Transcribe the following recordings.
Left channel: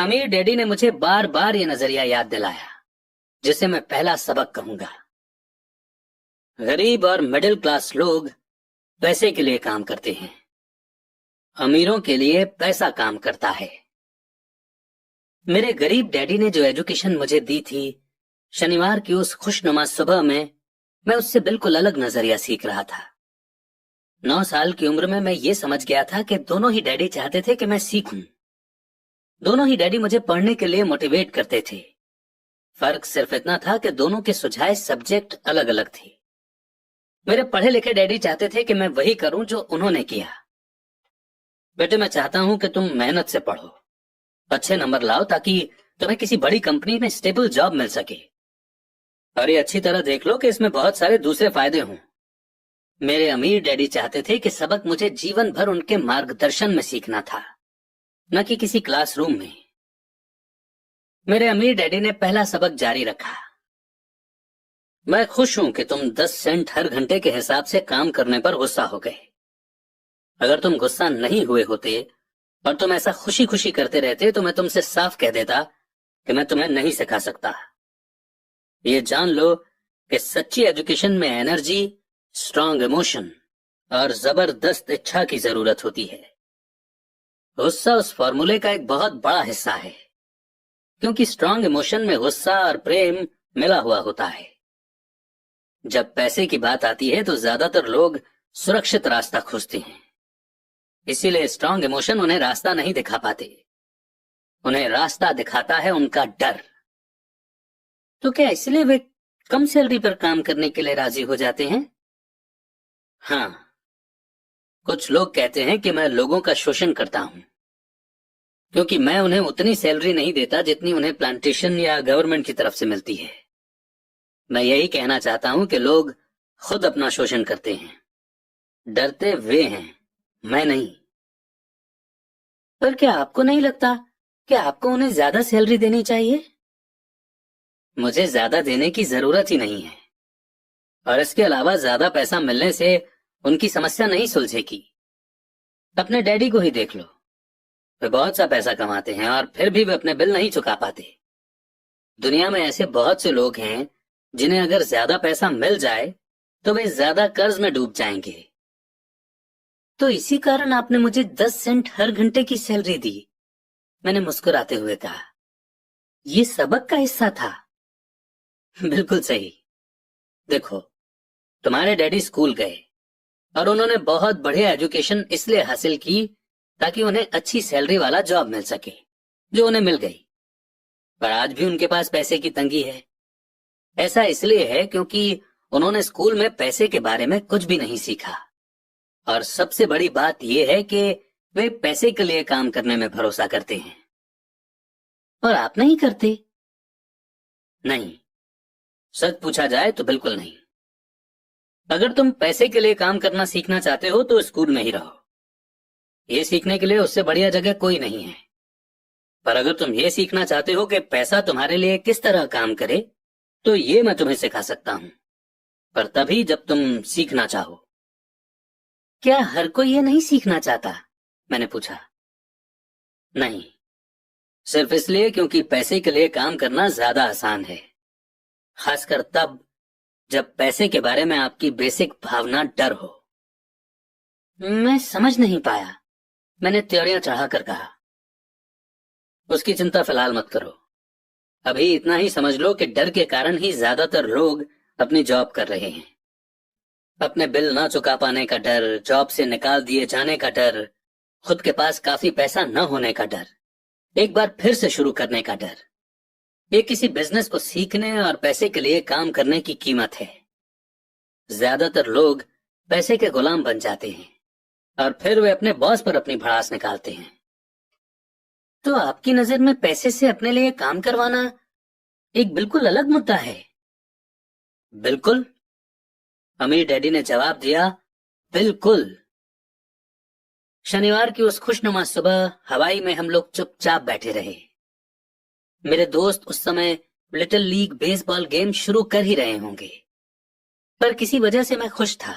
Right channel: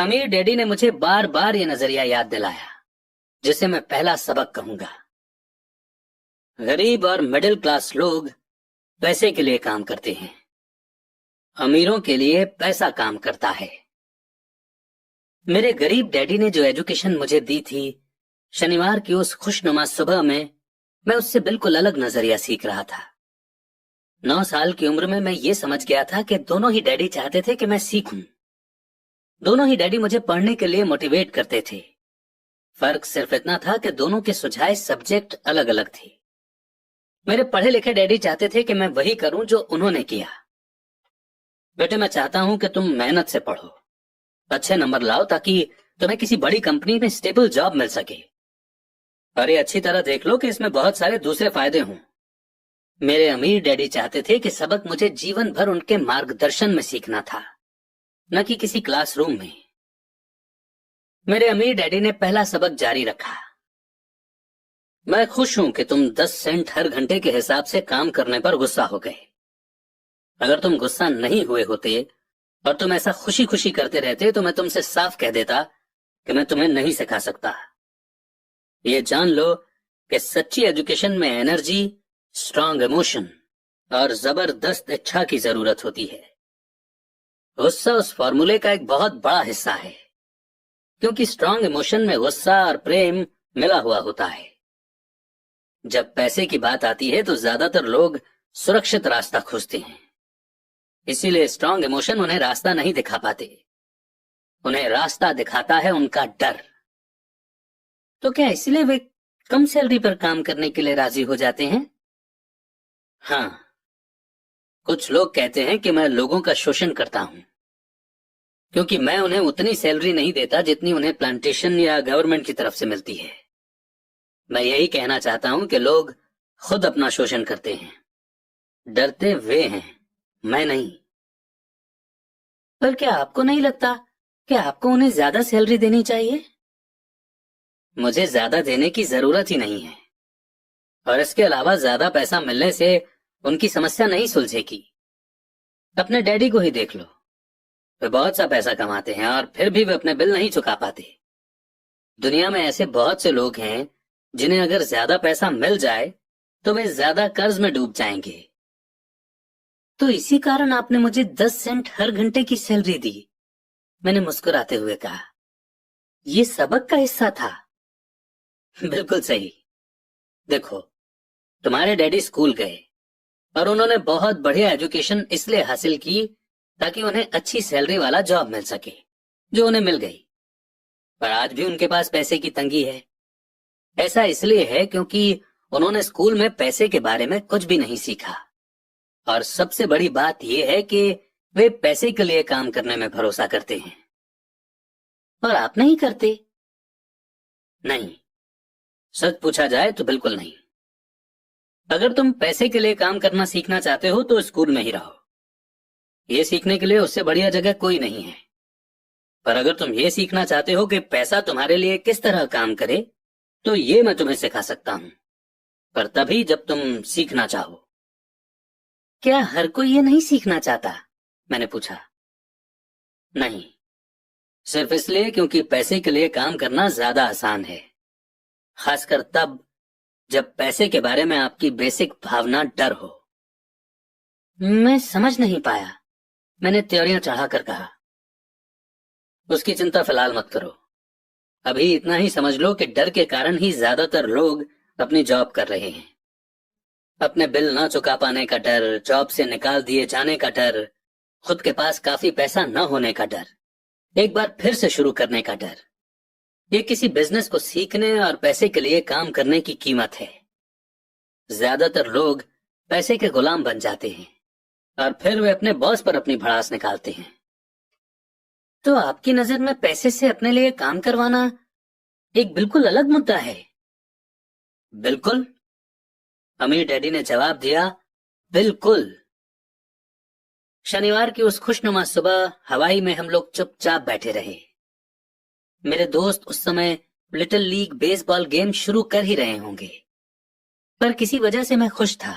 अमीर डैडी ने मुझे बार बार ये नजरिया याद दिलाया, जिसे मैं पहला सबक कहूंगा। गरीब और मिडिल क्लास लोग पैसे के लिए काम करते हैं, अमीरों के लिए पैसा काम करता है। मेरे गरीब डैडी ने जो एजुकेशन मुझे दी थी, शनिवार की उस खुशनुमा सुबह में मैं उससे बिल्कुल अलग नजरिया सीख रहा था। 9 साल की उम्र में मैं ये समझ गया था कि दोनों ही डैडी चाहते थे कि मैं सीखूं। दोनों ही डैडी मुझे पढ़ने के लिए मोटिवेट करते थे। फर्क सिर्फ इतना था कि दोनों के सुझाए सब्जेक्ट अलग अलग थे। मेरे पढ़े लिखे डैडी चाहते थे कि मैं वही करूं जो उन्होंने किया। बेटे, मैं चाहता हूं कि तुम मेहनत से पढ़ो, अच्छे नंबर लाओ ताकि तुम्हें किसी बड़ी कंपनी में स्टेबल जॉब मिल सके। और ये अच्छी तरह देख लो कि इसमें बहुत सारे दूसरे फायदे हों। मेरे अमीर डैडी चाहते थे कि सबक मुझे जीवन भर उनके मार्गदर्शन में सीखना था, न कि किसी क्लासरूम में। मेरे अमीर डैडी ने पहला सबक जारी रखा। मैं खुश हूं कि तुम 10 सेंट हर घंटे के हिसाब से काम करने पर गुस्सा हो गए। अगर तुम गुस्सा नहीं हुए होते और तुम ऐसा खुशी खुशी करते रहते तो मैं तुमसे साफ कह देता कि मैं तुम्हें नहीं सिखा सकता। ये जान लो कि सच्ची एजुकेशन में एनर्जी, स्ट्रांग इमोशन और जबरदस्त इच्छा की जरूरत होती है। गुस्सा उस फॉर्मूले का एक बहुत बड़ा हिस्सा है, क्योंकि स्ट्रांग इमोशन में गुस्सा और प्रेम मिला हुआ होता है। जब पैसे की बात आती है तो ज्यादातर लोग सुरक्षित रास्ता खोजते हैं, इसीलिए स्ट्रांग इमोशन उन्हें रास्ता नहीं दिखा पाते। उन्हें रास्ता दिखाता है उनका डर। तो क्या इसलिए वे कम सैलरी पर काम करने के लिए राजी हो जाते हैं? हाँ, कुछ लोग कहते हैं कि मैं लोगों का शोषण करता हूं, क्योंकि मैं उन्हें उतनी सैलरी नहीं देता जितनी उन्हें प्लांटेशन या गवर्नमेंट की तरफ से मिलती है। मैं यही कहना चाहता हूं कि लोग खुद अपना शोषण करते हैं। डरते वे हैं, मैं नहीं। पर क्या आपको नहीं लगता कि आपको उन्हें ज्यादा सैलरी देनी चाहिए? मुझे ज्यादा देने की जरूरत ही नहीं है, और इसके अलावा ज्यादा पैसा मिलने से उनकी समस्या नहीं सुलझेगी। अपने डैडी को ही देख लो, वे बहुत सा पैसा कमाते हैं और फिर भी वे अपने बिल नहीं चुका पाते। दुनिया में ऐसे बहुत से लोग हैं जिन्हें अगर ज्यादा पैसा मिल जाए तो वे ज्यादा कर्ज में डूब जाएंगे। तो इसी कारण आपने मुझे 10 सेंट हर घंटे की सैलरी दी, मैंने मुस्कुराते हुए कहा। ये सबक का हिस्सा था। बिल्कुल सही। देखो, तुम्हारे डैडी स्कूल गए और उन्होंने बहुत बढ़िया एजुकेशन इसलिए हासिल की ताकि उन्हें अच्छी सैलरी वाला जॉब मिल सके, जो उन्हें मिल गई। पर आज भी उनके पास पैसे की तंगी है। ऐसा इसलिए है क्योंकि उन्होंने स्कूल में पैसे के बारे में कुछ भी नहीं सीखा। और सबसे बड़ी बात यह है कि वे पैसे के लिए काम करने में भरोसा करते हैं। और आप नहीं करते? नहीं, सच पूछा जाए तो बिल्कुल नहीं। अगर तुम पैसे के लिए काम करना सीखना चाहते हो तो स्कूल में ही रहो। ये सीखने के लिए उससे बढ़िया जगह कोई नहीं है। पर अगर तुम ये सीखना चाहते हो कि पैसा तुम्हारे लिए किस तरह काम करे, तो ये मैं तुम्हें सिखा सकता हूं, पर तभी जब तुम सीखना चाहो। क्या हर कोई ये नहीं सीखना चाहता? मैंने पूछा। नहीं, सिर्फ इसलिए क्योंकि पैसे के लिए काम करना ज्यादा आसान है, खासकर तब जब पैसे के बारे में आपकी बेसिक भावना डर हो। मैं समझ नहीं पाया, मैंने त्योरियां चढ़ाकर कहा। उसकी चिंता फिलहाल मत करो। अभी इतना ही समझ लो कि डर के कारण ही ज्यादातर लोग अपनी जॉब कर रहे हैं। अपने बिल ना चुका पाने का डर, जॉब से निकाल दिए जाने का डर, खुद के पास काफी पैसा न होने का डर, एक बार फिर से शुरू करने का डर। ये किसी बिजनेस को सीखने और पैसे के लिए काम करने की कीमत है। ज्यादातर लोग पैसे के गुलाम बन जाते हैं और फिर वे अपने बॉस पर अपनी भड़ास निकालते हैं। तो आपकी नजर में पैसे से अपने लिए काम करवाना एक बिल्कुल अलग मुद्दा है? बिल्कुल, अमीर डैडी ने जवाब दिया, बिल्कुल। शनिवार की उस खुशनुमा सुबह हवाई में हम लोग चुपचाप बैठे रहे। मेरे दोस्त उस समय लिटिल लीग बेसबॉल गेम शुरू कर ही रहे होंगे, पर किसी वजह से मैं खुश था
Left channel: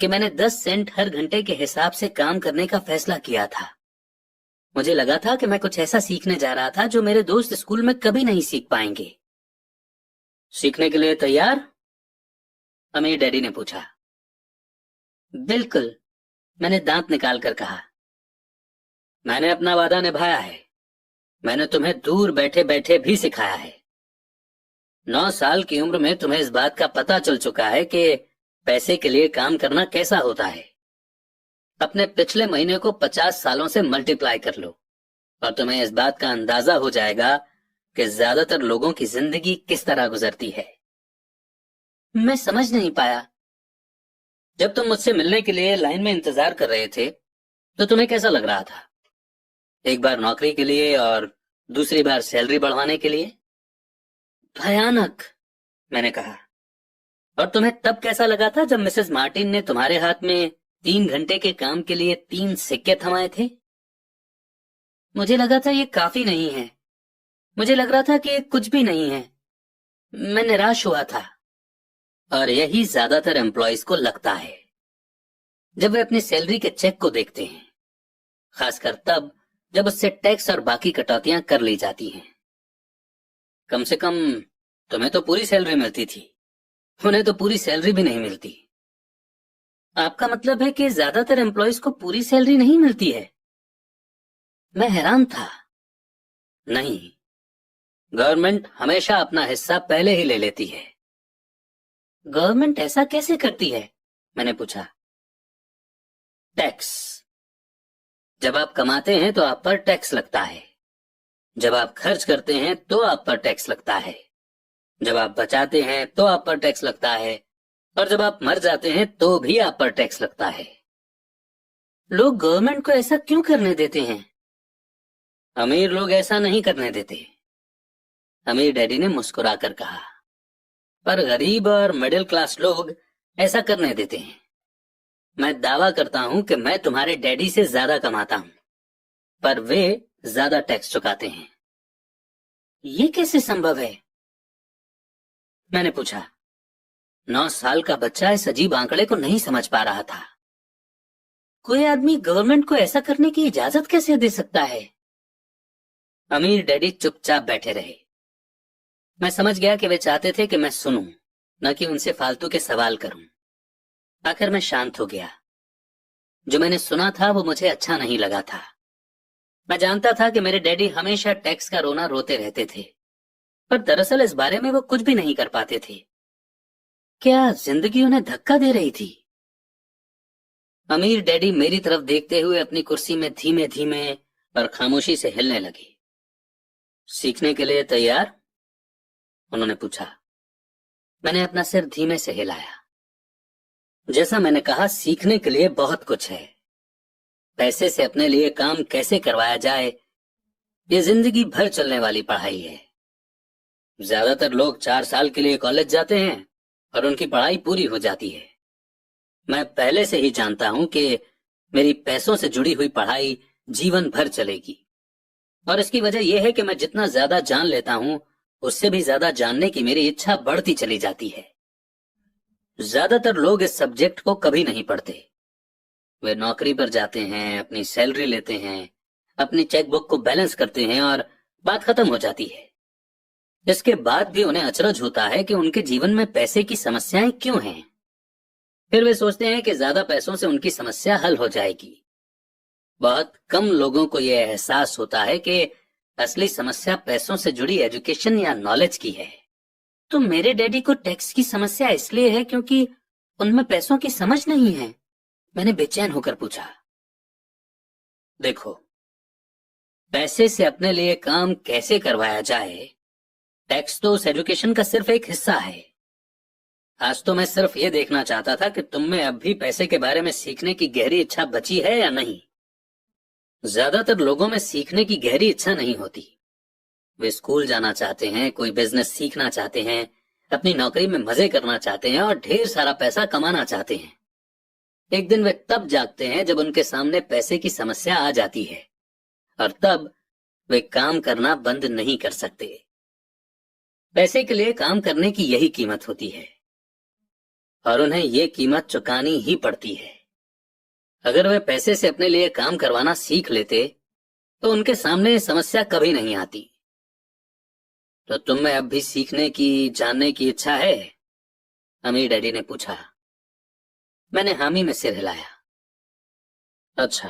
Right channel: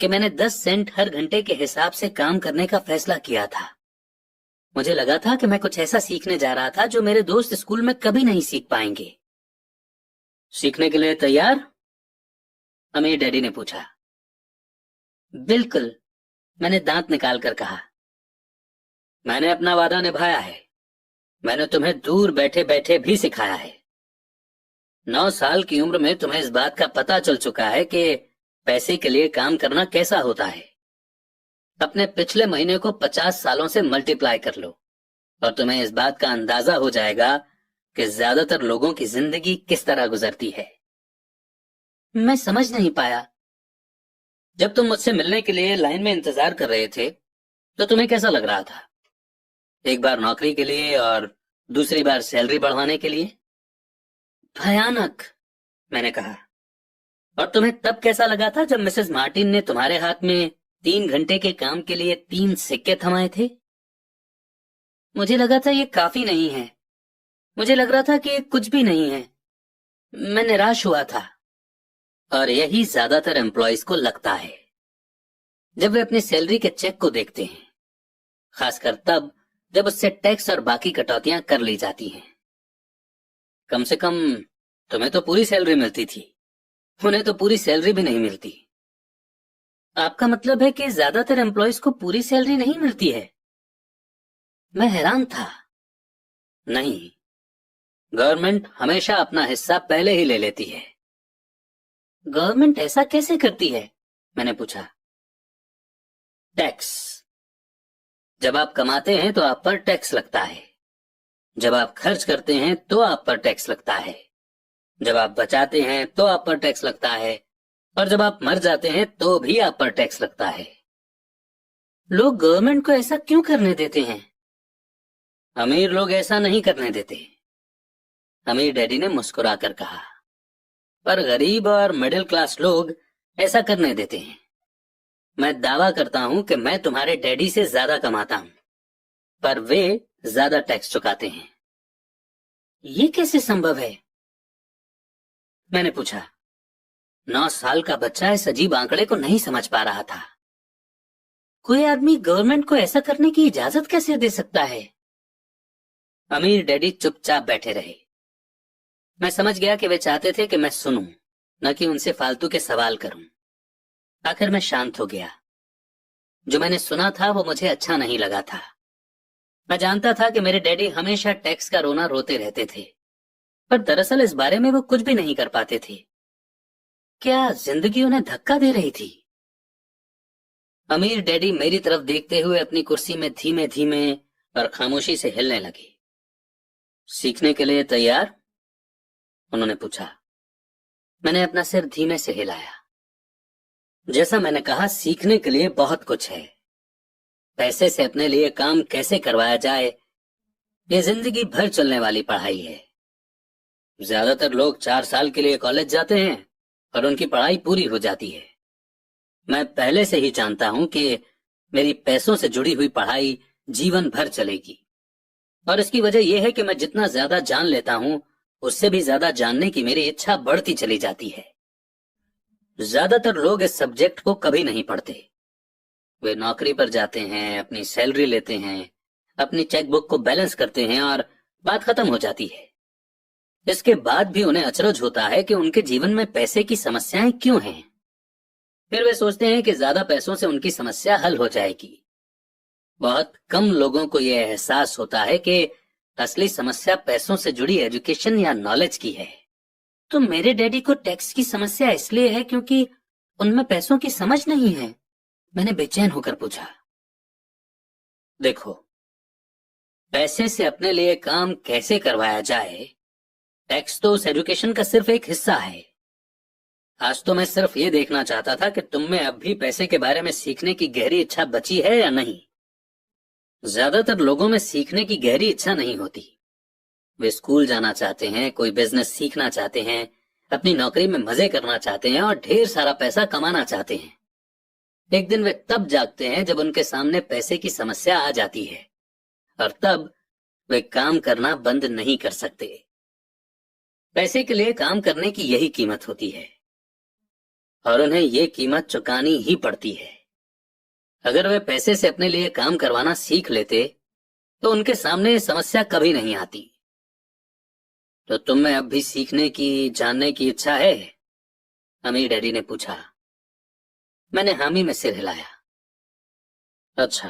कि मैंने 10 सेंट हर घंटे के हिसाब से काम करने का फैसला किया था। मुझे लगा था कि मैं कुछ ऐसा सीखने जा रहा था जो मेरे दोस्त स्कूल में कभी नहीं सीख पाएंगे। सीखने के लिए तैयार? अमीर डैडी ने पूछा। बिल्कुल, मैंने दांत निकाल कर कहा। मैंने अपना वादा निभाया है। मैंने तुम्हें दूर बैठे बैठे भी सिखाया है। 9 साल की उम्र में तुम्हें इस बात का पता चल चुका है कि पैसे के लिए काम करना कैसा होता है। अपने पिछले महीने को 50 सालों से मल्टीप्लाई कर लो और तुम्हें इस बात का अंदाजा हो जाएगा कि ज्यादातर लोगों की जिंदगी किस तरह गुजरती है। मैं समझ नहीं पाया। जब तुम मुझसे मिलने के लिए लाइन में इंतजार कर रहे थे तो तुम्हें कैसा लग रहा था? एक बार नौकरी के लिए और दूसरी बार सैलरी बढ़वाने के लिए? भयानक, मैंने कहा। और तुम्हें तब कैसा लगा था जब मिसेस मार्टिन ने तुम्हारे हाथ में 3 घंटे के काम के लिए 3 सिक्के थमाए थे? मुझे लगा था ये काफी नहीं है। मुझे लग रहा था कि ये कुछ भी नहीं है। मैं निराश हुआ था। और यही ज्यादातर एम्प्लॉयज को लगता है जब वे अपनी सैलरी के चेक को देखते हैं, खासकर तब जब उससे टैक्स और बाकी कटौतियां कर ली जाती हैं। कम से कम तुम्हें तो पूरी सैलरी मिलती थी, उन्हें तो पूरी सैलरी भी नहीं मिलती। आपका मतलब है कि ज्यादातर एम्प्लॉयज को पूरी सैलरी नहीं मिलती है? मैं हैरान था। नहीं, गवर्नमेंट हमेशा अपना हिस्सा पहले ही ले लेती है। गवर्नमेंट ऐसा कैसे करती है? मैंने पूछा। टैक्स। जब आप कमाते हैं तो आप पर टैक्स लगता है। जब आप खर्च करते हैं तो आप पर टैक्स लगता है। जब आप बचाते हैं तो आप पर टैक्स लगता है। और जब आप मर जाते हैं तो भी आप पर टैक्स लगता है। लोग गवर्नमेंट को ऐसा क्यों करने देते हैं? अमीर लोग ऐसा नहीं करने देते, अमीर डैडी ने मुस्कुराकर कहा। पर गरीब और मिडिल क्लास लोग ऐसा करने देते हैं। मैं दावा करता हूं कि मैं तुम्हारे डैडी से ज्यादा कमाता हूं, पर वे ज्यादा टैक्स चुकाते हैं। ये कैसे संभव है? मैंने पूछा। 9 साल का बच्चा इस अजीब आंकड़े को नहीं समझ पा रहा था। कोई आदमी गवर्नमेंट को ऐसा करने की इजाजत कैसे दे सकता है? अमीर डैडी चुपचाप बैठे रहे। मैं समझ गया कि वे चाहते थे कि मैं सुनूं, न कि उनसे फालतू के सवाल करूं। आखिर मैं शांत हो गया। जो मैंने सुना था वो मुझे अच्छा नहीं लगा था। मैं जानता था कि मेरे डैडी हमेशा टैक्स का रोना रोते रहते थे, पर दरअसल इस बारे में वो कुछ भी नहीं कर पाते थे। क्या जिंदगी उन्हें धक्का दे रही थी? अमीर डैडी मेरी तरफ देखते हुए अपनी कुर्सी में धीमे धीमे और खामोशी से हिलने लगे। सीखने के लिए तैयार? उन्होंने पूछा। मैंने अपना सिर धीमे से हिलाया। जैसा मैंने कहा, सीखने के लिए बहुत कुछ है। पैसे से अपने लिए काम कैसे करवाया जाए, ये जिंदगी भर चलने वाली पढ़ाई है। ज्यादातर लोग 4 साल के लिए कॉलेज जाते हैं और उनकी पढ़ाई पूरी हो जाती है। मैं पहले से ही जानता हूं कि मेरी पैसों से जुड़ी हुई पढ़ाई जीवन भर चलेगी। और इसकी वजह यह है कि मैं जितना ज्यादा जान लेता हूं, उससे भी ज्यादा जानने की मेरी इच्छा बढ़ती चली जाती है। ज्यादातर लोग इस सब्जेक्ट को कभी नहीं पढ़ते। वे नौकरी पर जाते हैं, अपनी सैलरी लेते हैं, अपनी चेकबुक को बैलेंस करते हैं और बात खत्म हो जाती है। इसके बाद भी उन्हें अचरज होता है कि उनके जीवन में पैसे की समस्याएं क्यों हैं। फिर वे सोचते हैं कि ज्यादा पैसों से उनकी समस्या हल हो जाएगी। बहुत कम लोगों को यह एहसास होता है कि असली समस्या पैसों से जुड़ी एजुकेशन या नॉलेज की है। तो मेरे डैडी को टैक्स की समस्या इसलिए है क्योंकि उनमें पैसों की समझ नहीं है? मैंने बेचैन होकर पूछा। देखो, पैसे से अपने लिए काम कैसे करवाया जाए, टैक्स तो उस एजुकेशन का सिर्फ एक हिस्सा है। आज तो मैं सिर्फ ये देखना चाहता था कि तुम में अब भी पैसे के बारे में सीखने की गहरी इच्छा बची है या नहीं। ज्यादातर लोगों में सीखने की गहरी इच्छा नहीं होती। वे स्कूल जाना चाहते हैं, कोई बिजनेस सीखना चाहते हैं, अपनी नौकरी में मजे करना चाहते हैं और ढेर सारा पैसा कमाना चाहते हैं। एक दिन वे तब जागते हैं जब उनके सामने पैसे की समस्या आ जाती है, और तब वे काम करना बंद नहीं कर सकते। पैसे के लिए काम करने की यही कीमत होती है और उन्हें ये कीमत चुकानी ही पड़ती है। अगर वे पैसे से अपने लिए काम करवाना सीख लेते तो उनके सामने ये समस्या कभी नहीं आती। तो तुम में अब भी सीखने की, जानने की इच्छा है? अमीर डैडी ने पूछा। मैंने हामी में सिर हिलाया। अच्छा,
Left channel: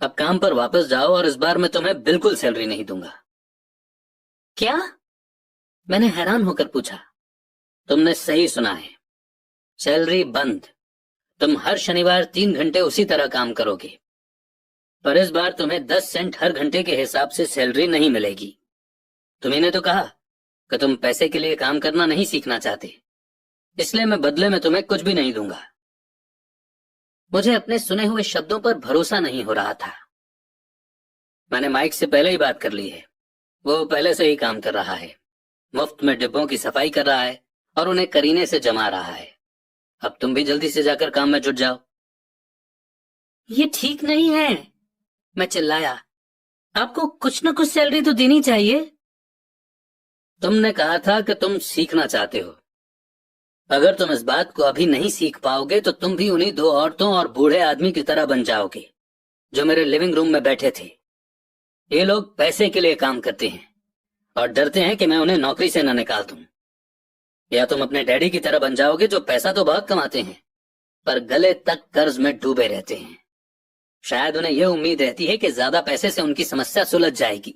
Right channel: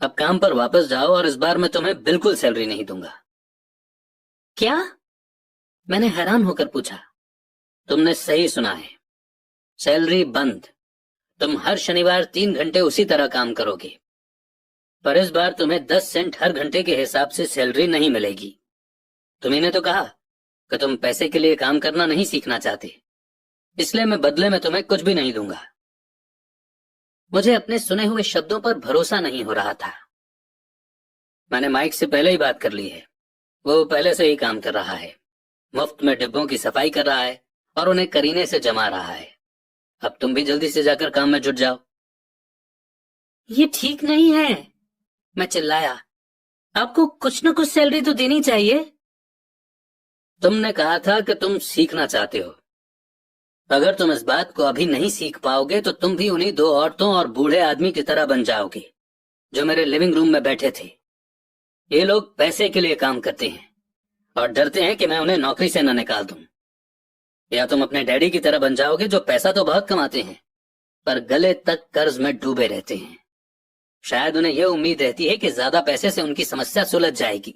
अब काम पर वापस जाओ और इस बार मैं तुम्हें बिल्कुल सैलरी नहीं दूंगा। क्या? मैंने हैरान होकर पूछा। तुमने सही सुना है, सैलरी बंद। तुम हर शनिवार 3 घंटे उसी तरह काम करोगे, पर इस बार तुम्हें 10 सेंट हर घंटे के हिसाब से सैलरी नहीं मिलेगी। तुम्ही ने तो कहा कि तुम पैसे के लिए काम करना नहीं सीखना चाहते, इसलिए मैं बदले में तुम्हें कुछ भी नहीं दूंगा। मुझे अपने सुने हुए शब्दों पर भरोसा नहीं हो रहा था। मैंने माइक से पहले ही बात कर ली है, वो पहले से ही काम कर रहा है, मुफ्त में डिब्बों की सफाई कर रहा है और उन्हें करीने से जमा रहा है। अब तुम भी जल्दी से जाकर काम में जुट जाओ। ये ठीक नहीं है, मैं चिल्लाया। आपको कुछ न कुछ सैलरी तो देनी चाहिए। तुमने कहा था कि तुम सीखना चाहते हो। अगर तुम इस बात को अभी नहीं सीख पाओगे तो तुम भी उन्हीं 2 औरतों और बूढ़े आदमी की तरह बन जाओगे जो मेरे लिविंग रूम में बैठे थे। ये लोग पैसे के लिए काम करते हैं और डरते हैं कि मैं उन्हें नौकरी से न निकाल दूं। या तुम अपने डैडी की तरह बन जाओगे जो पैसा तो बहुत कमाते हैं पर गले तक कर्ज में डूबे रहते हैं। शायद उन्हें यह उम्मीद रहती है कि ज्यादा पैसे से उनकी समस्या सुलझ जाएगी।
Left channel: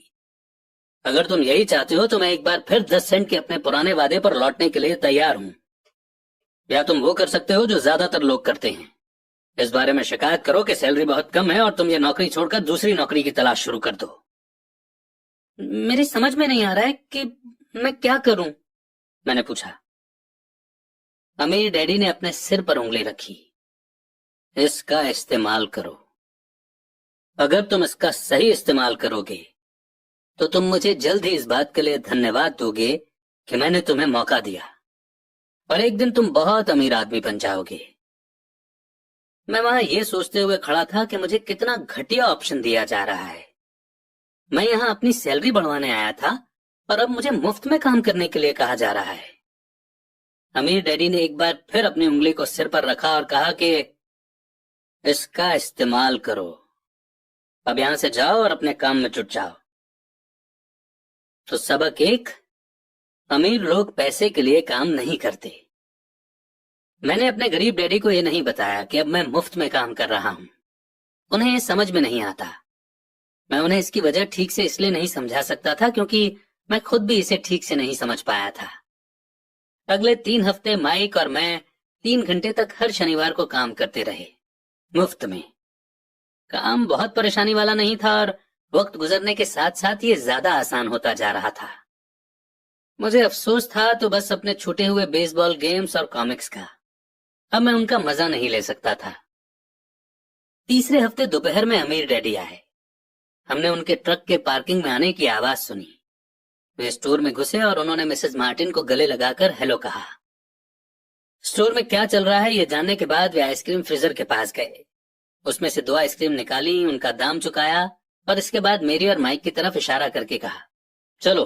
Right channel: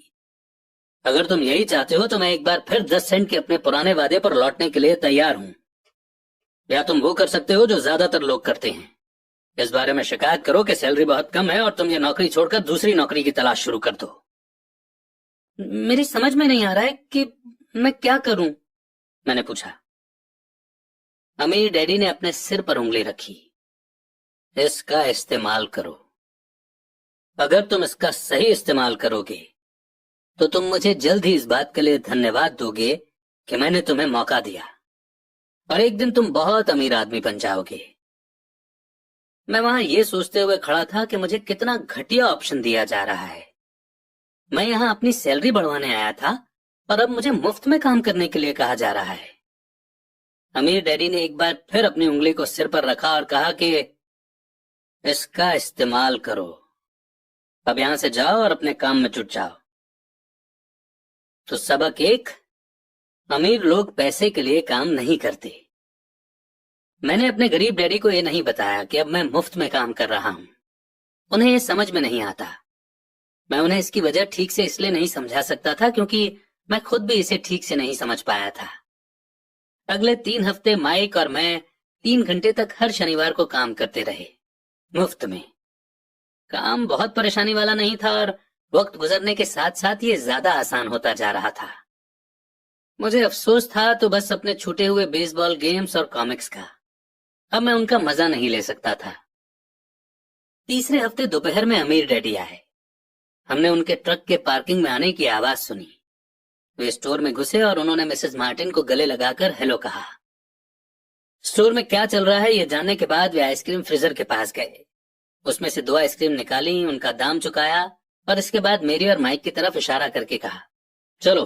अगर तुम यही चाहते हो तो मैं एक बार फिर 10 सेंट के अपने पुराने वादे पर लौटने के लिए तैयार हूं। या तुम वो कर सकते हो जो ज्यादातर लोग करते हैं, इस बारे में शिकायत करो कि सैलरी बहुत कम है और तुम ये नौकरी छोड़कर दूसरी नौकरी की तलाश शुरू कर दो। मेरी समझ में नहीं आ रहा है कि मैं क्या करूं, मैंने पूछा। अमीर डैडी ने अपने सिर पर उंगली रखी। इसका इस्तेमाल करो। अगर तुम इसका सही इस्तेमाल करोगे तो तुम मुझे जल्द ही इस बात के लिए धन्यवाद दोगे कि मैंने तुम्हें मौका दिया और एक दिन तुम बहुत अमीर आदमी बन जाओगे। मैं वहां ये सोचते हुए खड़ा था कि मुझे कितना घटिया ऑप्शन दिया जा रहा है। मैं यहाँ अपनी सैलरी बढ़वाने आया था और अब मुझे मुफ्त में काम करने के लिए कहा जा रहा है। अमीर डैडी ने एक बार फिर अपनी उंगली को सिर पर रखा और कहा कि इसका इस्तेमाल करो। अब यहां से जाओ और अपने काम में जुट जाओ। तो सबक 1, अमीर लोग पैसे के लिए काम नहीं करते। मैंने अपने गरीब डैडी को यह नहीं बताया कि अब मैं मुफ्त में काम कर रहा हूं। उन्हें यह समझ में नहीं आता। मैं उन्हें इसकी वजह ठीक से इसलिए नहीं समझा सकता था क्योंकि मैं खुद भी इसे ठीक से नहीं समझ पाया था। अगले 3 हफ्ते माइक और मैं 3 घंटे तक हर शनिवार को काम करते रहे, मुफ्त में। काम बहुत परेशानी वाला नहीं था और वक्त गुजरने के साथ साथ ये ज्यादा आसान होता जा रहा था। मुझे अफसोस था तो बस अपने छूटे हुए बेसबॉल गेम्स और कॉमिक्स का। अब मैं उनका मजा नहीं ले सकता था। तीसरे हफ्ते दोपहर में अमीर डैडी आए। हमने उनके ट्रक के पार्किंग में आने की आवाज सुनी। वे स्टोर में घुसे और उन्होंने मिसेस मार्टिन को गले लगाकर हेलो कहा। स्टोर में क्या चल रहा है ये जानने के बाद वे आइसक्रीम फ्रीजर के पास गए। उसमें से 2 आइसक्रीम निकाली, उनका दाम चुकाया और इसके बाद मेरी और माइक की तरफ इशारा करके कहा, चलो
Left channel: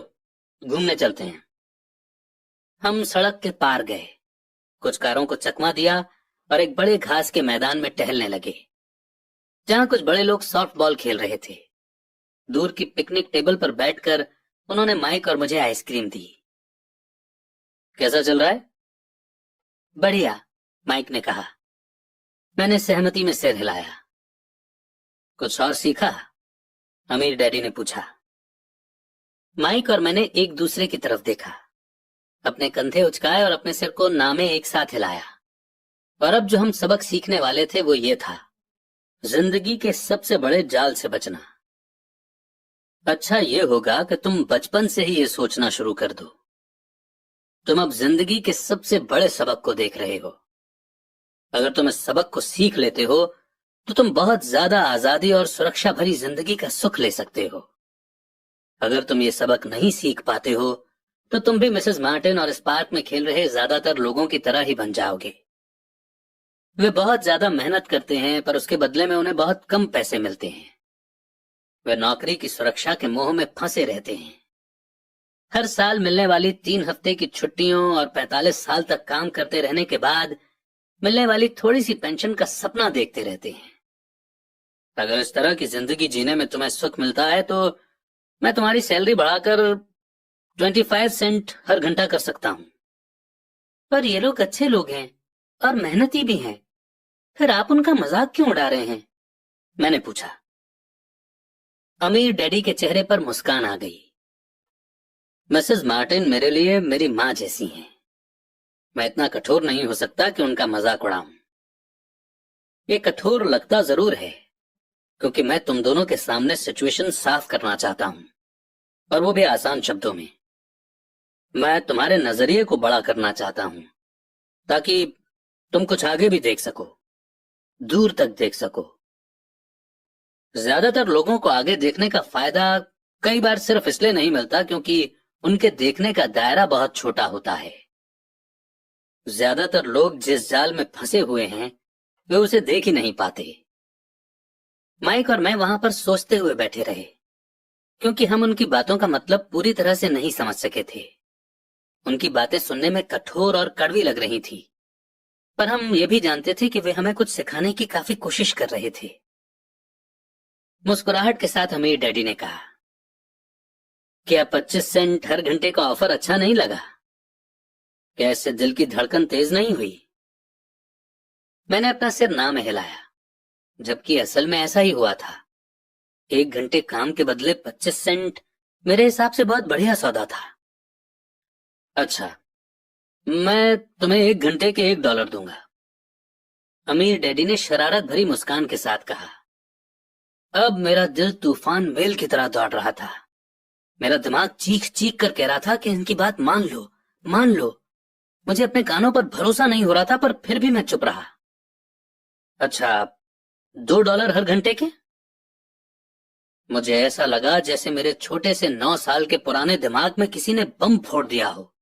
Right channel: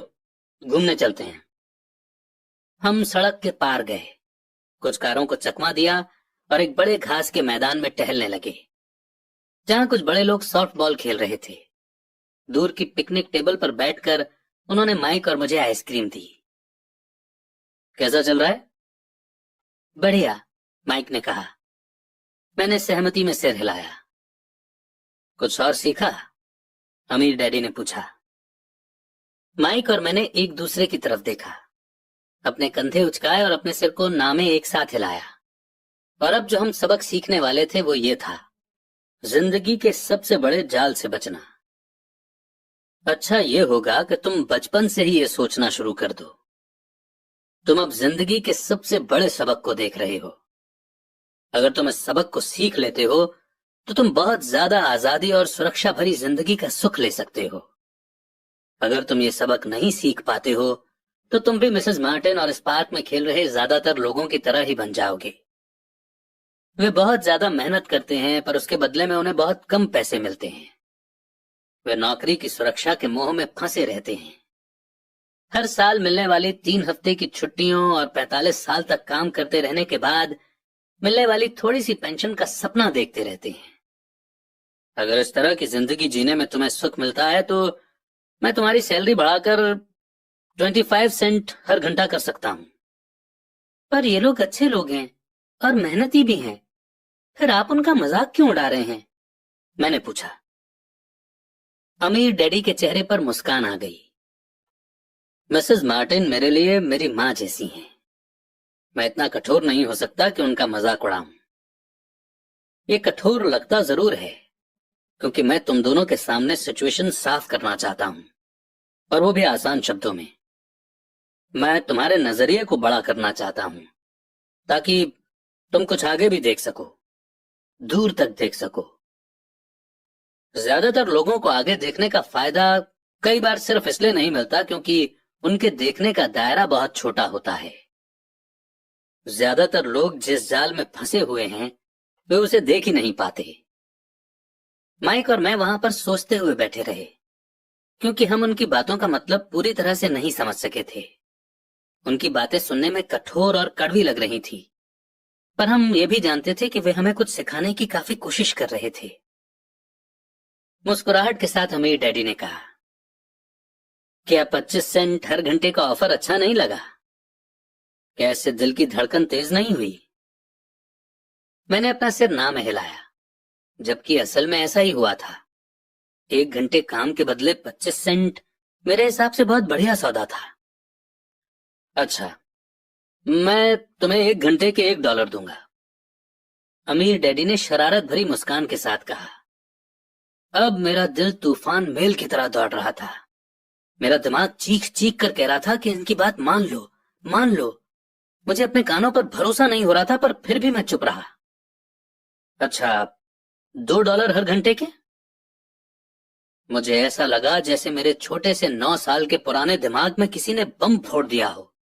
घूमने चलते हैं। हम सड़क के पार गए, कुछ कारों को चकमा दिया और एक बड़े घास के मैदान में टहलने लगे जहां कुछ बड़े लोग सॉफ्ट बॉल खेल रहे थे। दूर की पिकनिक टेबल पर बैठकर उन्होंने माइक और मुझे आइसक्रीम दी। कैसा चल रहा है? बढ़िया, माइक ने कहा। मैंने सहमति में सिर हिलाया। कुछ और सीखा? अमीर डैडी ने पूछा। माइक और मैंने एक दूसरे की तरफ देखा, अपने कंधे उचकाए और अपने सिर को नामे एक साथ हिलाया। और अब जो हम सबक सीखने वाले थे वो ये था, जिंदगी के सबसे बड़े जाल से बचना। अच्छा ये होगा कि तुम बचपन से ही ये सोचना शुरू कर दो। तुम अब जिंदगी के सबसे बड़े सबक को देख रहे हो। अगर तुम इस सबक को सीख लेते हो तो तुम बहुत ज्यादा आजादी और सुरक्षा भरी जिंदगी का सुख ले सकते हो। अगर तुम ये सबक नहीं सीख पाते हो तो तुम भी मिसेस मार्टिन और इस पार्क में खेल रहे ज्यादातर लोगों की तरह ही बन जाओगे। वे बहुत ज्यादा मेहनत करते हैं पर उसके बदले में उन्हें बहुत कम पैसे मिलते हैं। वे नौकरी की सुरक्षा के मोह में फंसे रहते हैं। हर साल मिलने वाली 3 हफ्ते की छुट्टियों और 45 साल तक काम करते रहने के बाद मिलने वाली थोड़ी सी पेंशन का सपना देखते रहते हैं। अगर इस तरह की जिंदगी जीने में तुम्हें सुख मिलता है तो मैं तुम्हारी सैलरी बढ़ाकर 25 सेंट हर घंटा कर सकता हूँ। पर ये लोग अच्छे लोग हैं और मेहनती भी हैं, फिर आप उनका मजाक क्यों उड़ा रहे हैं? मैंने पूछा। अमीर डैडी के चेहरे पर मुस्कान आ गई। मिसेस मार्टिन मेरे लिए मेरी माँ जैसी हैं। मैं इतना कठोर नहीं हो सकता कि उनका मजाक उड़ाऊं। ये कठोर लगता जरूर है क्योंकि मैं तुम दोनों के सामने सिचुएशन साफ करना चाहता हूं, और वो भी आसान शब्दों में। मैं तुम्हारे नजरिए को बड़ा करना चाहता हूं ताकि तुम कुछ आगे भी देख सको, दूर तक देख सको। ज्यादातर लोगों को आगे देखने का फायदा कई बार सिर्फ इसलिए नहीं मिलता क्योंकि उनके देखने का दायरा बहुत छोटा होता है। ज्यादातर लोग जिस जाल में फंसे हुए हैं वे उसे देख ही नहीं पाते। माइक और मैं वहां पर सोचते हुए बैठे रहे क्योंकि हम उनकी बातों का मतलब पूरी तरह से नहीं समझ सके थे। उनकी बातें सुनने में कठोर और कड़वी लग रही थी, पर हम ये भी जानते थे कि वे हमें कुछ सिखाने की काफी कोशिश कर रहे थे। मुस्कुराहट के साथ अमीर डैडी ने कहा, क्या 25 सेंट हर घंटे का ऑफर अच्छा नहीं लगा? क्या इससे दिल की धड़कन तेज नहीं हुई? मैंने अपना सिर ना में हिलाया, जबकि असल में ऐसा ही हुआ था। 1 घंटे काम के बदले 25 सेंट मेरे हिसाब से बहुत बढ़िया सौदा था। अच्छा, मैं तुम्हें 1 घंटे के $1 दूंगा, अमीर डैडी ने शरारत भरी मुस्कान के साथ कहा। अब मेरा दिल तूफान मेल की तरह दौड़ रहा था। मेरा दिमाग चीख चीख कर कह रहा था कि इनकी बात मान लो, मान लो। मुझे अपने कानों पर भरोसा नहीं हो रहा था, पर फिर भी मैं चुप रहा। अच्छा, $2 हर घंटे के? मुझे ऐसा लगा जैसे मेरे छोटे से 9 साल के पुराने दिमाग में किसी ने बम फोड़ दिया हो।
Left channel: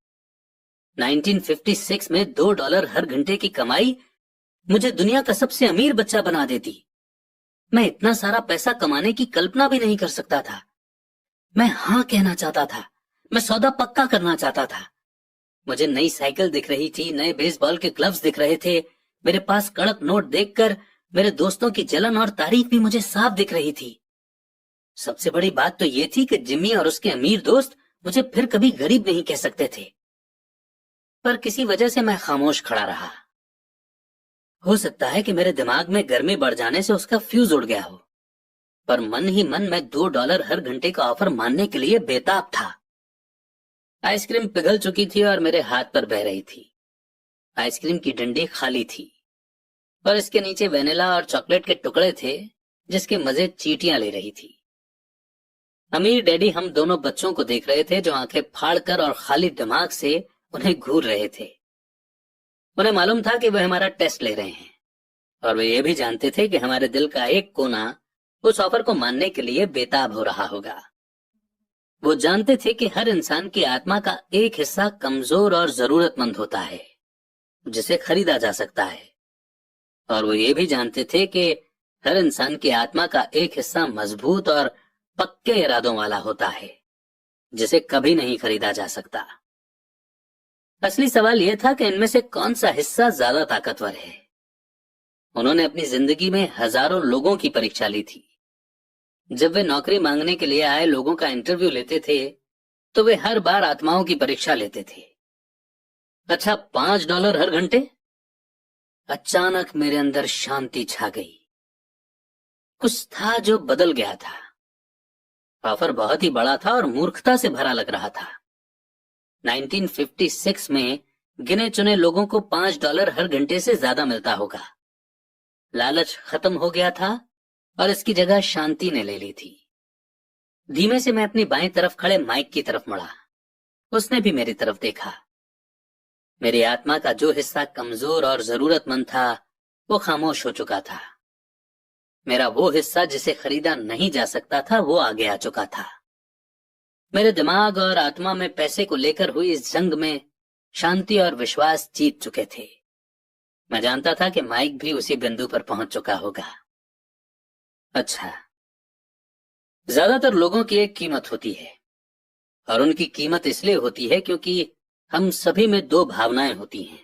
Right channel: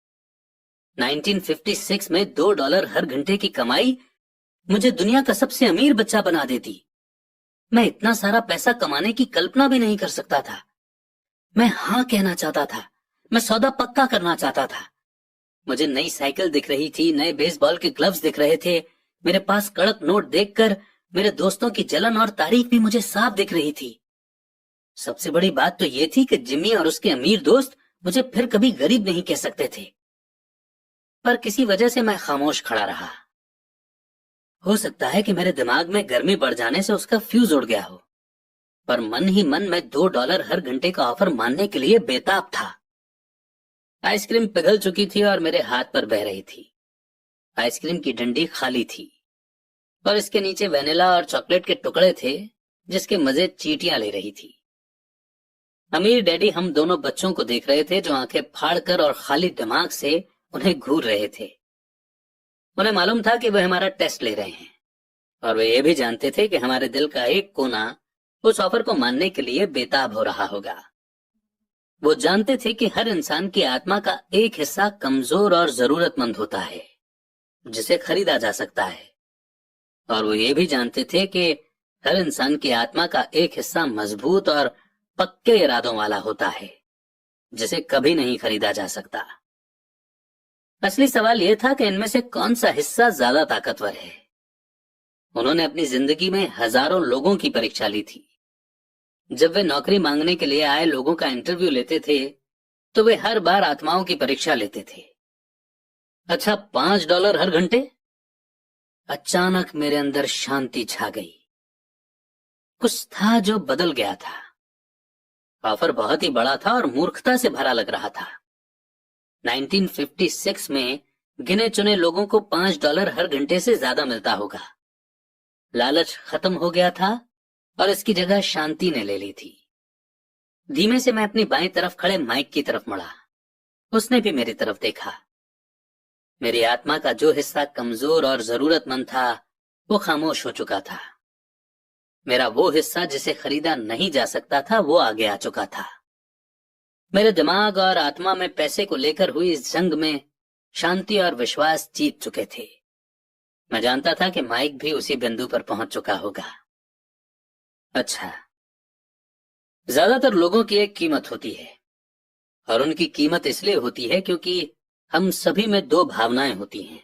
1956 में $2 हर घंटे की कमाई मुझे दुनिया का सबसे अमीर बच्चा बना देती। मैं इतना सारा पैसा कमाने की कल्पना भी नहीं कर सकता था। मैं हाँ कहना चाहता था, मैं सौदा पक्का करना चाहता था। मुझे नई साइकिल दिख रही थी, नए बेसबॉल के ग्लव्स दिख रहे थे। मेरे पास कड़क नोट देखकर मेरे दोस्तों की जलन और तारीफ भी मुझे साफ दिख रही थी। सबसे बड़ी बात तो ये थी कि जिम्मी और उसके अमीर दोस्त मुझे फिर कभी गरीब नहीं कह सकते थे। पर किसी वजह से मैं खामोश खड़ा रहा। हो सकता है कि मेरे दिमाग में गर्मी बढ़ जाने से उसका फ्यूज उड़ गया हो, पर मन ही मन मैं $2 हर घंटे का ऑफर मानने के लिए बेताब था। आइसक्रीम पिघल चुकी थी और मेरे हाथ पर बह रही थी। आइसक्रीम की डंडी खाली थी और इसके नीचे वेनिला और चॉकलेट के टुकड़े थे जिसके मजे चींटियां ले रही थी। अमीर डैडी हम दोनों बच्चों को देख रहे थे जो आंखें फाड़कर और खाली दिमाग से उन्हें घूर रहे थे। उन्हें मालूम था कि वे हमारा टेस्ट ले रहे हैं, और वे ये भी जानते थे कि हमारे दिल का एक कोना उस ऑफर को मानने के लिए बेताब हो रहा होगा। वो जानते थे कि हर इंसान की आत्मा का एक हिस्सा कमजोर और जरूरतमंद होता है जिसे खरीदा जा सकता है, और वो ये भी जानते थे कि हर इंसान की आत्मा का एक हिस्सा मजबूत और पक्के इरादों वाला होता है जिसे कभी नहीं खरीदा जा सकता। असली सवाल यह था कि इनमें से कौन सा हिस्सा ज्यादा ताकतवर है। उन्होंने अपनी जिंदगी में हजारों लोगों की परीक्षा ली थी। जब वे नौकरी मांगने के लिए आए लोगों का इंटरव्यू लेते थे तो वे हर बार आत्माओं की परीक्षा लेते थे। अच्छा, $5 हर घंटे? अचानक मेरे अंदर शांति छा गई। कुछ था जो बदल गया था। ऑफर बहुत ही बड़ा था और मूर्खता से भरा लग रहा था। 1956 में गिने चुने लोगों को $5 हर घंटे से ज्यादा मिलता होगा। लालच खत्म हो गया था और इसकी जगह शांति ने ले ली थी। धीमे से मैं अपनी बाईं तरफ खड़े माइक की तरफ मुड़ा। उसने भी मेरी तरफ देखा। मेरी आत्मा का जो हिस्सा कमजोर और जरूरतमंद था वो खामोश हो चुका था। मेरा वो हिस्सा जिसे खरीदा नहीं जा सकता था वो आगे आ चुका था। मेरे दिमाग और आत्मा में पैसे को लेकर हुई इस जंग में शांति और विश्वास जीत चुके थे। मैं जानता था कि माइक भी उसी बिंदु पर पहुंच चुका होगा। अच्छा, ज्यादातर लोगों की एक कीमत होती है, और उनकी कीमत इसलिए होती है क्योंकि हम सभी में दो भावनाएं होती हैं,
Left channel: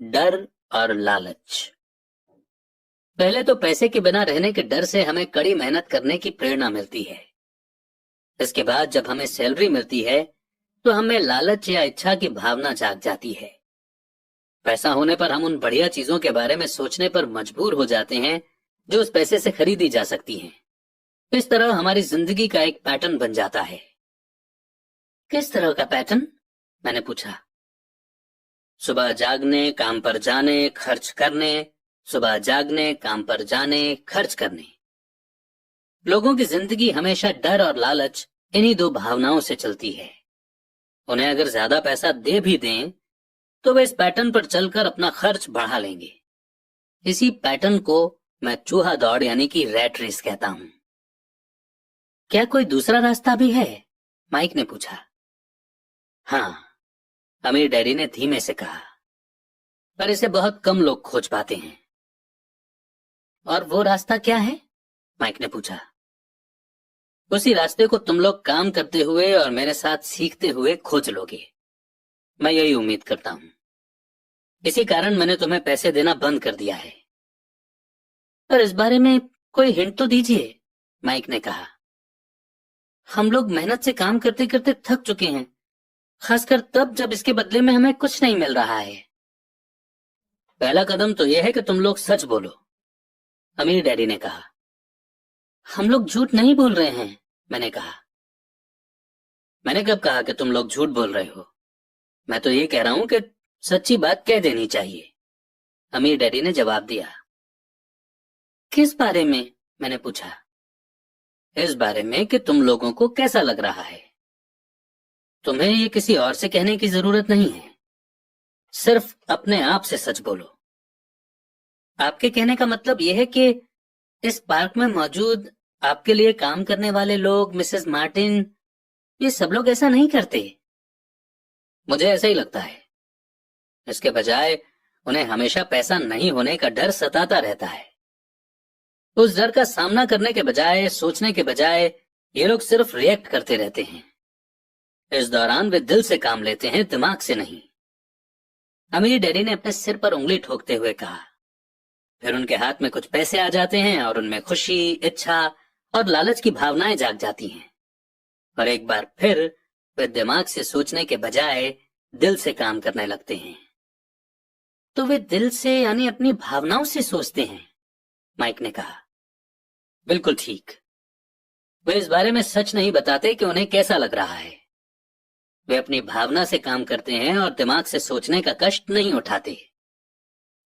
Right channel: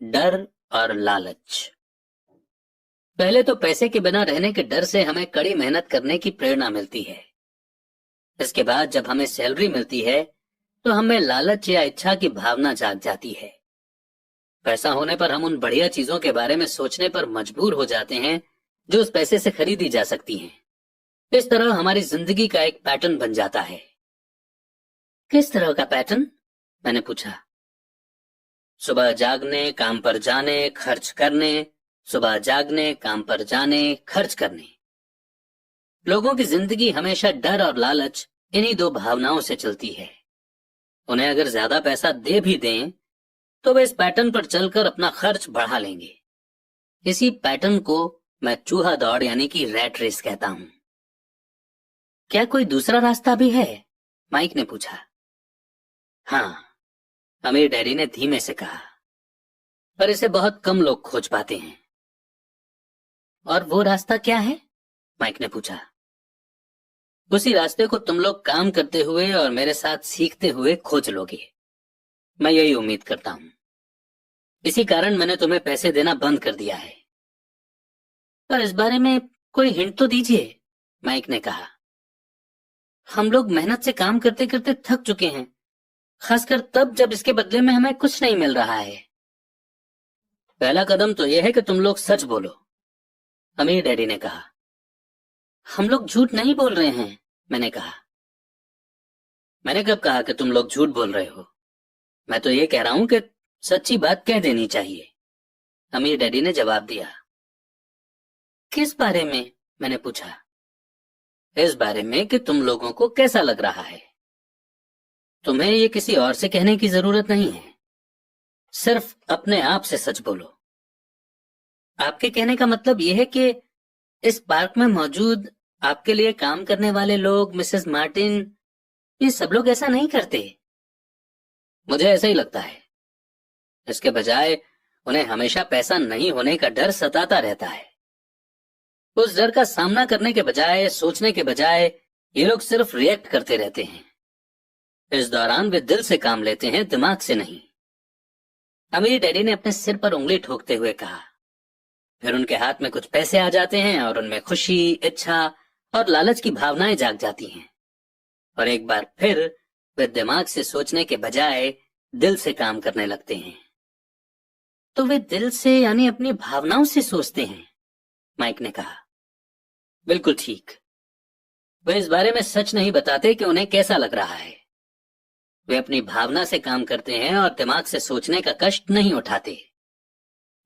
डर और लालच। पहले तो पैसे के बिना रहने के डर से हमें कड़ी मेहनत करने की प्रेरणा मिलती है। इसके बाद जब हमें सैलरी मिलती है तो हमें लालच या इच्छा की भावना जाग जाती है। पैसा होने पर हम उन बढ़िया चीजों के बारे में सोचने पर मजबूर हो जाते हैं जो उस पैसे से खरीदी जा सकती हैं। इस तरह हमारी जिंदगी का एक पैटर्न बन जाता है। किस तरह का पैटर्न? मैंने पूछा। सुबह जागने, काम पर जाने, खर्च करने, सुबह जागने, काम पर जाने, खर्च करने। लोगों की जिंदगी हमेशा डर और लालच, इन्हीं दो भावनाओं से चलती है। उन्हें अगर ज्यादा पैसा दे भी दें तो वे इस पैटर्न पर चलकर अपना खर्च बढ़ा लेंगे। इसी पैटर्न को मैं चूहा दौड़ यानी कि रैट रेस कहता हूं। क्या कोई दूसरा रास्ता भी है? माइक ने पूछा। हाँ, अमीर डैडी ने धीमे से कहा, पर इसे बहुत कम लोग खोज पाते हैं। और वो रास्ता क्या है? माइक ने पूछा। उसी रास्ते को तुम लोग काम करते हुए और मेरे साथ सीखते हुए खोज लोगे। मैं यही उम्मीद करता हूं। इसी कारण मैंने तुम्हें पैसे देना बंद कर दिया है। पर इस बारे में कोई हिंट तो दीजिए, माइक ने कहा। हम लोग मेहनत से काम करते करते थक चुके हैं, खासकर तब जब इसके बदले में हमें कुछ नहीं मिल रहा है। पहला कदम तो यह है कि तुम लोग सच बोलो, अमीर डैडी ने कहा। हम लोग झूठ नहीं बोल रहे हैं, मैंने कहा। मैंने कब कहा कि तुम लोग झूठ बोल रहे हो? मैं तो ये कह रहा हूं कि सच्ची बात कह देनी चाहिए, अमीर डैडी ने जवाब दिया। किस बारे में? मैंने पूछा। इस बारे में कि तुम लोगों को कैसा लग रहा है। तुम्हें ये किसी और से कहने की जरूरत नहीं है, सिर्फ अपने आप से सच बोलो। आपके कहने का मतलब यह है कि इस पार्क में मौजूद आपके लिए काम करने वाले लोग, मिसेस मार्टिन, ये सब लोग ऐसा नहीं करते। मुझे ऐसा ही लगता है। इसके बजाय उन्हें हमेशा पैसा नहीं होने का डर सताता रहता है। उस डर का सामना करने के बजाय, सोचने के बजाय, ये लोग सिर्फ रिएक्ट करते रहते हैं। इस दौरान वे दिल से काम लेते हैं, दिमाग से नहीं। अमीर डैडी ने अपने सिर पर उंगली ठोकते हुए कहा। फिर उनके हाथ में कुछ पैसे आ जाते हैं और उनमें खुशी, इच्छा और लालच की भावनाएं जाग जाती हैं। और एक बार फिर वे दिमाग से सोचने के बजाय दिल से काम करने लगते हैं। तो वे दिल से यानी अपनी भावनाओं से सोचते हैं, माइक ने कहा। बिल्कुल ठीक। वे इस बारे में सच नहीं बताते कि उन्हें कैसा लग रहा है। वे अपनी भावना से काम करते हैं और दिमाग से सोचने का कष्ट नहीं उठाते।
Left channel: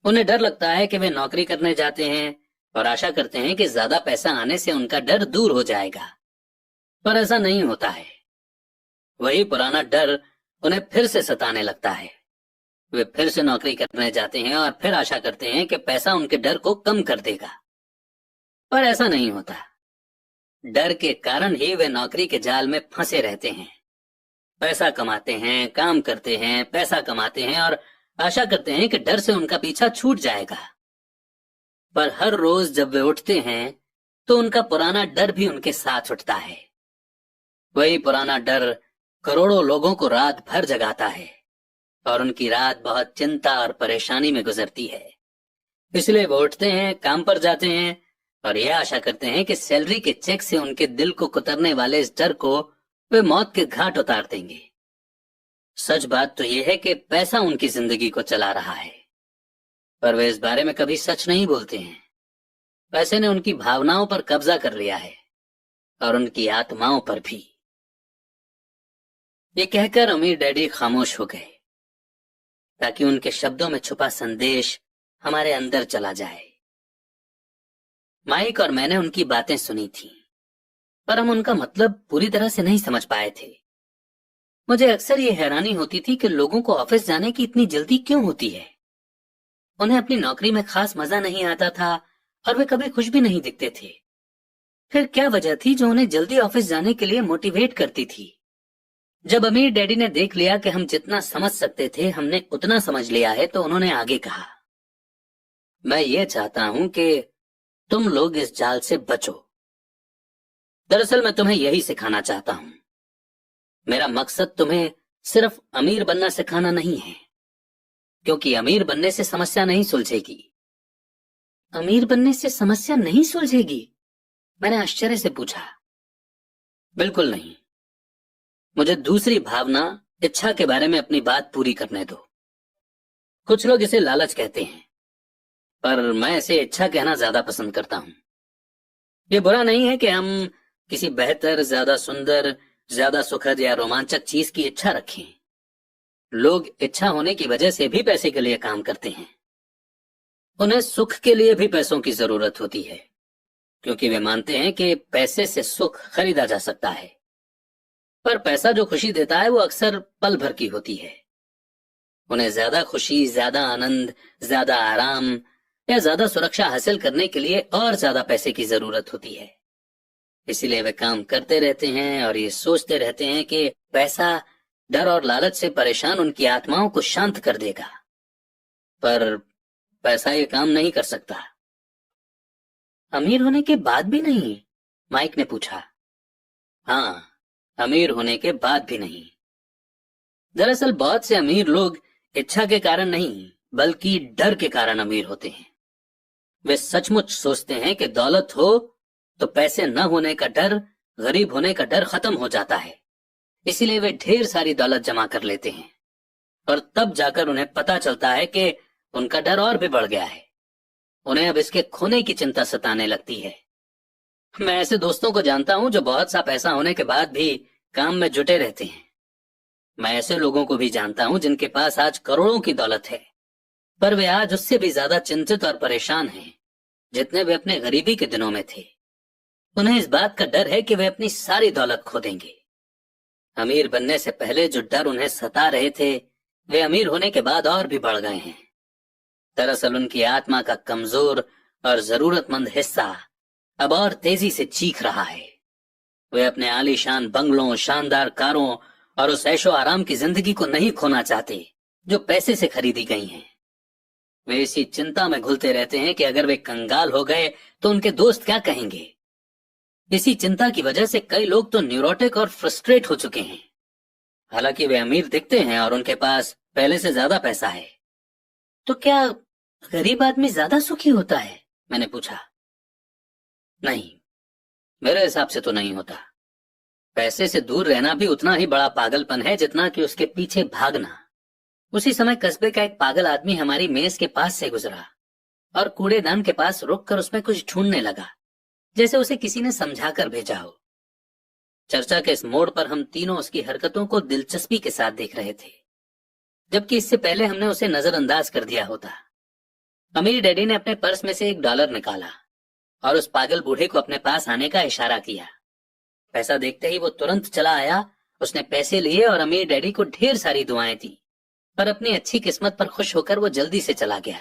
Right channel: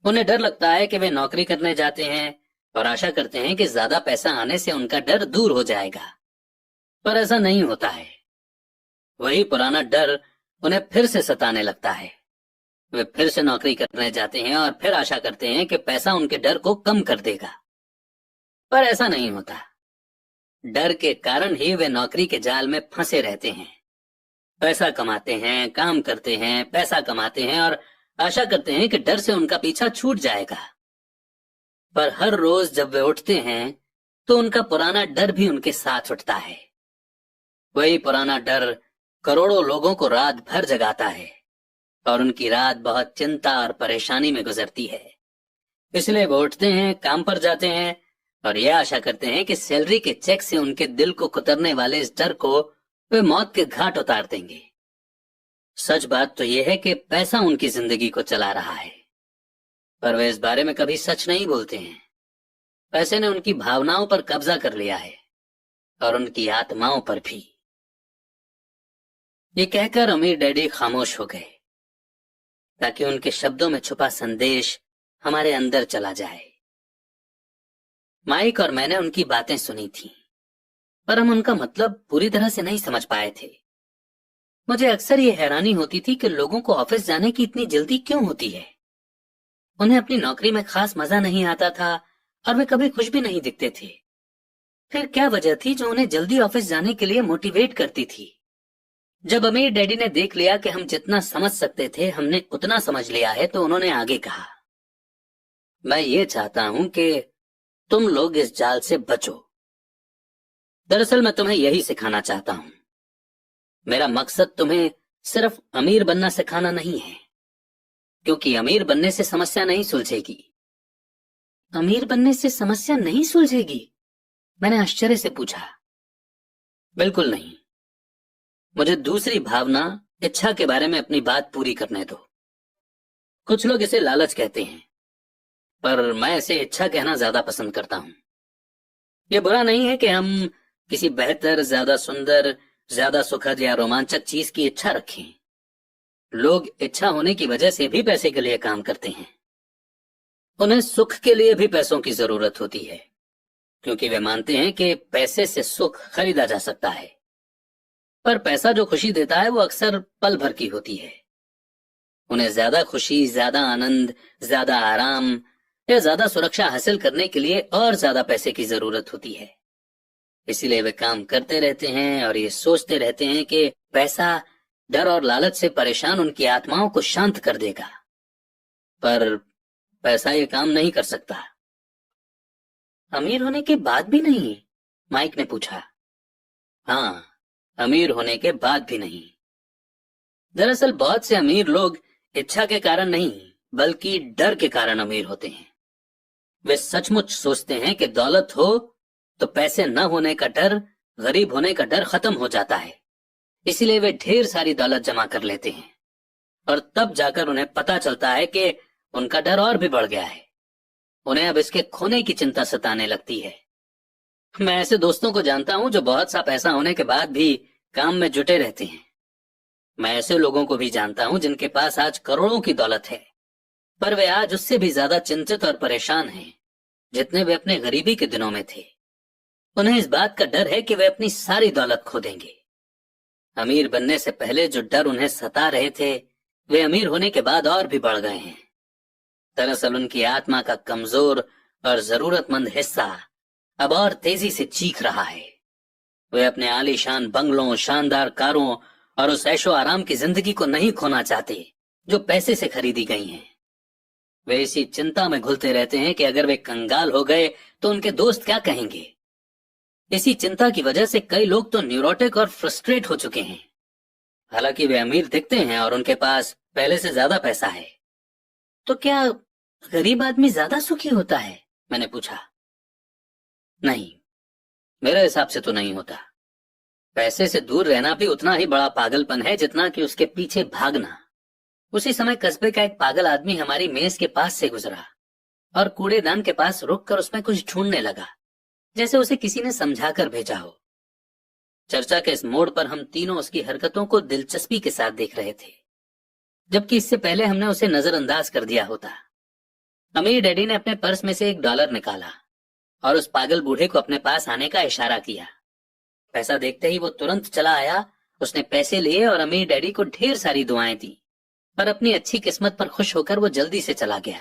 उन्हें डर लगता है कि वे नौकरी करने जाते हैं और आशा करते हैं कि ज्यादा पैसा आने से उनका डर दूर हो जाएगा, पर ऐसा नहीं होता है। वही पुराना डर उन्हें फिर से सताने लगता है। वे फिर से नौकरी करने जाते हैं और फिर आशा करते हैं कि पैसा उनके डर को कम कर देगा, पर ऐसा नहीं होता। डर के कारण ही वे नौकरी के जाल में फंसे रहते हैं। पैसा कमाते हैं, काम करते हैं, पैसा कमाते हैं और आशा करते हैं कि डर से उनका पीछा छूट जाएगा। पर हर रोज जब वे उठते हैं तो उनका पुराना डर भी उनके साथ उठता है। वही पुराना डर करोड़ों लोगों को रात भर जगाता है और उनकी रात बहुत चिंता और परेशानी में गुजरती है। इसलिए वो उठते हैं, काम पर जाते हैं और यह आशा करते हैं कि सैलरी के चेक से उनके दिल को कुतरने वाले इस डर को वे मौत के घाट उतार देंगे। सच बात तो यह है कि पैसा उनकी जिंदगी को चला रहा है, पर वे इस बारे में कभी सच नहीं बोलते हैं। पैसे ने उनकी भावनाओं पर कब्जा कर लिया है और उनकी आत्माओं पर भी। ये कहकर अमीर डैडी खामोश हो गए ताकि उनके शब्दों में छुपा संदेश हमारे अंदर चला जाए। माइक और मैंने उनकी बातें सुनी थी, पर हम उनका मतलब पूरी तरह से नहीं समझ पाए थे। मुझे अक्सर ये हैरानी होती थी कि लोगों को ऑफिस जाने की इतनी जल्दी क्यों होती है। उन्हें अपनी नौकरी में खास मजा नहीं आता था और वे कभी खुश भी नहीं दिखते थे। फिर क्या वजह थी जो उन्हें जल्दी ऑफिस जाने के लिए मोटिवेट करती थी? जब अमीर डैडी ने देख लिया कि हम जितना समझ सकते थे हमने उतना समझ लिया है, तो उन्होंने आगे कहा, मैं ये चाहता हूं कि तुम लोग इस जाल से बचो। दरअसल मैं तुम्हें यही सिखाना चाहता हूं। मेरा मकसद तुम्हें सिर्फ अमीर बनना सिखाना नहीं है, क्योंकि अमीर बनने से समस्या नहीं सुलझेगी। अमीर बनने से समस्या नहीं सुलझेगी? मैंने आश्चर्य से पूछा। बिल्कुल नहीं। मुझे दूसरी भावना, इच्छा के बारे में अपनी बात पूरी करने दो। कुछ लोग इसे लालच कहते हैं, पर मैं इसे इच्छा कहना ज्यादा पसंद करता हूं। ये बुरा नहीं है कि हम किसी बेहतर, ज्यादा सुंदर, ज्यादा सुखद या रोमांचक चीज की इच्छा रखें। लोग इच्छा होने की वजह से भी पैसे के लिए काम करते हैं। उन्हें सुख के लिए भी पैसों की जरूरत होती है, क्योंकि वे मानते हैं कि पैसे से सुख खरीदा जा सकता है। पर पैसा जो खुशी देता है वो अक्सर पल भर की होती है। उन्हें ज्यादा खुशी, ज्यादा आनंद, ज्यादा आराम या ज्यादा सुरक्षा हासिल करने के लिए और ज्यादा पैसे की जरूरत होती है। इसीलिए वे काम करते रहते हैं और ये सोचते रहते हैं कि पैसा डर और लालच से परेशान उनकी आत्माओं को शांत कर देगा। पर पैसा ये काम नहीं कर सकता। अमीर होने के बाद भी नहीं? माइक ने पूछा। हाँ, अमीर होने के बाद भी नहीं। दरअसल बहुत से अमीर लोग इच्छा के कारण नहीं, बल्कि डर के कारण अमीर होते हैं। वे सचमुच सोचते हैं कि दौलत हो तो पैसे न होने का डर, गरीब होने का डर खत्म हो जाता है। इसीलिए वे ढेर सारी दौलत जमा कर लेते हैं और तब जाकर उन्हें पता चलता है कि उनका डर और भी बढ़ गया है। उन्हें अब इसके खोने की चिंता सताने लगती है। मैं ऐसे दोस्तों को जानता हूं जो बहुत सा पैसा होने के बाद भी काम में जुटे रहते हैं। मैं ऐसे लोगों को भी जानता हूं जिनके पास आज करोड़ों की दौलत है, पर वे आज उससे भी ज्यादा चिंतित और परेशान हैं जितने वे अपने गरीबी के दिनों में थे। उन्हें इस बात का डर है कि वे अपनी सारी दौलत खो देंगे। अमीर बनने से पहले जो डर उन्हें सता रहे थे, वे अमीर होने के बाद और भी बढ़ गए हैं। दरअसल उनकी आत्मा का कमजोर और जरूरतमंद हिस्सा अब और तेजी से चीख रहा है। वे अपने आलीशान बंगलों, शानदार कारों और उस ऐशो आराम की जिंदगी को नहीं खोना चाहते जो पैसे से खरीदी गई हैं। वे इसी चिंता में घुलते रहते हैं कि अगर वे कंगाल हो गए तो उनके दोस्त क्या कहेंगे। इसी चिंता की वजह से कई लोग तो न्यूरोटिक और फ्रस्ट्रेट हो चुके हैं। हालांकि वे अमीर दिखते हैं और उनके पास पहले से ज्यादा पैसा है। तो क्या गरीब आदमी ज्यादा सुखी होता है? मैंने पूछा। नहीं, मेरे हिसाब से तो नहीं होता। पैसे से दूर रहना भी उतना ही बड़ा पागलपन है जितना कि उसके पीछे भागना। उसी समय कस्बे का एक पागल आदमी हमारी मेज के पास से गुजरा और कूड़ेदान के पास रुककर उसमें कुछ ढूंढने लगा, जैसे उसे किसी ने समझाकर भेजा हो। चर्चा के इस मोड़ पर हम तीनों उसकी हरकतों को दिलचस्पी के साथ देख रहे थे, जबकि इससे पहले हमने उसे नजरअंदाज कर दिया होता। अमीर डैडी ने अपने पर्स में से $1 निकाला और उस पागल बूढ़े को अपने पास आने का इशारा किया। पैसा देखते ही वो तुरंत चला आया। उसने पैसे लिए और अमीर डैडी को ढेर सारी दुआएं दी, पर अपनी अच्छी किस्मत पर खुश होकर वो जल्दी से चला गया।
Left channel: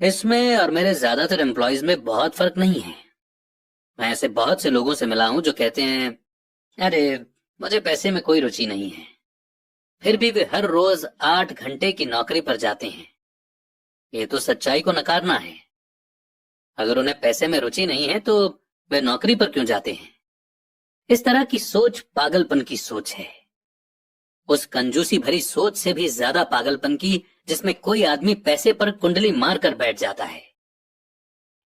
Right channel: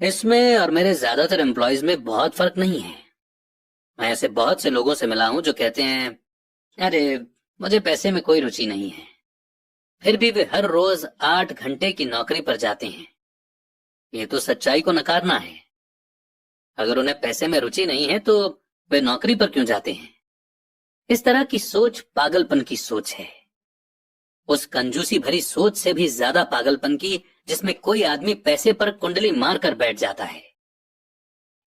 इसमें और मेरे ज्यादातर एम्प्लॉयज में बहुत फर्क नहीं है। मैं ऐसे बहुत से लोगों से मिला हूं जो कहते हैं, अरे मुझे पैसे में कोई रुचि नहीं है, फिर भी वे हर रोज 8 घंटे की नौकरी पर जाते हैं। ये तो सच्चाई को नकारना है। अगर उन्हें पैसे में रुचि नहीं है तो वे नौकरी पर क्यों जाते हैं? इस तरह की सोच पागलपन की सोच है। उस कंजूसी भरी सोच से भी ज्यादा पागलपन की जिसमें कोई आदमी पैसे पर कुंडली मार कर बैठ जाता है।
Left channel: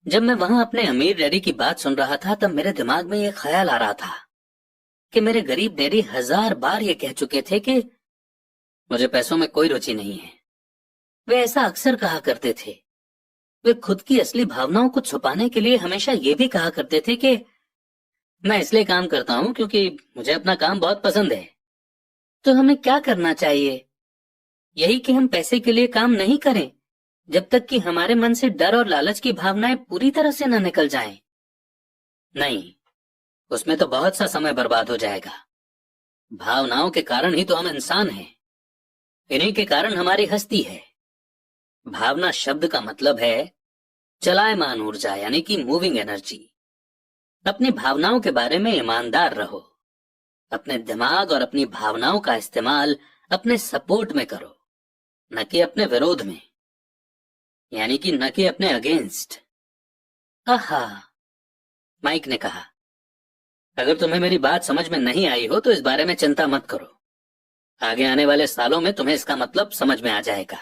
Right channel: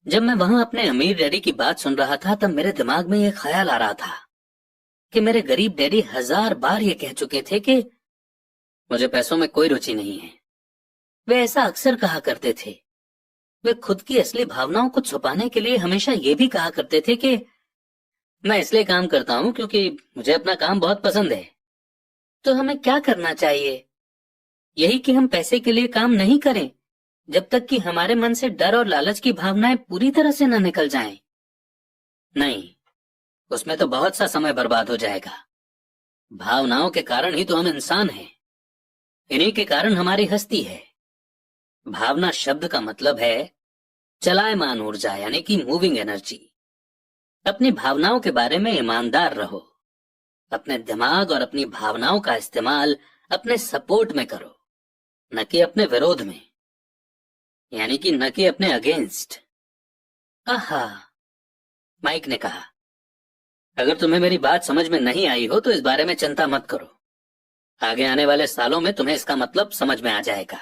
जब मैं वहां अपने अमीर डैडी की बात सुन रहा था तब मेरे दिमाग में यह ख्याल आ रहा था कि मेरे गरीब डैडी 1000 बार ये कह चुके थे कि मुझे पैसों में कोई रुचि नहीं है। वे ऐसा अक्सर कहा करते थे। वे खुद की असली भावनाओं को छुपाने के लिए हमेशा ये भी कहा करते थे कि मैं इसलिए काम करता हूं क्योंकि मुझे अपना काम बहुत पसंद है। तो हमें क्या करना चाहिए? यही कि हम पैसे के लिए काम नहीं करें जब तक कि हमारे मन से डर और लालच की भावनाएं पूरी तरह से न निकल जाएं। नहीं, उसमें तो बहुत सा समय बर्बाद हो जाएगा। भावनाओं के कारण ही तो हम इंसान हैं। इन्हीं के कारण हमारी हस्ती है। भावना शब्द का मतलब है चलायमान ऊर्जा, यानी कि मूविंग एनर्जी। अपनी भावनाओं के बारे में ईमानदार रहो। अपने दिमाग और अपनी भावनाओं का इस्तेमाल अपने सपोर्ट में करो, न कि अपने विरोध में, यानी कि न कि अपने अगेंस्ट। आहा, माइक ने कहा। अगर तुम्हें मेरी बात समझ में नहीं आई हो तो इस बारे में चिंता मत करो। आगे आने वाले सालों में तुम्हें इसका मतलब समझ में आ जाएगा।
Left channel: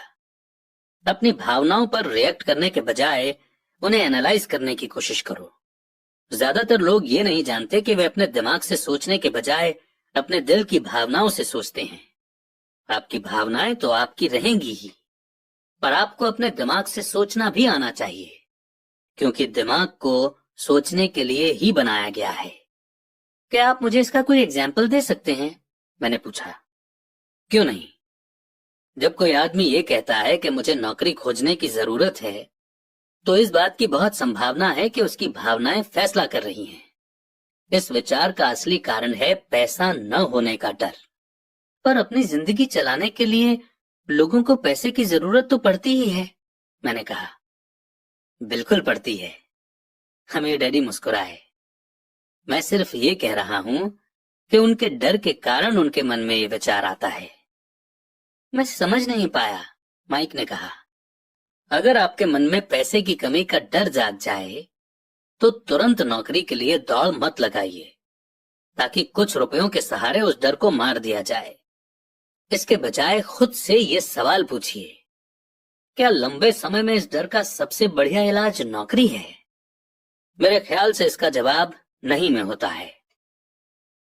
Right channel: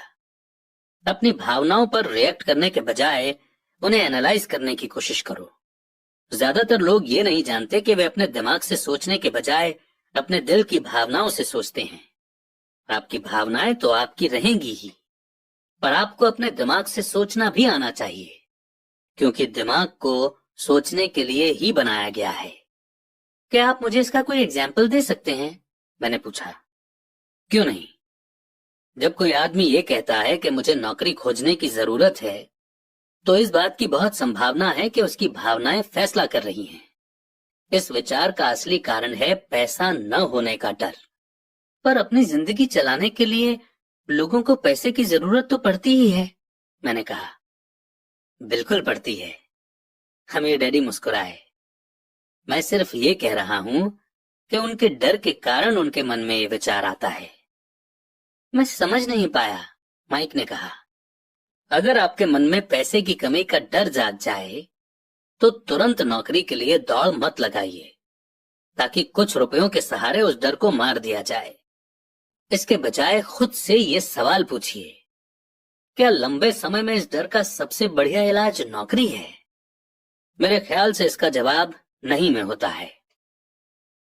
अपनी भावनाओं पर रिएक्ट करने के बजाय उन्हें एनालाइज करने की कोशिश करो। ज्यादातर लोग ये नहीं जानते कि वे अपने दिमाग से सोचने के बजाय अपने दिल की भावनाओं से सोचते हैं। आपकी भावनाएं तो आपकी रहेंगी ही, पर आपको अपने दिमाग से सोचना भी आना चाहिए, क्योंकि दिमाग को सोचने के लिए ही बनाया गया है। क्या आप मुझे इसका कोई एग्जाम्पल दे सकते हैं? मैंने पूछा। क्यों नहीं। जब कोई आदमी ये कहता है कि मुझे नौकरी खोजने की जरूरत है, तो इस बात की बहुत संभावना है कि उसकी भावनाएं फैसला कर रही हैं। इस विचार का असली कारण है पैसा न होने का डर। पर अपनी जिंदगी चलाने के लिए लोगों को पैसे की जरूरत तो पड़ती ही है, मैंने कहा। बिल्कुल पड़ती है। हमें डैडी मुस्कुराए। मैं सिर्फ ये कह रहा हूं कि उनके डर के कारण उनके मन में ये विचार आता है। मैं समझ नहीं पाया, माइक ने कहा। अगर आपके मन में पैसे की कमी का डर जाग जाए तो तुरंत नौकरी के लिए दौड़ मत लगाइए, ताकि कुछ रुपयों के सहारे उस डर को मार दिया जाए। इसके बजाय खुद से ये सवाल पूछिए, क्या लंबे समय में इस डर का सबसे बढ़िया इलाज नौकरी है? मेरे ख्याल से इसका जवाब नहीं में होता है,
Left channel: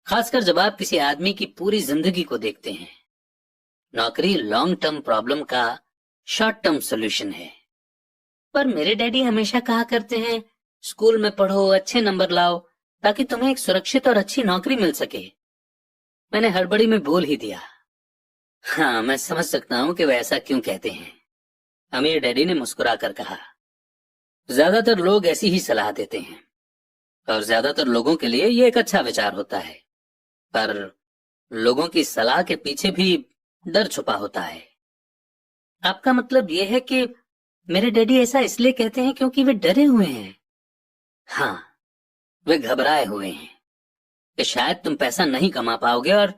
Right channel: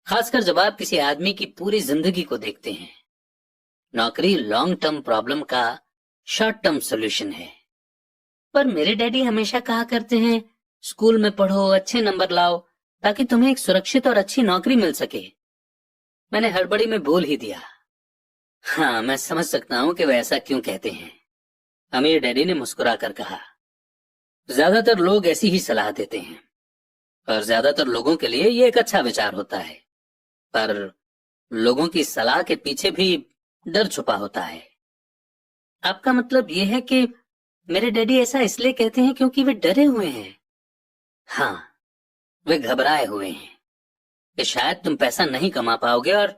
खासकर जब आप किसी आदमी की पूरी जिंदगी को देखते हैं। नौकरी लॉन्ग टर्म प्रॉब्लम का शॉर्ट टर्म सॉल्यूशन है। पर मेरे डैडी हमेशा कहा करते हैं, स्कूल में पढ़ो, अच्छे नंबर लाओ, ताकि तुम्हें एक सुरक्षित और अच्छी नौकरी मिल सके। मैंने हड़बड़ी में बोल ही दिया। हाँ, मैं समझ सकता हूँ कि वे ऐसा क्यों कहते हैं। अमीर डैडी ने मुस्कुरा कर कहा, ज्यादातर लोग ऐसी ही सलाह देते हैं और ज्यादातर लोगों के लिए ये एक अच्छा विचार होता है, पर लोगों की सलाह के पीछे भी डर छुपा होता है। आपका मतलब ये है कि मेरे डैडी ऐसा इसलिए कहते हैं क्योंकि वे डरे हुए हैं? हाँ, वे घबराए हुए हैं कि शायद तुम पैसा नहीं कमा पाओगे और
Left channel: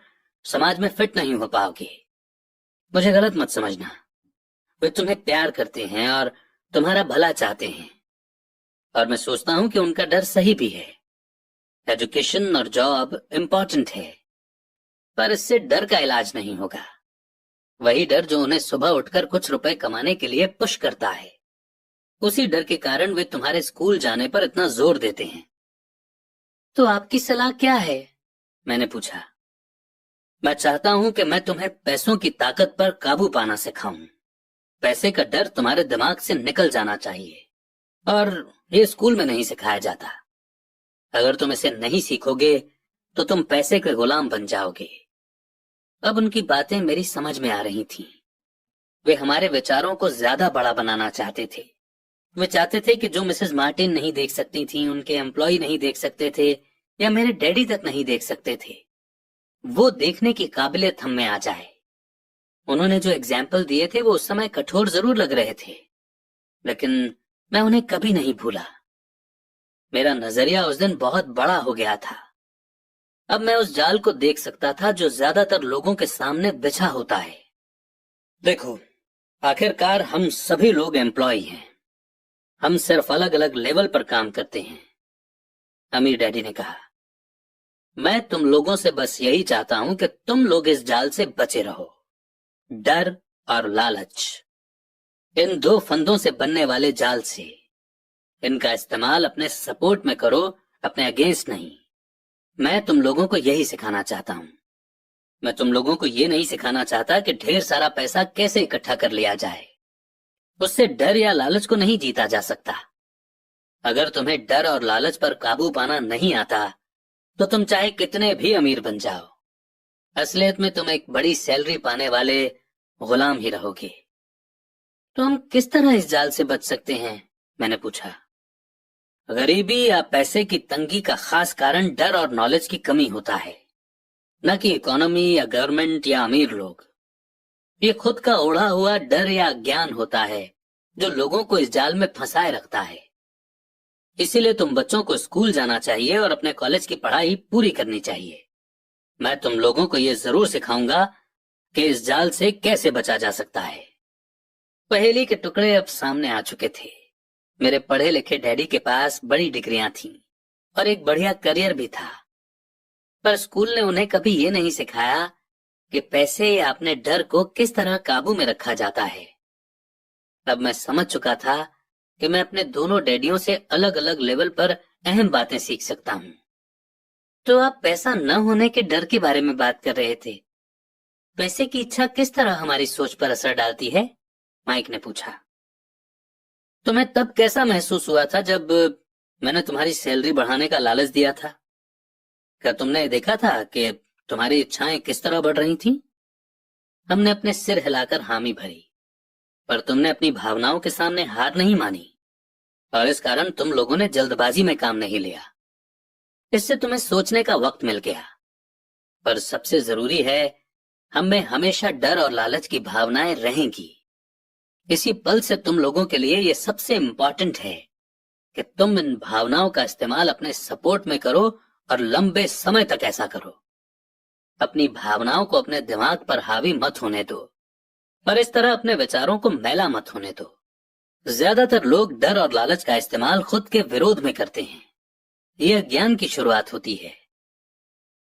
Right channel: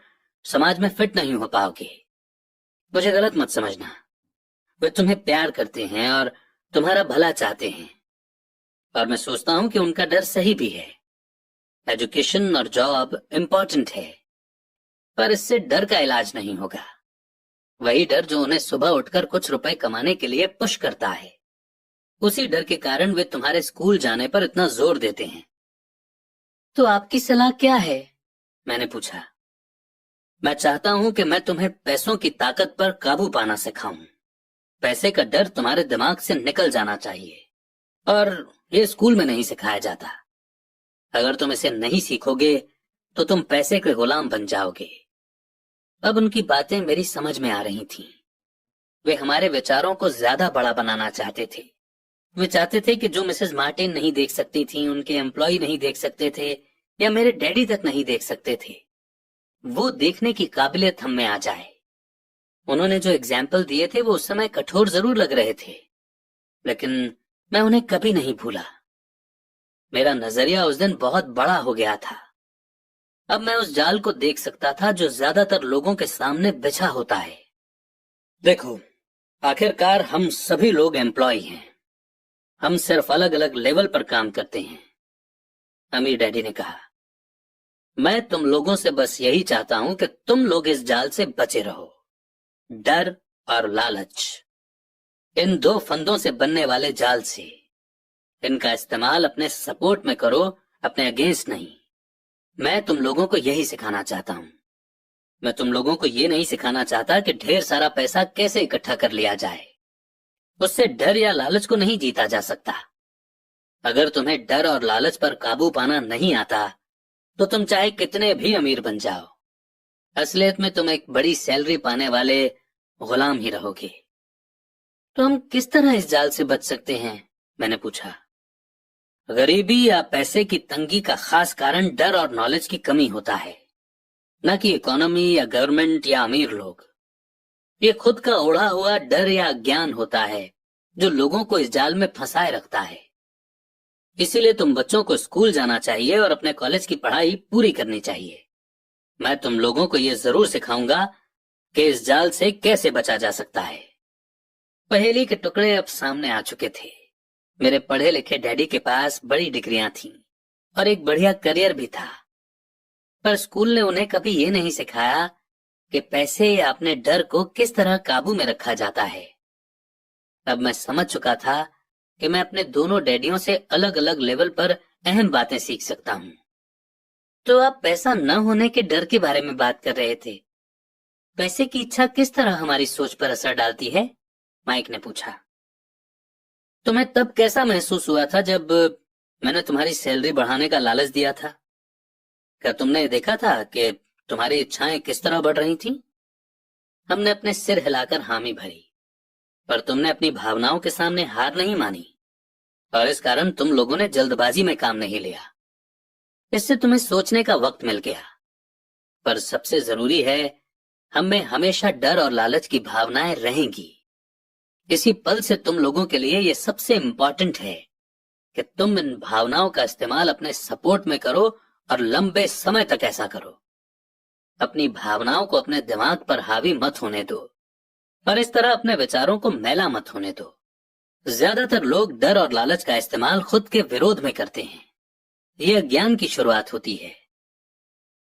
समाज में फिट नहीं हो पाओगे। मुझे गलत मत समझना, वे तुम्हें प्यार करते हैं और तुम्हारा भला चाहते हैं, और मैं सोचता हूं कि उनका डर सही भी है। एजुकेशन और जॉब इम्पोर्टेंट है, पर इससे डर का इलाज नहीं होगा। वही डर जो उन्हें सुबह उठकर कुछ रुपए कमाने के लिए पुश करता है, उसी डर के कारण वे तुम्हारे स्कूल जाने पर इतना जोर देते हैं। तो आपकी सलाह क्या है? मैंने पूछा। मैं चाहता हूं कि मैं तुम्हें पैसों की ताकत पर काबू पाना सिखाऊं। पैसे का डर तुम्हारे दिमाग से निकल जाना चाहिए, और ये स्कूल में नहीं सिखाया जाता। अगर तुम इसे नहीं सीखोगे तो तुम पैसे के गुलाम बन जाओगे। अब उनकी बातें मेरी समझ में आ रही थीं। वे हमारे विचारों को ज्यादा बड़ा बनाना चाहते थे। वे चाहते थे कि जो मिसेस मार्टिन नहीं देख सकती थी, उनके एम्प्लॉय नहीं देख सकते थे, या मेरे डैडी तक नहीं देख सकते थे, वो देखने की काबिलियत हम में आ जाए। उन्होंने जो एग्जाम्पल दिए थे वो उस समय कठोर जरूर लग रहे थे, लेकिन मैं उन्हें कभी नहीं भूला। मेरा नजरिया उस दिन बहुत बड़ा हो गया था। अब मैं उस जाल को देख सकता था जो ज्यादातर लोगों के सामने बिछा होता है। देखो, आखिरकार हम सभी लोग एम्प्लॉय हैं। हम सिर्फ अलग अलग लेवल पर काम करते हैं, अमीर डैडी ने कहा। मैं तुम लोगों से बस यही चाहता हूं कि तुम लोग इस जाल से बचे रहो। डर और लालच, इन दो फंदों से बनने वाले जाल से। इनका इस्तेमाल अपने सपोर्ट में करो, अपने अगेंस्ट नहीं। मैं तुम लोगों को यही सिखाना चाहता हूं। मैं तुम लोगों को ये नहीं सिखाना चाहता कि ढेर सारा पैसा कैसे इकट्ठा कर लिया जाए। उससे डर या लालच को नहीं जीता जा सकता। अगर तुम्हें डर और लालच पर काबू पाना नहीं आता तो तुम चाहे कितने भी अमीर बन जाओ, असलियत में तुम एक बड़ी सैलरी पाने वाले गुलाम ही रहोगे। तो हम किस तरह इस जाल से बच सकते हैं? मैंने पूछा। गरीबी या पैसे की तंगी का खास कारण डर और नॉलेज की कमी होता है, न कि इकोनॉमी या गवर्नमेंट या अमीर लोग। ये खुद का ओढ़ा हुआ डर या ज्ञान होता है जो लोगों को इस जाल में फंसाए रखता है। इसीलिए तुम बच्चों को स्कूल जाना चाहिए और अपने कॉलेज की पढ़ाई पूरी करनी चाहिए। मैं तुम लोगों को यह जरूर सिखाऊंगा कि इस जाल से कैसे बचा जा सकता है। पहेली के टुकड़े अब सामने आ चुके थे। मेरे पढ़े लिखे डैडी के पास बड़ी डिग्रियां थीं और एक बढ़िया करियर भी था, पर स्कूल ने उन्हें कभी ये नहीं सिखाया कि पैसे या अपने डर को किस तरह काबू में रखा जाता है। अब मैं समझ चुका था कि मैं अपने दोनों डैडियों से अलग अलग लेवल पर अहम बातें सीख सकता हूँ। तो आप पैसा न होने के डर के बारे में बात कर रहे थे। पैसे की इच्छा किस तरह हमारी सोच पर असर डालती है? माइक ने पूछा। तुम्हें तब कैसा महसूस हुआ था जब मैंने तुम्हारी सैलरी बढ़ाने का लालच दिया था? क्या तुमने देखा था कि तुम्हारी इच्छाएं किस तरह बढ़ रही थीं? हमने अपने सिर हिलाकर हामी भरी, पर तुमने अपनी भावनाओं के सामने हार नहीं मानी, और इस कारण तुम लोगों ने जल्दबाजी में काम नहीं लिया। इससे तुम्हें सोचने का वक्त मिल गया। पर सबसे जरूरी है, हम में हमेशा डर और लालच की भावनाएं रहेंगी। इसी पल से तुम लोगों के लिए यह सबसे इंपॉर्टेंट है कि तुम इन भावनाओं का इस्तेमाल अपने सपोर्ट में करो और लंबे समय तक ऐसा करो। अपनी भावनाओं को अपने दिमाग पर हावी मत होने दो, और इस तरह अपने विचारों को मैला मत होने दो। ज्यादातर लोग डर और लालच का इस्तेमाल खुद के विरोध में करते हैं। यह अज्ञान की शुरुआत होती है।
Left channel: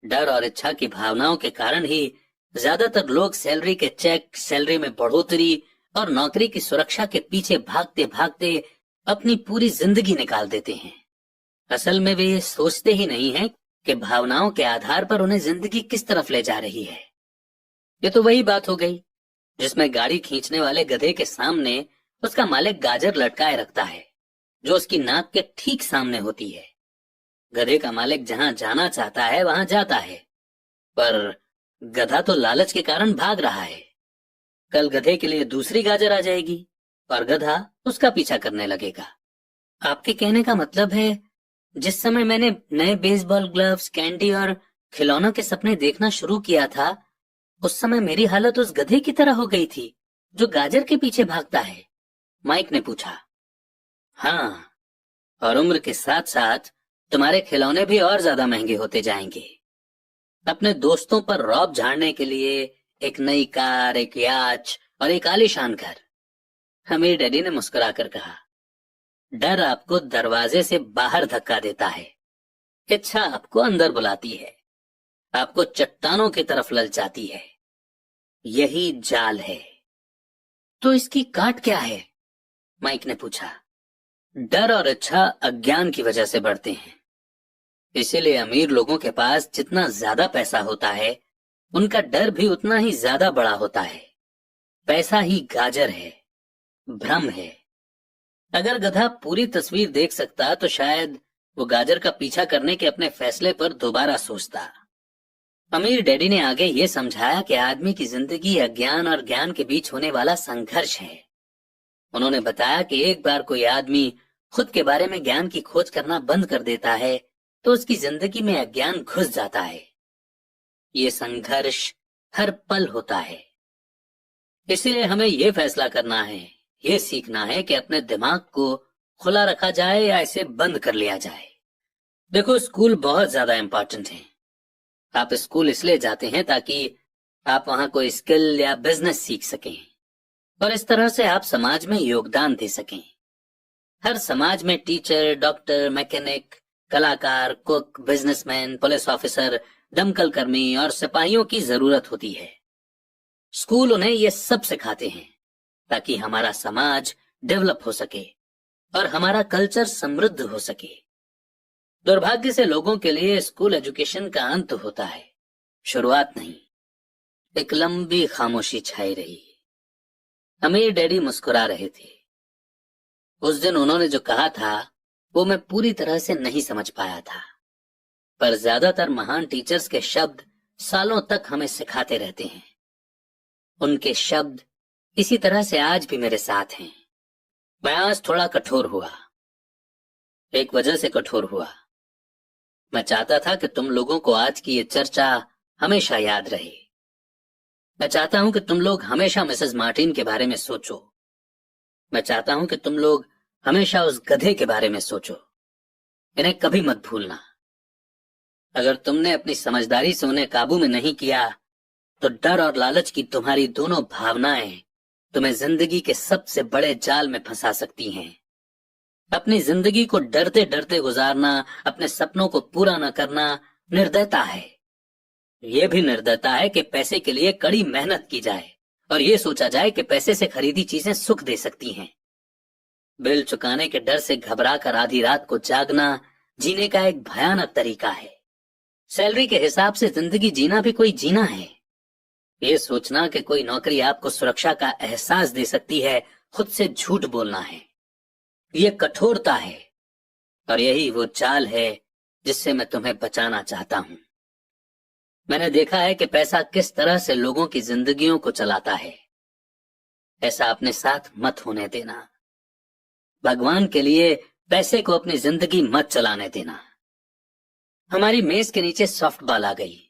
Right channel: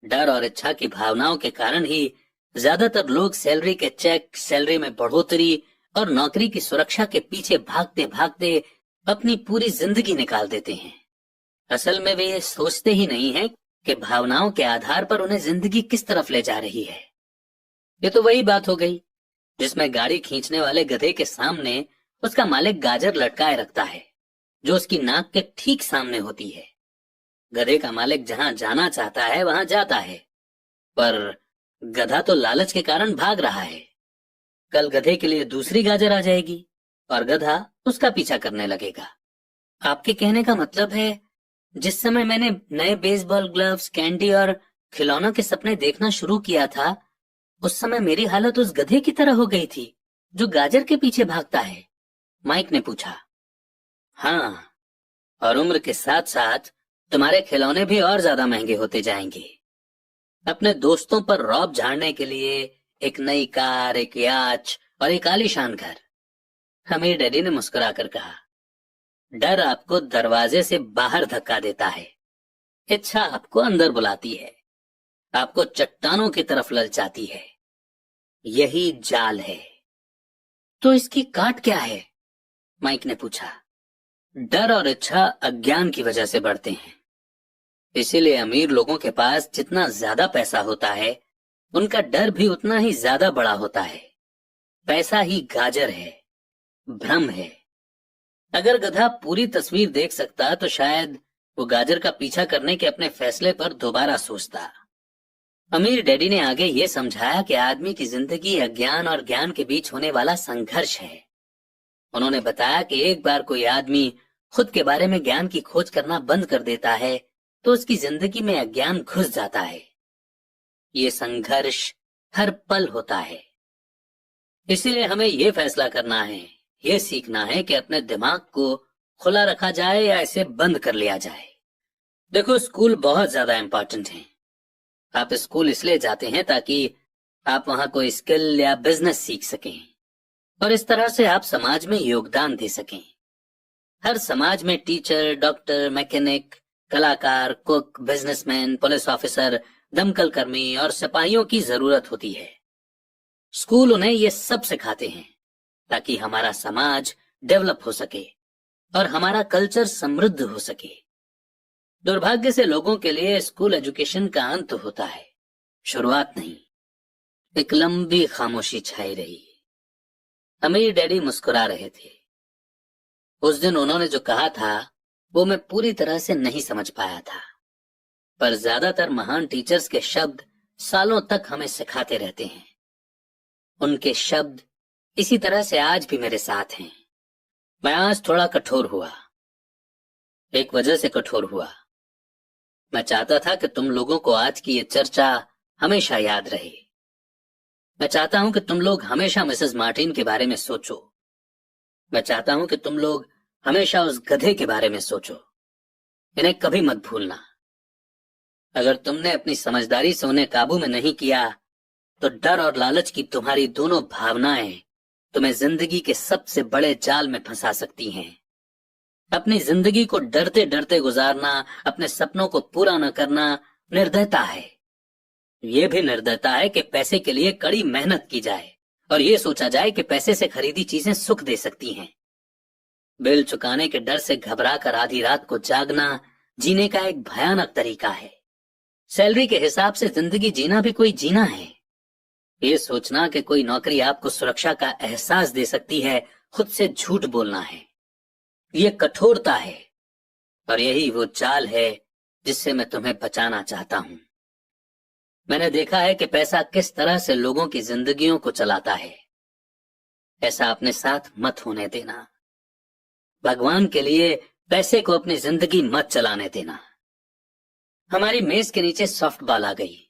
डर और इच्छा की भावनाओं के कारण ही ज्यादातर लोग सैलरी के चेक, सैलरी में बढ़ोतरी और नौकरी की सुरक्षा के पीछे भागते भागते अपनी पूरी जिंदगी निकाल देते हैं। असल में वे ये सोचते ही नहीं हैं कि भावनाओं के आधार पर उन्हें जिंदगी किस तरफ ले जा रही है। ये तो वही बात हो गई जिसमें गाड़ी खींचने वाले गधे के सामने उसका मालिक गाजर लटकाए रखता है, जो उसकी नाक के ठीक सामने होती है। गधे का मालिक जहां जाना चाहता है वहां जाता है, पर गधा तो लालच के कारण भाग रहा है। कल गधे के लिए दूसरी गाजर आ जाएगी और गधा उसका पीछा करने लगेगा। आपके कहने का मतलब है, जिस समय मैंने नए बेसबॉल ग्लव्स, कैंडी और खिलौनों के सपने देखना शुरू किया था, उस समय मेरी हालत उस गधे की तरह हो गई थी जो गाजर के पीछे भागता है? माइक ने पूछा। हाँ, और उम्र के साथ साथ तुम्हारे खिलौने भी और ज्यादा महंगे होते जाएंगे। अपने दोस्तों पर रौब झाड़ने के लिए एक नई कार, एक याच और एक आलीशान घर। हमें डैडी ने मुस्कुराकर कहा। डर आपको दरवाजे से बाहर धक्का देता है, इच्छा आपको अंदर बुलाती है, आपको चट्टानों की तरफ ललचाती है। यही जाल है। तो इसकी काट क्या है? माइक ने पूछा। डर और इच्छा अज्ञान की वजह से बढ़ते हैं। इसीलिए अमीर लोगों के पास जितना ज्यादा पैसा होता है, उनका डर भी उतना ही ज्यादा बड़ा होता है। पैसा ही गाजर है, भ्रम है। अगर गधा पूरी तस्वीर देख सकता तो शायद वो गाजर का पीछा करने के अपने फैसले पर दोबारा सोचता। अमीर डैडी ने आगे ये समझाया कि आदमी की जिंदगी अज्ञान और ज्ञान के बीच होने वाला संघर्ष है। उन्होंने बताया कि एक बार कोई आदमी खुद के बारे में ज्ञान की खोज करना बंद कर देता है तो उसकी जिंदगी में अज्ञान घुस जाता है। ये संघर्ष हर पल होता है। इसलिए हमें ये फैसला करना है, ये सीखना है कि अपने दिमाग को खुला रखा जाए या इसे बंद कर लिया जाए। देखो, स्कूल बहुत ज्यादा इम्पोर्टेंट है। आप स्कूल इसलिए जाते हैं ताकि आप वहां कोई स्किल या बिजनेस सीख सकें, और इस तरह से आप समाज में योगदान दे सकें। हर समाज में टीचर, डॉक्टर, मैकेनिक, कलाकार, कुक, बिजनेसमैन, पुलिस ऑफिसर, दमकल कर्मी और सिपाहियों की जरूरत होती है। स्कूल उन्हें ये सब सिखाते हैं ताकि हमारा समाज डेवलप हो सके और हमारा कल्चर समृद्ध हो सके। दुर्भाग्य से लोगों के लिए स्कूल एजुकेशन का अंत होता है, शुरुआत नहीं। एक लंबी खामोशी छाई रही। अमीर डैडी मुस्कुरा रहे थे। उस दिन उन्होंने जो कहा था वो मैं पूरी तरह से नहीं समझ पाया था, पर ज्यादातर महान टीचर्स के शब्द सालों तक हमें सिखाते रहते हैं। उनके शब्द इसी तरह से आज भी मेरे साथ हैं। मैं आज थोड़ा कठोर हुआ, एक वजह से कठोर हुआ। मैं चाहता था कि तुम लोगों को आज की ये चर्चा हमेशा याद रहे। मैं चाहता हूं कि तुम लोग हमेशा मिसेस मार्टिन के बारे में सोचो। मैं चाहता हूं कि तुम लोग हमेशा उस गधे के बारे में सोचो। इन्हें कभी मत भूलना। अगर तुमने अपनी समझदारी से उन्हें काबू में नहीं किया तो डर और लालच की तुम्हारी दोनों भावनाएं तुम्हें जिंदगी के सबसे बड़े जाल में फंसा सकती हैं। अपनी जिंदगी को डरते डरते गुजारना, अपने सपनों को पूरा न करना निर्दयता है। ये भी निर्दयता है कि पैसे के लिए कड़ी मेहनत की जाए और ये सोचा जाए कि पैसे से खरीदी चीजें सुख दे सकती हैं। बिल चुकाने के डर से घबरा कर आधी रात को जागना जीने का एक भयानक तरीका है। सैलरी के हिसाब से जिंदगी जीना भी कोई जीना है। ये सोचना कि कोई नौकरी आपको सुरक्षा का एहसास दे सकती है, खुद से झूठ बोलना है। ये कठोरता है और यही वो चाल है जिससे मैं तुम्हें बचाना चाहता हूं। मैंने देखा है कि पैसा किस तरह से लोगों की जिंदगियों को चलाता है। ऐसा अपने साथ मत होने देना। भगवान के लिए पैसे को अपनी जिंदगी मत चलाने देना। हमारी मेज के नीचे सॉफ्ट बॉल आ गई।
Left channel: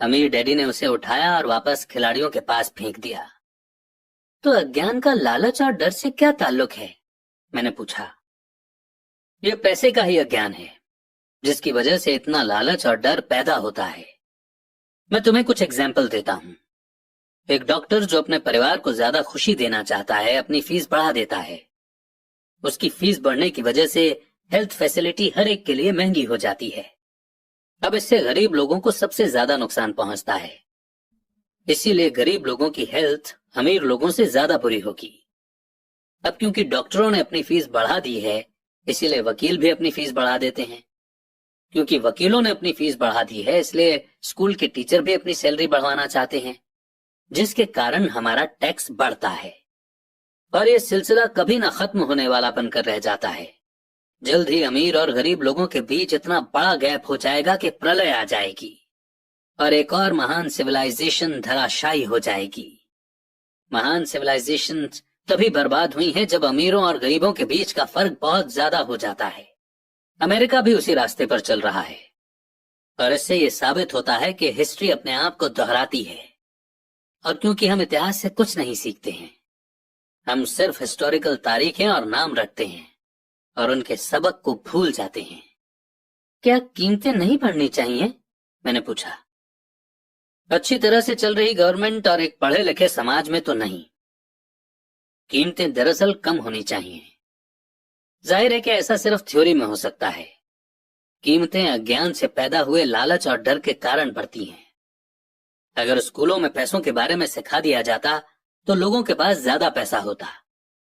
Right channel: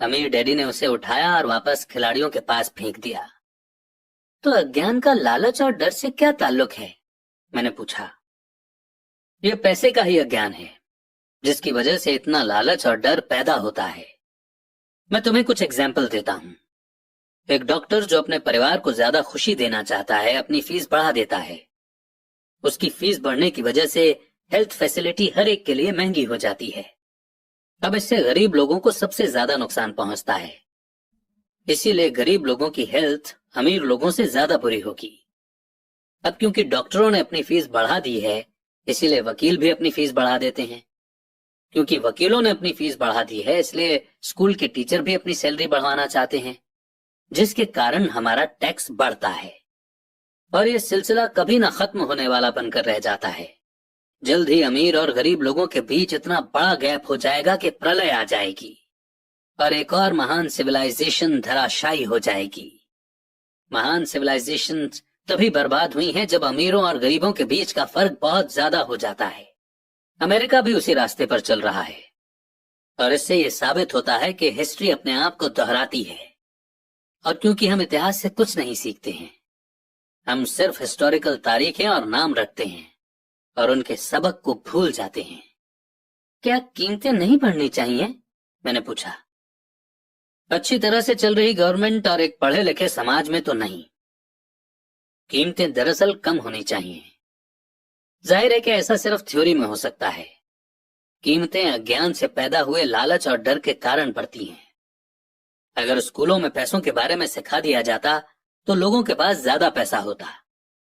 अमीर डैडी ने उसे उठाया और वापस खिलाड़ियों के पास फेंक दिया। तो अज्ञान का लालच और डर से क्या ताल्लुक है? मैंने पूछा। यह पैसे का ही अज्ञान है जिसकी वजह से इतना लालच और डर पैदा होता है। मैं तुम्हें कुछ एग्जाम्पल देता हूं। एक डॉक्टर जो अपने परिवार को ज्यादा खुशी देना चाहता है, अपनी फीस बढ़ा देता है। उसकी फीस बढ़ने की वजह से हेल्थ फैसिलिटी हर एक के लिए महंगी हो जाती है। अब इससे गरीब लोगों को सबसे ज्यादा नुकसान पहुंचता है। इसीलिए गरीब लोगों की हेल्थ अमीर लोगों से ज्यादा बुरी होगी। अब क्योंकि डॉक्टरों ने अपनी फीस बढ़ा दी है, इसीलिए वकील भी अपनी फीस बढ़ा देते हैं। क्योंकि वकीलों ने अपनी फीस बढ़ा दी है, इसलिए स्कूल के टीचर भी अपनी सैलरी बढ़वाना चाहते हैं, जिसके कारण हमारा टैक्स बढ़ता है और ये सिलसिला कभी ना खत्म होने वाला बनकर रह जाता है। जल्द ही अमीर और गरीब लोगों के बीच इतना बड़ा गैप हो जाएगा कि प्रलय आ जाएगी और एक और महान सिविलाइजेशन धराशायी हो जाएगी। महान सिविलाइजेशन तभी बर्बाद हुई है जब अमीरों और गरीबों के बीच का फर्क बहुत ज्यादा हो जाता है। अमेरिका भी उसी रास्ते पर चल रहा है और इससे ये साबित होता है कि हिस्ट्री अपने आप को दोहराती है। और क्योंकि हम इतिहास से कुछ नहीं सीखते हैं, हम सिर्फ हिस्टोरिकल तारीखें और नाम रखते हैं और उनके सबक को भूल जाते हैं। क्या कीमतें नहीं बढ़नी चाहिए? मैंने पूछा। अच्छी तरह से चल रही गवर्नमेंट और एक पढ़े लिखे समाज में तो नहीं। कीमतें दरअसल कम होनी चाहिए। जाहिर है कि ऐसा सिर्फ थ्योरी में हो सकता है। कीमतें अज्ञान से पैदा हुए लालच और डर के कारण बढ़ती हैं। अगर स्कूलों में पैसों के बारे में सिखा दिया जाता तो लोगों के पास ज्यादा पैसा होता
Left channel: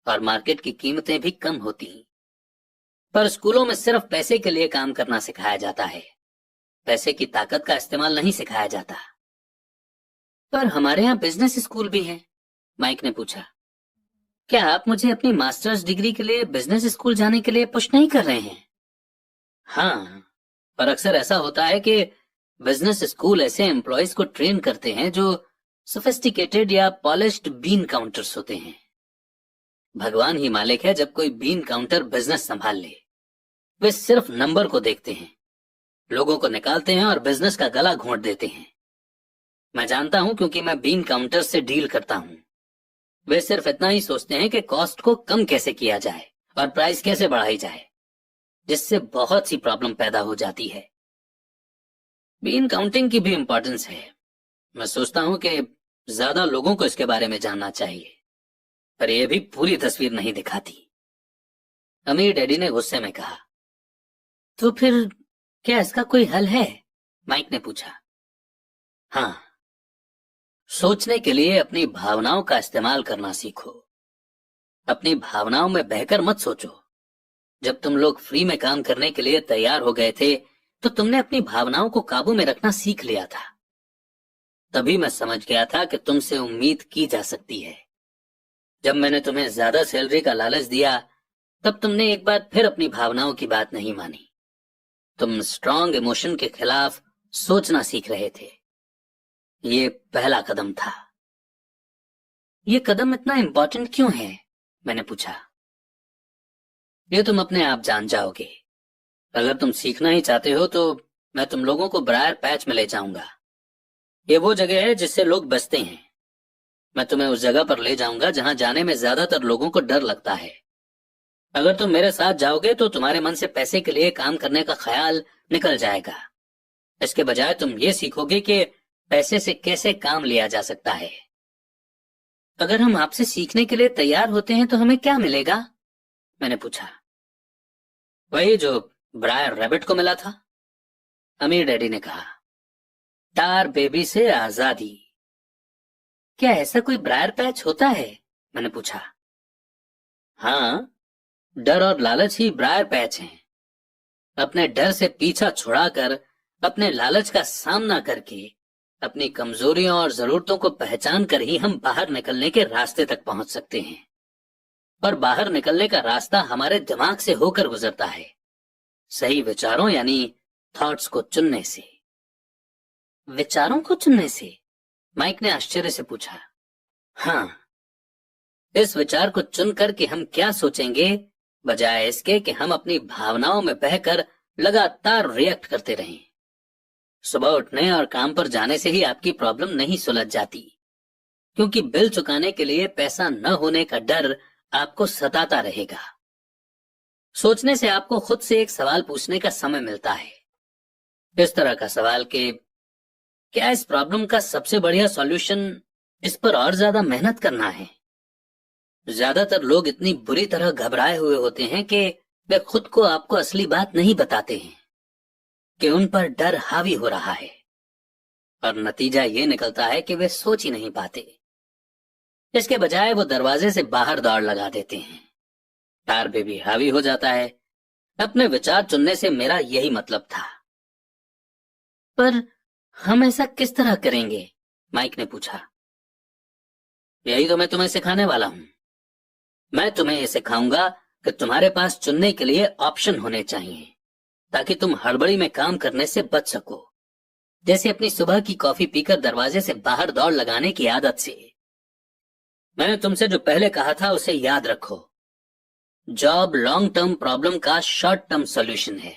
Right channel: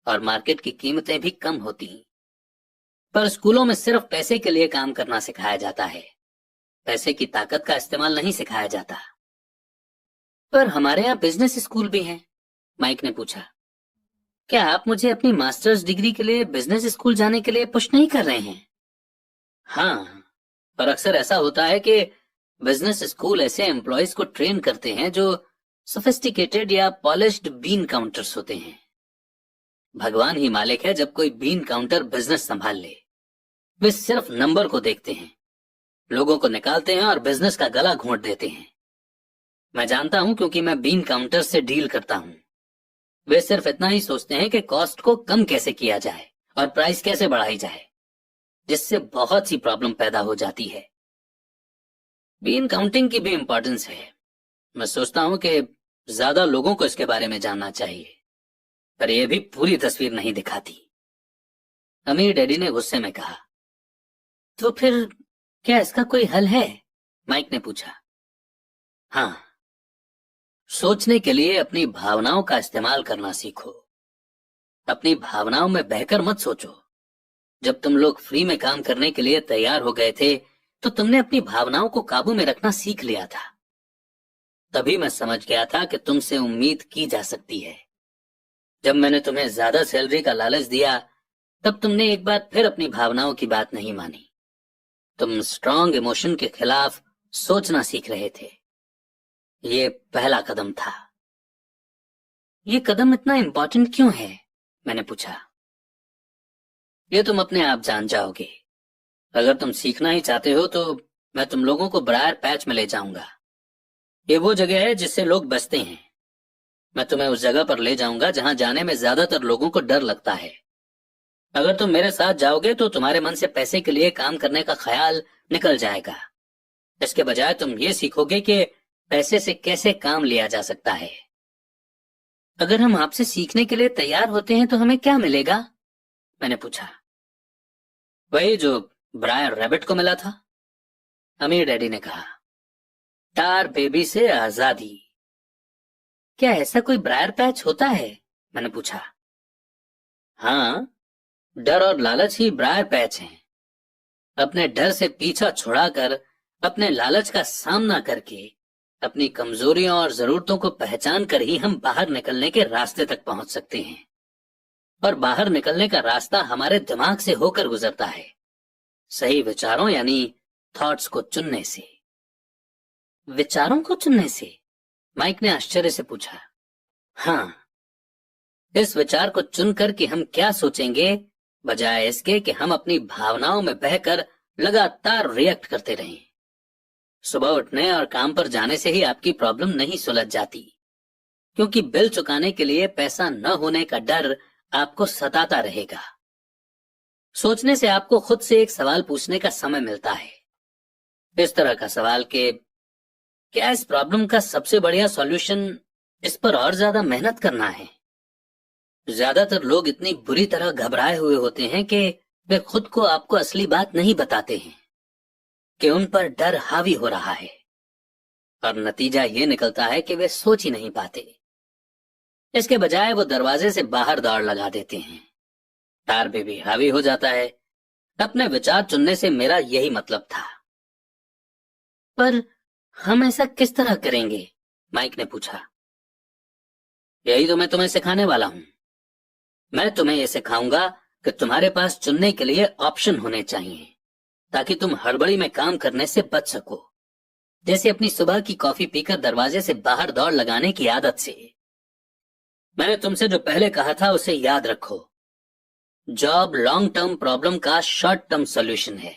और मार्केट की कीमतें भी कम होती। पर स्कूलों में सिर्फ पैसे के लिए काम करना सिखाया जाता है, पैसे की ताकत का इस्तेमाल नहीं सिखाया जाता। पर हमारे यहाँ बिजनेस स्कूल भी हैं, माइक ने पूछा। क्या आप मुझे अपनी मास्टर्स डिग्री के लिए बिजनेस स्कूल जाने के लिए पुश नहीं कर रहे हैं? हाँ, पर अक्सर ऐसा होता है कि बिजनेस स्कूल ऐसे एम्प्लॉयज को ट्रेन करते हैं जो सोफिस्टिकेटेड या पॉलिश्ड बीन काउंटर्स होते हैं। भगवान ही मालिक है जब कोई बीन काउंटर बिजनेस संभाल ले। वे सिर्फ नंबर को देखते हैं, लोगों को निकालते हैं और बिजनेस का गला घोंट देते हैं। मैं जानता हूं क्योंकि मैं बीन काउंटर से डील करता हूं। वे सिर्फ इतना ही सोचते हैं कि कॉस्ट को कम कैसे किया जाए और प्राइस कैसे बढ़ाई जाए, जिससे बहुत सी प्रॉब्लम पैदा हो जाती है। बीन काउंटिंग की भी इंपॉर्टेंस है। मैं सोचता हूं कि ज्यादा लोगों को इसके बारे में जानना चाहिए, पर यह भी पूरी तस्वीर नहीं दिखाती। अमीर डैडी ने गुस्से में कहा। तो फिर क्या इसका कोई हल है? माइक ने पूछा। हाँ, सोचने के लिए अपनी भावनाओं का इस्तेमाल करना सीखो। अपनी भावनाओं में बहकर मत सोचो। जब तुम लोग फ्री में काम करने के लिए तैयार हो गए थे तो तुमने अपनी भावनाओं को काबू में रखना सीख लिया था। तभी मैं समझ गया था कि तुमसे उम्मीद की जा सकती है। जब मैंने तुम्हें ज्यादा सैलरी का लालच दिया तब तुमने एक बार फिर अपनी भावनाओं की बात नहीं मानी। तुम स्ट्रॉन्ग इमोशन के खिलाफ सोचना सीख रहे थे। ये पहला कदम था। ये कदम इतना इंपॉर्टेंट क्यों है? मैंने पूछा। ये तुम अपने आप जान जाओगे। अगर तुम सीखना ही चाहते हो तो मैं तुम लोगों को ब्रायर पैच में ले जाऊंगा। ये वो जगह है जिससे लोग बचते हैं। मैं तुम्हें उस जगह पर ले जाऊंगा जहां जाने में ज्यादातर लोगों को डर लगता है। अगर तुम मेरे साथ जाओगे तो तुम्हारे मन से पैसे के लिए काम करने का ख्याल निकल जाएगा। इसके बजाय तुम ये सीखोगे कि पैसे से कैसे काम लिया जा सकता है। अगर हम आपसे सीखने के लिए तैयार होते हैं तो हमें क्या मिलेगा? मैंने पूछा। वही जो ब्रायर रैबिट को मिला था, अमीर डैडी ने कहा। टार बेबी से आजादी। क्या ऐसा कोई ब्रायर पैच होता है? मैंने पूछा। हाँ, डर और लालच ही ब्रायर पैच हैं। अपने डर से पीछा छुड़ाकर, अपने लालच का सामना करके, अपनी कमजोरियों और जरूरतों को पहचान कर ही हम बाहर निकलने के रास्ते तक पहुंच सकते हैं। और बाहर निकलने का रास्ता हमारे दिमाग से होकर गुजरता है, सही विचारों यानी थॉट्स को चुनने से। विचारों को चुनने से? माइक ने आश्चर्य से पूछा। हाँ, इस विचार को चुनकर कि हम क्या सोचेंगे, बजाय इसके कि हम अपनी भावनाओं में बहकर लगातार रिएक्ट करते रहें। सुबह उठने और काम पर जाने से ही आपकी प्रॉब्लम नहीं सुलझ जाती, क्योंकि बिल चुकाने के लिए पैसा न होने का डर आपको सताता रहेगा। सोचने से आपको खुद से एक सवाल पूछने का समय मिलता है, इस तरह का सवाल कि क्या इस प्रॉब्लम का सबसे बढ़िया सॉल्यूशन इस पर और ज्यादा मेहनत करना है? ज्यादातर लोग इतनी बुरी तरह घबराए हुए होते हैं कि वे खुद को आपको असली बात नहीं बताते हैं कि उन पर डर हावी हो रहा है, और नतीजा ये निकलता है कि वे सोच ही नहीं पाते। इसके बजाय वो दरवाजे से बाहर दौड़ लगा देते हैं। तार भी हावी हो जाता है। अपने विचार चुनने से मेरा यही मतलब था। पर हम ऐसा किस तरह करेंगे? माइक ने पूछा। यही तो मैं तुम्हें सिखाने वाला हूं। मैं तुम्हें ये सिखाऊंगा कि तुम्हारे पास चुनने के लिए ऑप्शन होने चाहिए, ताकि तुम हड़बड़ी में काम करने से बच सको। जैसे अपनी सुबह की कॉफी पीकर दरवाजे से बाहर दौड़ लगाने की आदत से। मैंने तुमसे जो पहले कहा था उसे याद रखो। जॉब लॉन्ग टर्म प्रॉब्लम का शॉर्ट टर्म सॉल्यूशन है।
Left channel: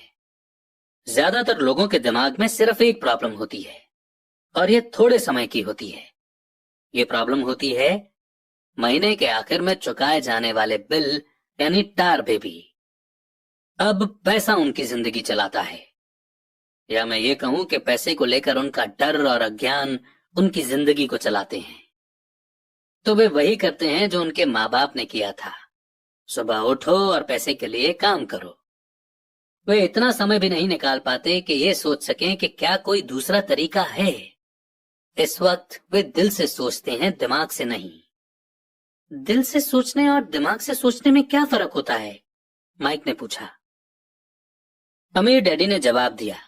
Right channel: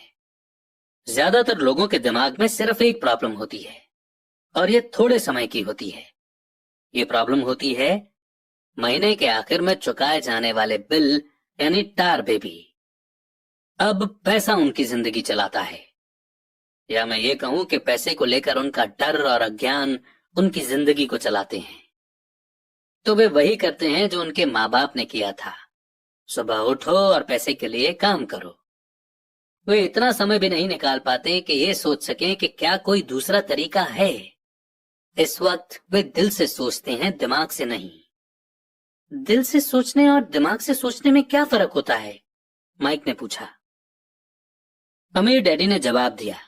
ज्यादातर लोगों के दिमाग में सिर्फ एक प्रॉब्लम होती है, और ये थोड़े समय की होती है। ये प्रॉब्लम होती है महीने के आखिर में चुकाए जाने वाले बिल यानी टार बेबी। अब पैसा उनकी जिंदगी चलाता है, या मैं ये कहूं कि पैसे को लेकर उनका डर और अज्ञान उनकी जिंदगी को चलाते हैं। तो वे वही करते हैं जो उनके माँ बाप ने किया था। सुबह उठो और पैसे के लिए काम करो। वे इतना समय भी नहीं निकाल पाते कि ये सोच सकें कि क्या कोई दूसरा तरीका है। इस वक्त वे दिल से सोचते हैं, दिमाग से नहीं। दिल से सोचने और दिमाग से सोचने में क्या फर्क होता है? माइक ने पूछा। अमीर डैडी ने जवाब दिया।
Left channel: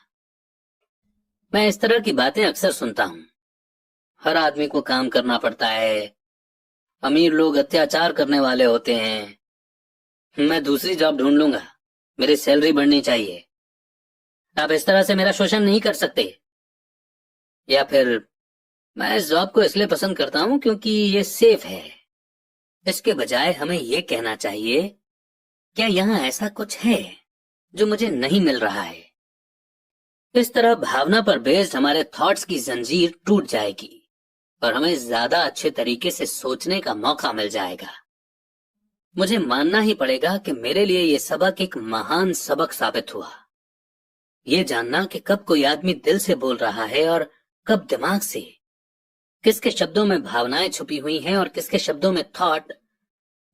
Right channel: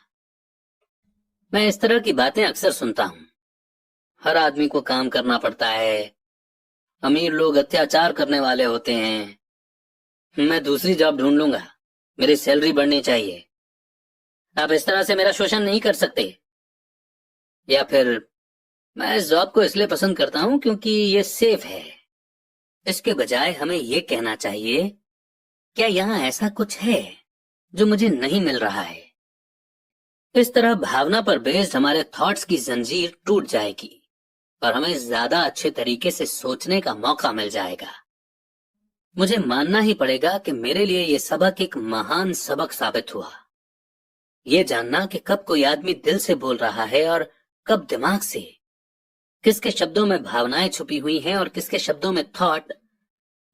मैं इस तरह की बातें अक्सर सुनता हूं। हर आदमी को काम करना पड़ता है। अमीर लोग अत्याचार करने वाले होते हैं। मैं दूसरी जॉब ढूंढ लूंगा, मेरी सैलरी बढ़नी चाहिए। आप इस तरह से मेरा शोषण नहीं कर सकते। या फिर मैं इस जॉब को इसलिए पसंद करता हूं क्योंकि ये सेफ है। इसके बजाय हमें ये कहना चाहिए, क्या यहाँ ऐसा कुछ है जो मुझे नहीं मिल रहा है? इस तरह भावना पर बेस्ड हमारे थॉट्स की जंजीर टूट जाएगी और हमें ज्यादा अच्छे तरीके से सोचने का मौका मिल जाएगा। मुझे मानना ही पड़ेगा कि मेरे लिए ये सबक एक महान सबक साबित हुआ। ये जानना कि कब कोई आदमी दिल से बोल रहा है और कब दिमाग से, किसके शब्दों में भावनाएं छुपी हुई हैं और किसके शब्दों में थॉट,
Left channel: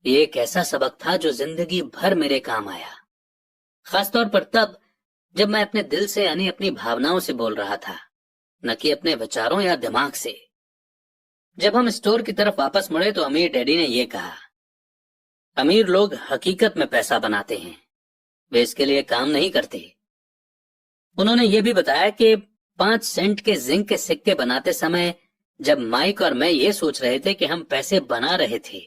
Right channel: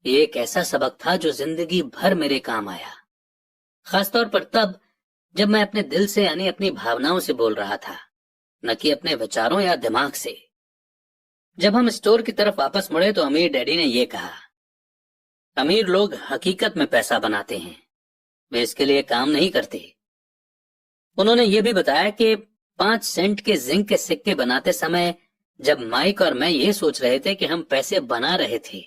ये एक ऐसा सबक था जो जिंदगी भर मेरे काम आया। खासतौर पर तब जब मैं अपने दिल से यानी अपनी भावनाओं से बोल रहा था, न कि अपने विचारों या दिमाग से। जब हम स्टोर की तरफ वापस मुड़े तो अमीर डैडी ने यह कहा, अमीर लोग हकीकत में पैसा बनाते हैं, वे इसके लिए काम नहीं करते। उन्होंने यह भी बताया कि 5 सेंट के जिंक के सिक्के बनाते समय जब माइक और मैं ये सोच रहे थे कि हम पैसे बना रहे थे,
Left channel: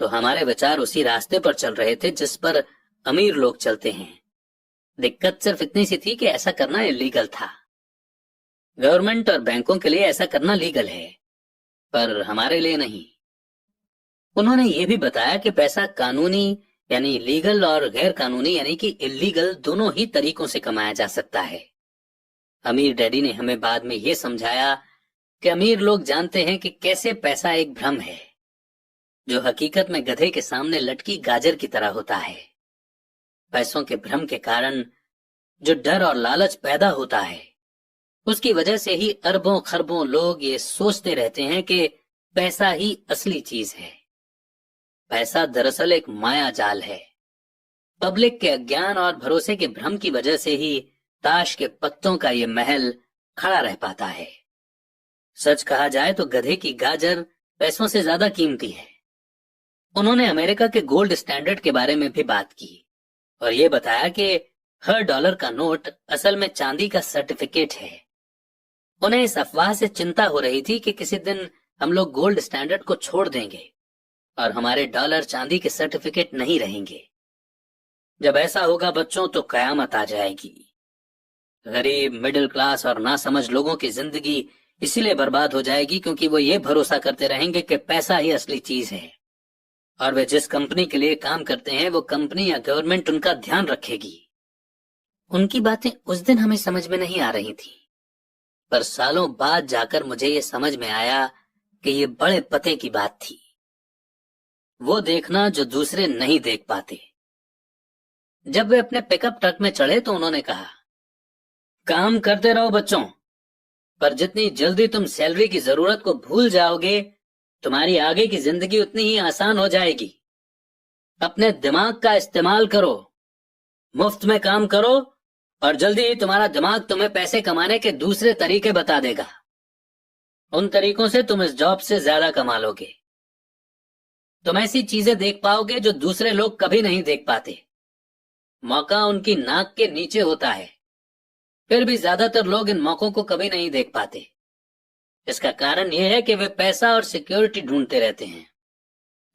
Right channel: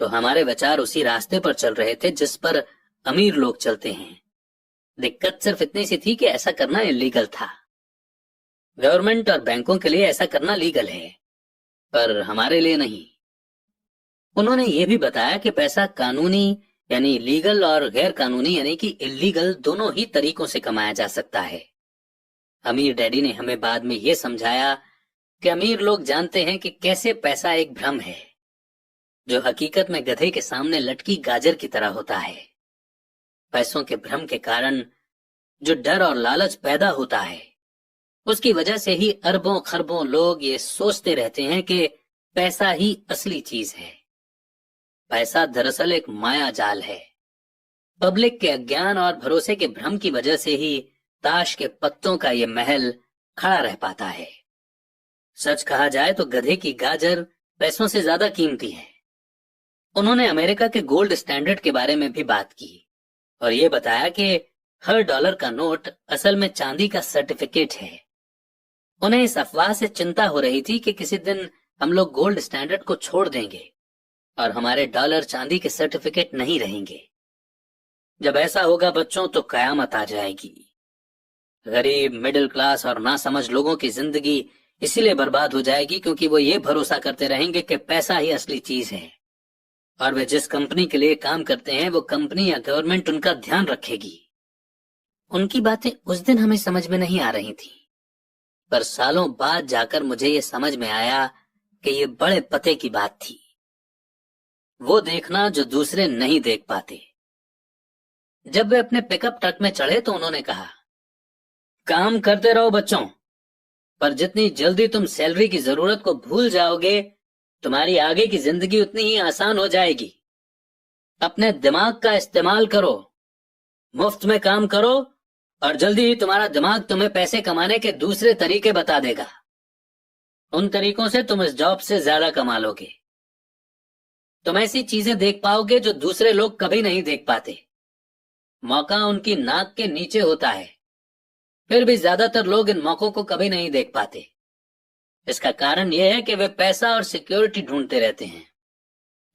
तो हमारे विचार उसी रास्ते पर चल रहे थे जिस पर अमीर लोग चलते हैं। दिक्कत सिर्फ इतनी सी थी कि ऐसा करना इलीगल था। गवर्नमेंट और बैंकों के लिए ऐसा करना लीगल है, पर हमारे लिए नहीं। उन्होंने ये भी बताया कि पैसा कानूनी यानी लीगल और गैर कानूनी यानी कि इलीगल दोनों ही तरीकों से कमाया जा सकता है। अमीर डैडी ने हमें बाद में ये समझाया कि अमीर लोग जानते हैं कि कैसे पैसा एक भ्रम है, जो हकीकत में गधे के सामने लटकी गाजर की तरह होता है। पैसों के भ्रम के कारण जो डर और लालच पैदा होता है, उसकी वजह से ही अरबों खरबों लोग ये सोचते रहते हैं कि पैसा ही असली चीज है। पैसा दरअसल एक माया जाल है। पब्लिक के अज्ञान और भरोसे के भ्रम की वजह से ही ताश के पत्तों का ये महल खड़ा रह पाता है। सच कहा जाए तो गधे की गाजर पैसों से ज्यादा कीमती है। उन्होंने अमेरिका के गोल्ड स्टैंडर्ड के बारे में भी बात की और ये बताया कि हर डॉलर का नोट असल में चांदी का सर्टिफिकेट है। उन्हें इस अफवाह से चिंता हो रही थी कि किसी दिन हम लोग गोल्ड स्टैंडर्ड को छोड़ देंगे और हमारे डॉलर चांदी के सर्टिफिकेट नहीं रहेंगे। जब ऐसा होगा बच्चों तो कयामत आ जाएगी। गरीब, मिडिल क्लास और नासमझ लोगों की जिंदगी इसीलिए बर्बाद हो जाएगी क्योंकि वो ये भरोसा करते रहेंगे कि पैसा ही असली चीज है और वे जिस कंपनी के लिए काम करते हैं वो कंपनी या गवर्नमेंट उनका ध्यान रखेगी। उनकी बातें उस दिन हमें समझ में नहीं आ रही थी, पर सालों बाद जाकर मुझे ये समझ में आया कि ये बड़े पते की बात थी। वो देखना जो दूसरे नहीं देख पाते। जब वे अपने पिकअप ट्रक में चढ़े तो उन्होंने कहा, काम करते रहो बच्चों, पर जितनी जल्दी तुम सैलरी की जरूरत को भूल जाओगे तुम्हारी आगे की जिंदगी उतनी ही आसान हो जाएगी। अपने दिमाग का इस्तेमाल करो, मुफ्त में काम करो और जल्दी ही तुम्हारा दिमाग तुम्हें पैसे कमाने के दूसरे तरीके बता देगा। उन तरीकों से तुम इस जॉब से ज्यादा कमा लोगे। तुम ऐसी चीजें देख पाओगे जो दूसरे लोग कभी नहीं देख पाते। मौका उनकी नाक के नीचे होता है, फिर भी ज्यादातर लोग इन मौकों को कभी नहीं देख पाते। इसका कारण यह है कि वे पैसा और सिक्योरिटी ढूंढते रहते हैं,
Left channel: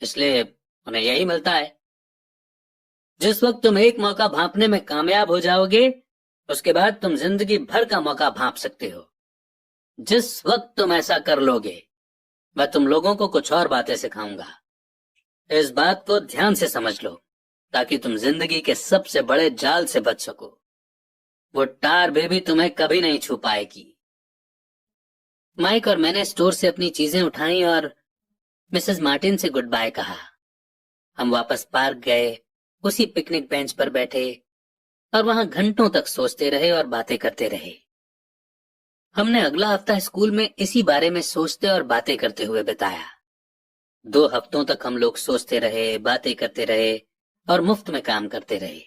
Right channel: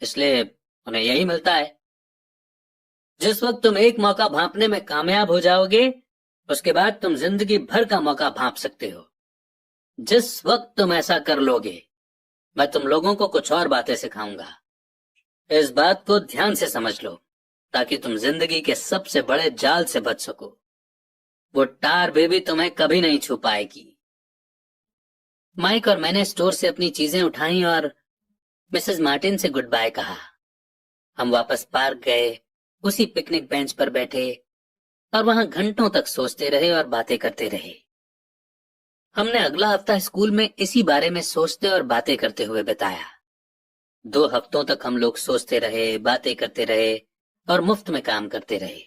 इसलिए उन्हें यही मिलता है। जिस वक्त तुम एक मौका भांपने में कामयाब हो जाओगे उसके बाद तुम जिंदगी भर का मौका भांप सकते हो। जिस वक्त तुम ऐसा कर लोगे मैं तुम लोगों को कुछ और बातें सिखाऊंगा। इस बात को ध्यान से समझ लो ताकि तुम जिंदगी के सबसे बड़े जाल से बच सको। वो टार बेबी तुम्हें कभी नहीं छू पाएगी। माइक और मैंने स्टोर से अपनी चीजें उठाई और मिसेस मार्टिन से गुड बाय कहा। हम वापस पार्क गए, उसी पिकनिक बेंच पर बैठे और वहां घंटों तक सोचते रहे और बातें करते रहे। हमने अगला हफ्ता स्कूल में इसी बारे में सोचते और बातें करते हुए बिताया। 2 हफ्तों तक हम लोग सोचते रहे, बातें करते रहे और मुफ्त में काम करते रहे।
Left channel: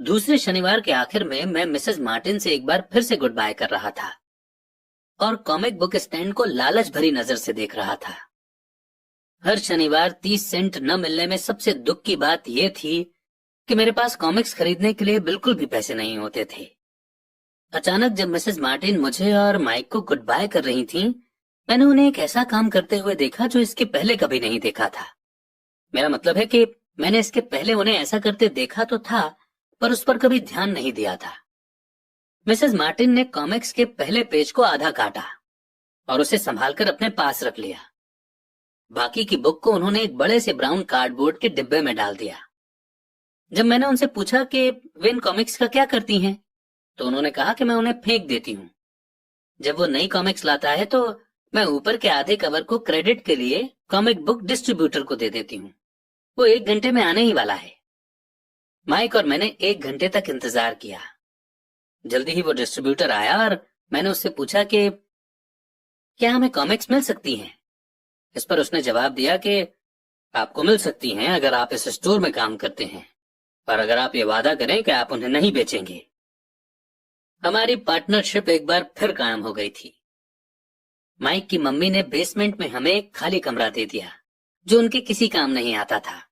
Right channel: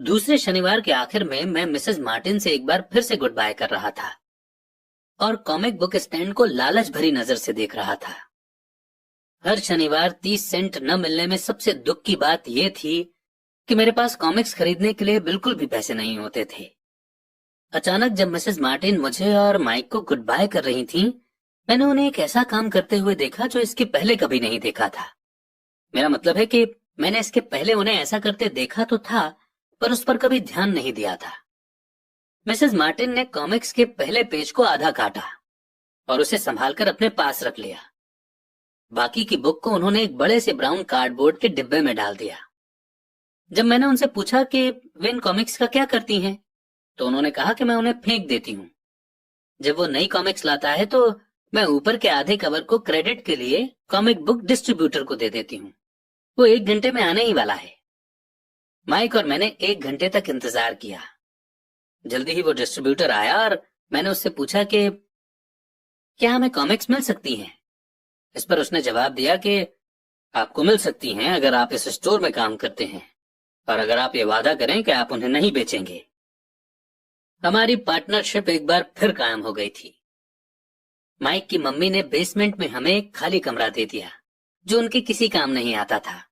दूसरे शनिवार के आखिर में मैं मिसेस मार्टिन से एक बार फिर से गुड बाय कर रहा था और कॉमिक बुक स्टैंड को लालच भरी नजर से देख रहा था। हर शनिवार 30 सेंट न मिलने में सबसे दुख की बात यह थी कि मेरे पास कॉमिक्स खरीदने के लिए बिल्कुल भी पैसे नहीं होते थे। अचानक जब मिसेस मार्टिन मुझे और माइक को गुड बाय कर रही थीं, मैंने उन्हें एक ऐसा काम करते हुए देखा जो इसके पहले कभी नहीं देखा था। मेरा मतलब है कि मैंने इसके पहले उन्हें ऐसा करते देखा तो था, पर उस पर कभी ध्यान नहीं दिया था। मिसेस मार्टिन ने कॉमिक्स के पहले पेज को आधा काटा और उसे संभालकर अपने पास रख लिया। बाकी की बुक को उन्होंने एक बड़े से ब्राउन कार्डबोर्ड के डिब्बे में डाल दिया। जब मैंने उनसे पूछा कि वे इन कॉमिक्स का क्या करती हैं, तो उन्होंने कहा कि मैं उन्हें फेंक देती हूँ। जब वो नई कॉमिक्स लाता है तो मैं ऊपर के आधे कवर को क्रेडिट के लिए कॉमिक बुक डिस्ट्रीब्यूटर को दे देती हूँ। वो 1 घंटे में आने ही वाला है। माइक और मैंने 1 घंटे तक इंतजार किया। जल्दी ही वो डिस्ट्रीब्यूटर आया और मैंने उससे पूछा कि क्या हमें कॉमिक्स मिल सकती हैं। इस पर उसने जवाब दिया कि आपको मिल सकती हैं अगर आप इस स्टोर में काम करते हैं और अगर आप ये वादा करें कि आप उन्हें नहीं बेचेंगे। हमारी पार्टनरशिप एक बार फिर कायम हो गई थी। माइक की मम्मी ने बेसमेंट में हमें एक खाली कमरा दे दिया जो उनके किसी काम नहीं आता था।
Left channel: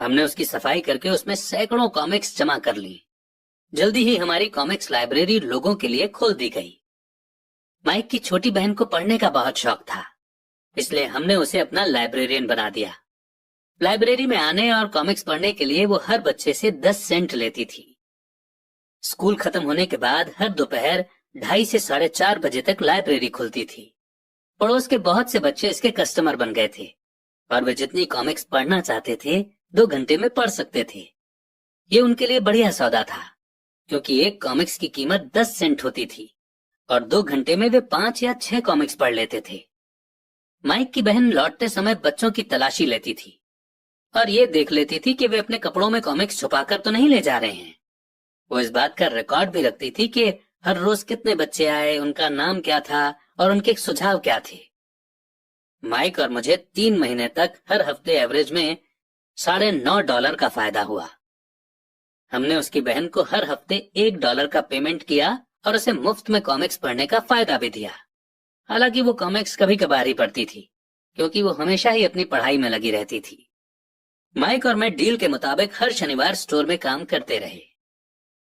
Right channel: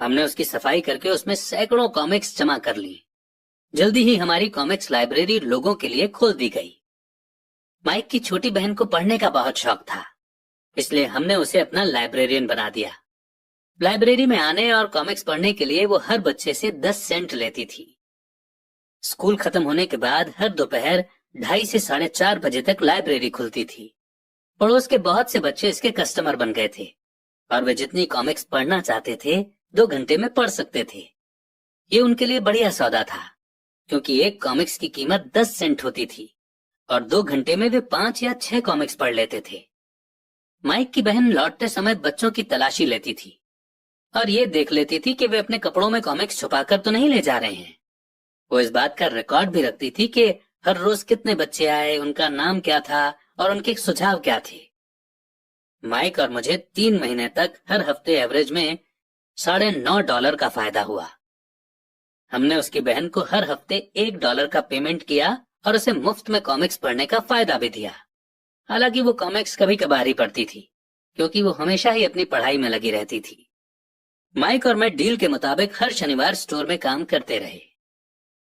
हमने उसकी सफाई करके उसमें सैकड़ों कॉमिक्स जमा कर ली। जल्दी ही हमारी कॉमिक्स लाइब्रेरी लोगों के लिए खोल दी गई। माइक की छोटी बहन को पढ़ने का बहुत शौक था, इसलिए हमने उसे अपना लाइब्रेरियन बना दिया। लाइब्रेरी में आने और कॉमिक्स पढ़ने के लिए वो हर बच्चे से 10 सेंट लेती थी। स्कूल खत्म होने के बाद हर दोपहर 2:30 से 4:30 बजे तक लाइब्रेरी खुलती थी। पड़ोस के बहुत से बच्चे इसके कस्टमर बन गए थे और वे जितनी कॉमिक्स पढ़ना चाहते थे 2 घंटे में पढ़ सकते थे। ये उनके लिए बढ़िया सौदा था क्योंकि एक कॉमिक्स की कीमत 10 सेंट होती थी और 2 घंटे में वे 5 या 6 कॉमिक्स पढ़ लेते थे। माइक की बहन लौटते समय बच्चों की तलाशी लेती थी और ये देख लेती थी कि वे अपने कपड़ों में कॉमिक्स छुपाकर तो नहीं ले जा रहे हैं। वो इस बात का रिकॉर्ड भी रखती थी कि हर रोज कितने बच्चे आए, उनका नाम क्या था और उनके सुझाव क्या थे। माइक और मुझे 3 महीने तक हर हफ्ते एवरेज में $9.5 का फायदा हुआ। हमने उसकी बहन को हर हफ्ते $1 का पेमेंट किया और उसे मुफ्त में कॉमिक्स पढ़ने का फायदा भी दिया। हालांकि वो कॉमिक्स कभी कभार ही पढ़ती थी क्योंकि वो हमेशा ही अपनी पढ़ाई में लगी रहती थी। माइक और मैं डील के मुताबिक हर शनिवार स्टोर में काम करते रहे।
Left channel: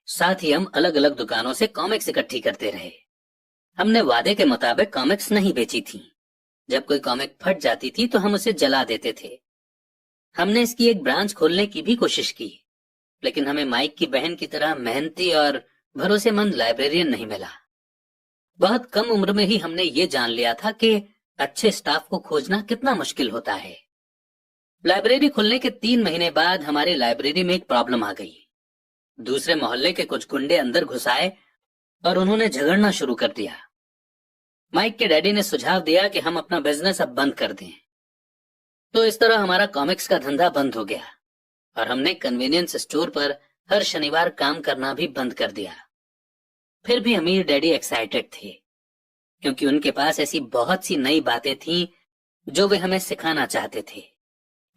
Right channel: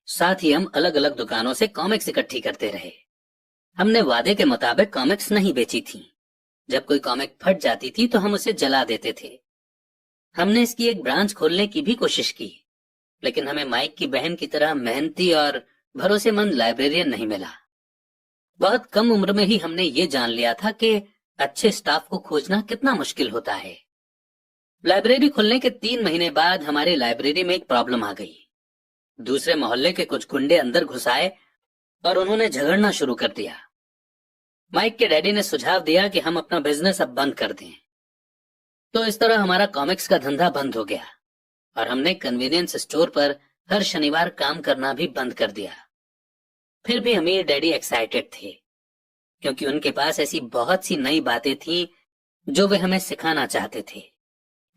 साथ ही हम अलग अलग दुकानों से कॉमिक्स इकट्ठी करते रहे। हमने वादे के मुताबिक कॉमिक्स नहीं बेची थी। जब कोई कॉमिक फट जाती थी तो हम उसे जला देते थे। हमने इसकी एक ब्रांच खोलने की भी कोशिश की, लेकिन हमें माइक की बहन की तरह मेहनती और भरोसेमंद लाइब्रेरियन नहीं मिला। बहुत कम उम्र में ही हमने ये जान लिया था कि अच्छे स्टाफ को खोजना कितना मुश्किल होता है। लाइब्रेरी खुलने के 3 महीने बाद हमारी लाइब्रेरी में एक प्रॉब्लम आ गई। दूसरे मोहल्ले के कुछ गुंडे अंदर घुस आए और उन्होंने झगड़ना शुरू कर दिया। माइक के डैडी ने सुझाव दिया कि हम अपना बिजनेस अब बंद कर दें। तो इस तरह हमारा कॉमिक्स का धंधा बंद हो गया और हमने कन्वीनियंस स्टोर पर हर शनिवार काम करना भी बंद कर दिया। फिर भी अमीर डैडी एक्साइटेड थे, क्योंकि उनके पास ऐसी बहुत सी नई बातें थीं जो वे हमें सिखाना चाहते थे।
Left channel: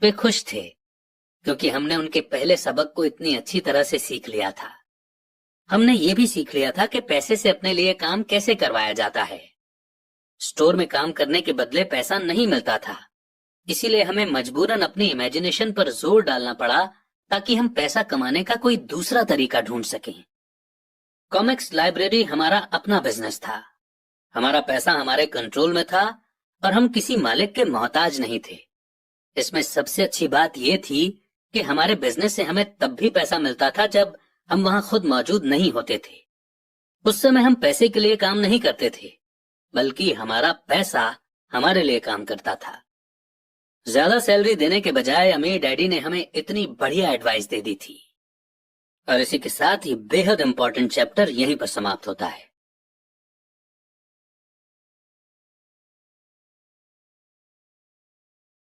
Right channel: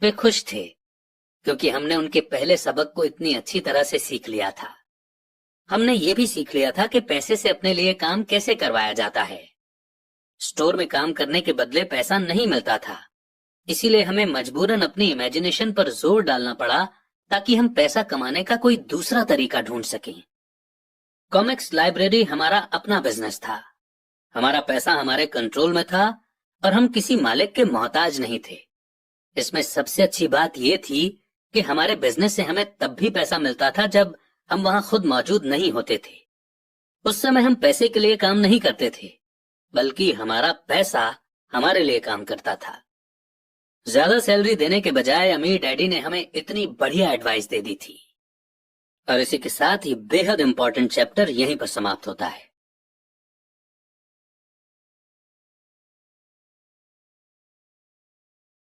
वे खुश थे क्योंकि हमने उनके पहले सबक को इतनी अच्छी तरह से सीख लिया था। हमने ये भी सीख लिया था कि पैसे से अपने लिए काम कैसे करवाया जाता है। स्टोर में काम करने के बदले पैसा नहीं मिलता था, इसीलिए हमें मजबूरन अपनी इमेजिनेशन पर जोर डालना पड़ा ताकि हम पैसा कमाने का कोई दूसरा तरीका ढूंढ सकें। कॉमिक्स लाइब्रेरी हमारा अपना बिजनेस था। हमारा पैसा हमारे कंट्रोल में था और हम किसी मालिक के मोहताज नहीं थे। इसमें सबसे अच्छी बात यह थी कि हमारे बिजनेस से हमें तब भी पैसा मिलता था जब हम वहां खुद मौजूद नहीं होते थे। उस समय हम पैसे के लिए काम नहीं करते थे, बल्कि हमारा पैसा हमारे लिए काम करता था। ज्यादा सैलरी देने के बजाय अमीर डैडी ने हमें इतनी बढ़िया एडवाइस दे दी थी। और इसी के साथ ही बेहद इंपॉर्टेंट चैप्टर यहीं पर समाप्त होता है।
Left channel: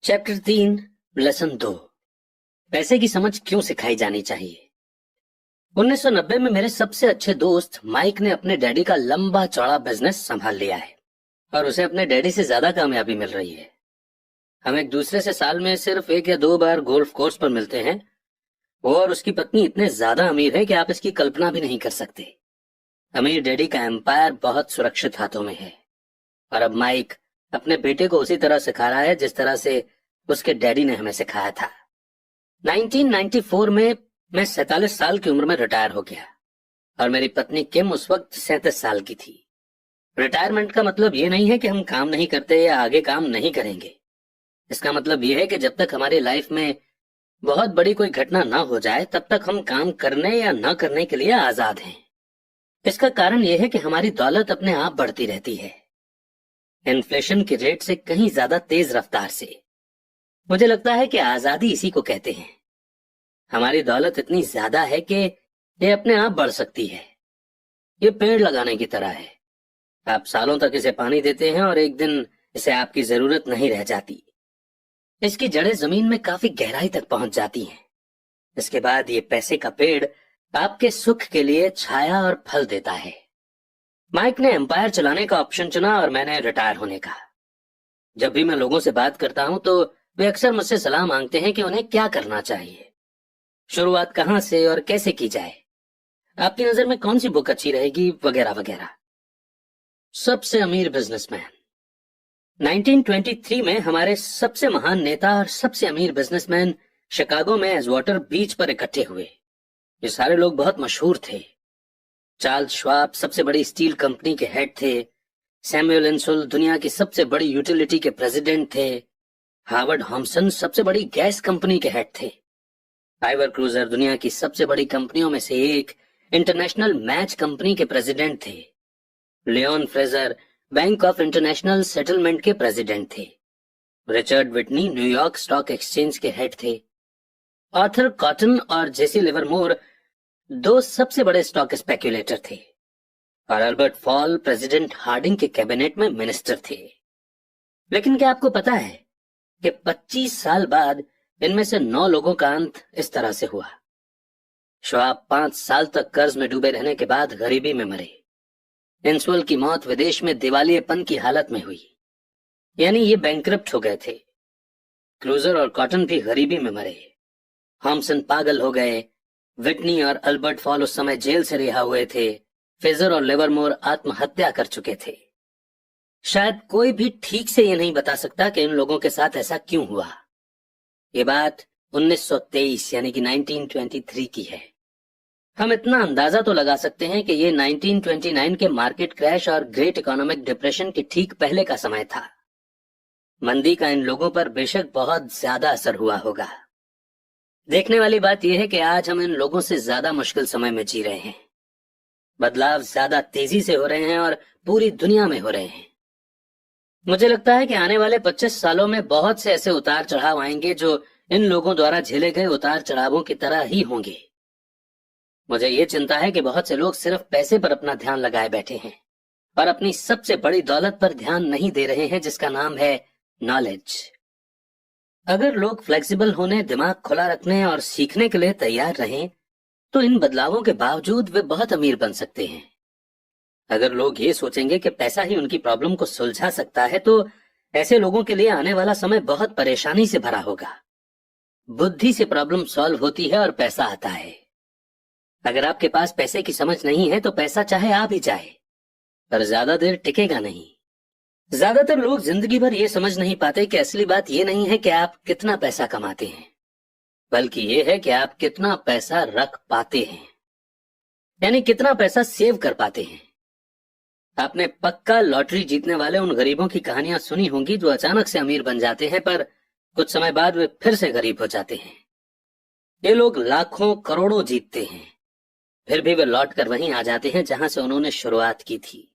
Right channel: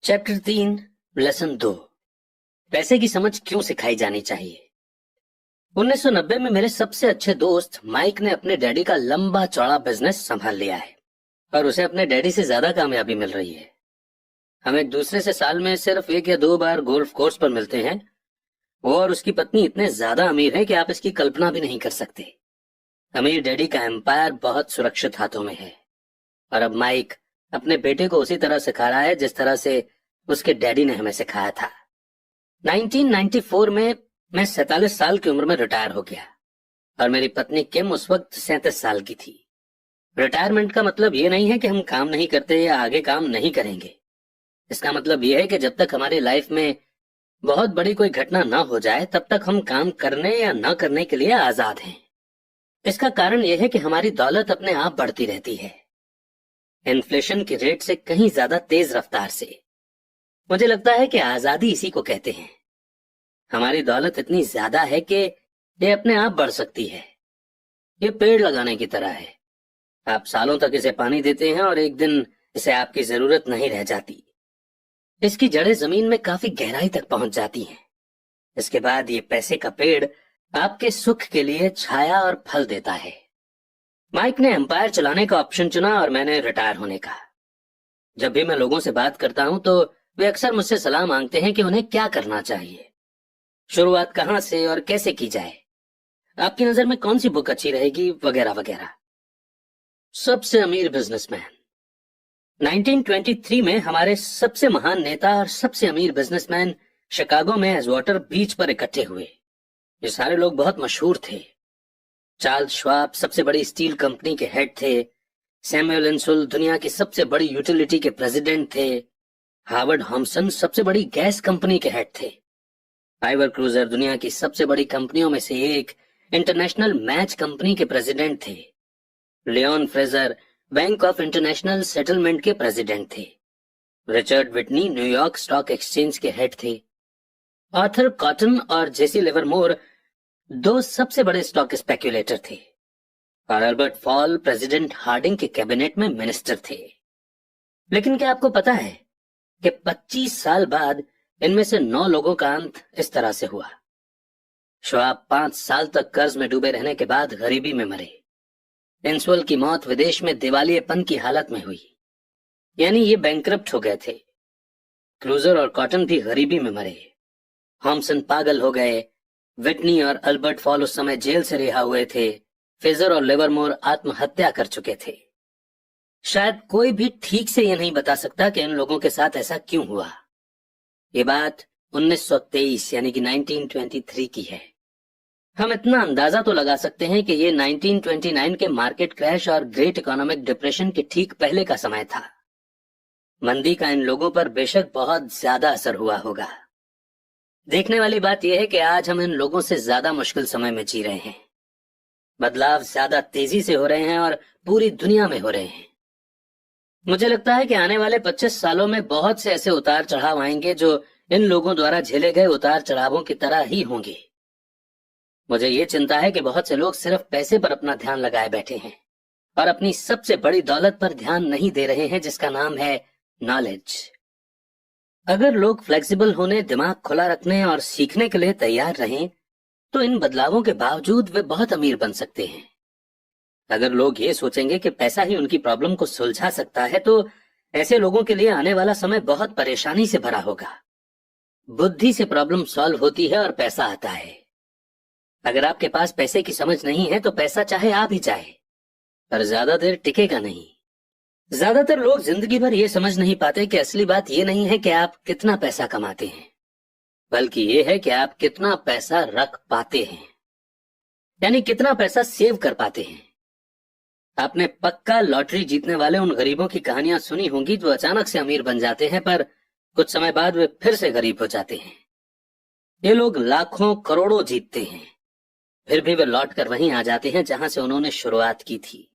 चैप्टर 3, लेसन 2, पैसे की समझ क्यों सिखाई जानी चाहिए। 1990 में मेरे सबसे अच्छे दोस्त माइक ने अपने डैडी का लंबा चौड़ा बिजनेस संभाल लिया है और उसे अपने डैडी से ज्यादा कामयाबी मिल रही है। हम एक दूसरे से साल में सिर्फ 1 या 2 बार गोल्फ कोर्स पर मिलते हैं। वो और उसकी पत्नी इतने ज्यादा अमीर है कि आप इसकी कल्पना भी नहीं कर सकते। अमीर डैडी का एम्पायर बहुत सुरक्षित हाथों में है और अब माइक अपने बेटे को उसी तरह सिखा रहा है जिस तरह से उसके डैडी ने हमें सिखाया था। 1994 में मैं 47 साल की उम्र में रिटायर हो गया और मेरी पत्नी किम उस वक्त 37 साल की थी। रिटायरमेंट का मतलब ये नहीं है कि हम काम नहीं करते या आगे काम नहीं करेंगे। इसका मतलब यह है कि जब तक हमारी लाइफ में बहुत बड़ी कोई घटना ना हो जाए तब तक हम काम करने या न करने के लिए आजाद हैं। इसका कारण यह है कि हमारी दौलत अपने आप बढ़ती रहती है, इन्फ्लेशन के रेट से कहीं ज्यादा तेज रफ्तार से। मुझे लगता है कि आजादी इसी को कहते हैं। हमारी दौलत इतनी ज्यादा है कि ये अपने आप बढ़ सकती है। ये पेड़ लगाने की तरह है। आप सालों तक इसे पानी देते हैं और एक दिन इसे आपकी जरूरत नहीं रह जाती। इसकी जड़ें जमीन में काफी गहराई तक पहुंच जाती हैं। इसके बाद ये पैसे का पेड़ आपके सुख के लिए छाया और फल देता है। माइक ने एम्पायर चलाने का ऑप्शन चुना और मैंने रिटायर होने का। जब भी मैं लोगों से बात करता हूं तो वे अक्सर मुझसे सलाह मांगते हैं कि उन्हें क्या करना चाहिए, शुरुआत कहां से और कैसे की जाए, आपकी नजर में कौन सी बुक अच्छी रहेगी, वगैरह वगैरह। सबसे अमीर बिजनेसमैन। 1923 में हमारे सबसे महान नेता और सबसे अमीर बिजनेसमैन शिकागो में एजवाटर बीच पर इकट्ठे हुए। ये सारे लोग बहुत मशहूर थे। चार्ल्स श्वाब सबसे बड़ी स्टील कंपनी के हेड थे। सैमुअल इंसुल दुनिया की सबसे बड़ी यूटिलिटी के प्रेसिडेंट थे। हार्वर्ड हॉम्सन सबसे बड़ी गैस कंपनी के हेड थे। आइवर क्रूजर दुनिया की सबसे बड़ी कंपनियों में से एक इंटरनेशनल मैच कंपनी के प्रेसिडेंट थे। Leon Fraser Bank of International Settlement के प्रेसिडेंट थे। Richard Whitney New York Stock Exchange के हेड थे। आर्थर कॉटन और जेसी लिवरमोर 2 सबसे बड़े स्टॉक स्पेक्युलेटर थे और अल्बर्ट फॉल प्रेसिडेंट हार्डिंग के कैबिनेट में मिनिस्टर थे। लेकिन क्या आपको पता है कि 25 साल बाद इनमें से 9 लोगों का अंत इस तरह से हुआ। श्वाब 5 साल तक कर्ज में डूबे रहने के बाद गरीबी में मरे। इंसुल की मौत विदेश में दिवालियेपन की हालत में हुई, यानी ये बैंकरप्ट हो गए थे। क्रूजर और कॉटन भी गरीबी में मरे। हॉम्सन पागल हो गए। विटनी और अल्बर्ट फॉल उस समय जेल से रिहा हुए थे। फ्रेजर और लिवरमोर आत्महत्या कर चुके थे। शायद कोई भी ठीक से ये नहीं बता सकता कि इन लोगों के साथ ऐसा क्यों हुआ। ये बात 1923 यानी कि 1923 की है। हम इतना अंदाजा तो लगा सकते हैं कि ये 1929 के मार्केट क्रैश और ग्रेट इकोनॉमिक डिप्रेशन के ठीक पहले का समय था। मंदी का इन लोगों पर बेशक बहुत ज्यादा असर हुआ होगा। देखने वाली बात यह है कि आज हम इन लोगों से ज्यादा मुश्किल समय में जी रहे हैं। बदलाव ज्यादा तेजी से हो रहे हैं और पूरी दुनिया में हो रहे हैं। मुझे लगता है कि आने वाले 25 सालों में बहुत से ऐसे उतार चढ़ाव आएंगे जो इन लोगों द्वारा झेले गए उतार चढ़ावों की तरह ही होंगे। मुझे ये चिंता है कि बहुत से लोग सिर्फ पैसे पर अपना ध्यान लगाए बैठे हैं और अपनी सबसे बड़ी दौलत पर ध्यान नहीं दे रहे हैं, जिसका नाम है नॉलेज। अगर लोग फ्लेक्सिबल होने, दिमाग खुला रखने और सीखने के लिए तैयार रहें, तो इन बदलावों के बावजूद वे बहुत अमीर बन सकते हैं। अगर लोग ये सोचेंगे कि पैसा ही उनकी प्रॉब्लम को सुलझा सकता है, तो ऐसे लोगों के लिए आने वाला समय बहुत परेशानी से भरा होगा। बुद्धि से प्रॉब्लम सॉल्व होती है और पैसा आता है। अगर आपके पास पैसे की समझ नहीं है तो पैसा चाहे आ भी जाए, पर ज्यादा देर टिकेगा नहीं। ज्यादातर लोग जिंदगी भर ये समझ नहीं पाते कि असली बात ये नहीं है कि आप कितना पैसा कमाते हैं, बल्कि ये है कि आप कितना पैसा रख पाते हैं, यानी कितना पैसा सेव कर पाते हैं। आपने पक्का लॉटरी जीतने वाले उन गरीबों की कहानियां सुनी होंगी जो अचानक से अमीर बन जाते हैं, पर कुछ समय बाद वे फिर से गरीब हो जाते हैं। ये लोग लाखों करोड़ों जीतते हैं, फिर भी वे लौट कर वहीं आ जाते हैं जहां से उन्होंने शुरुआत की थी।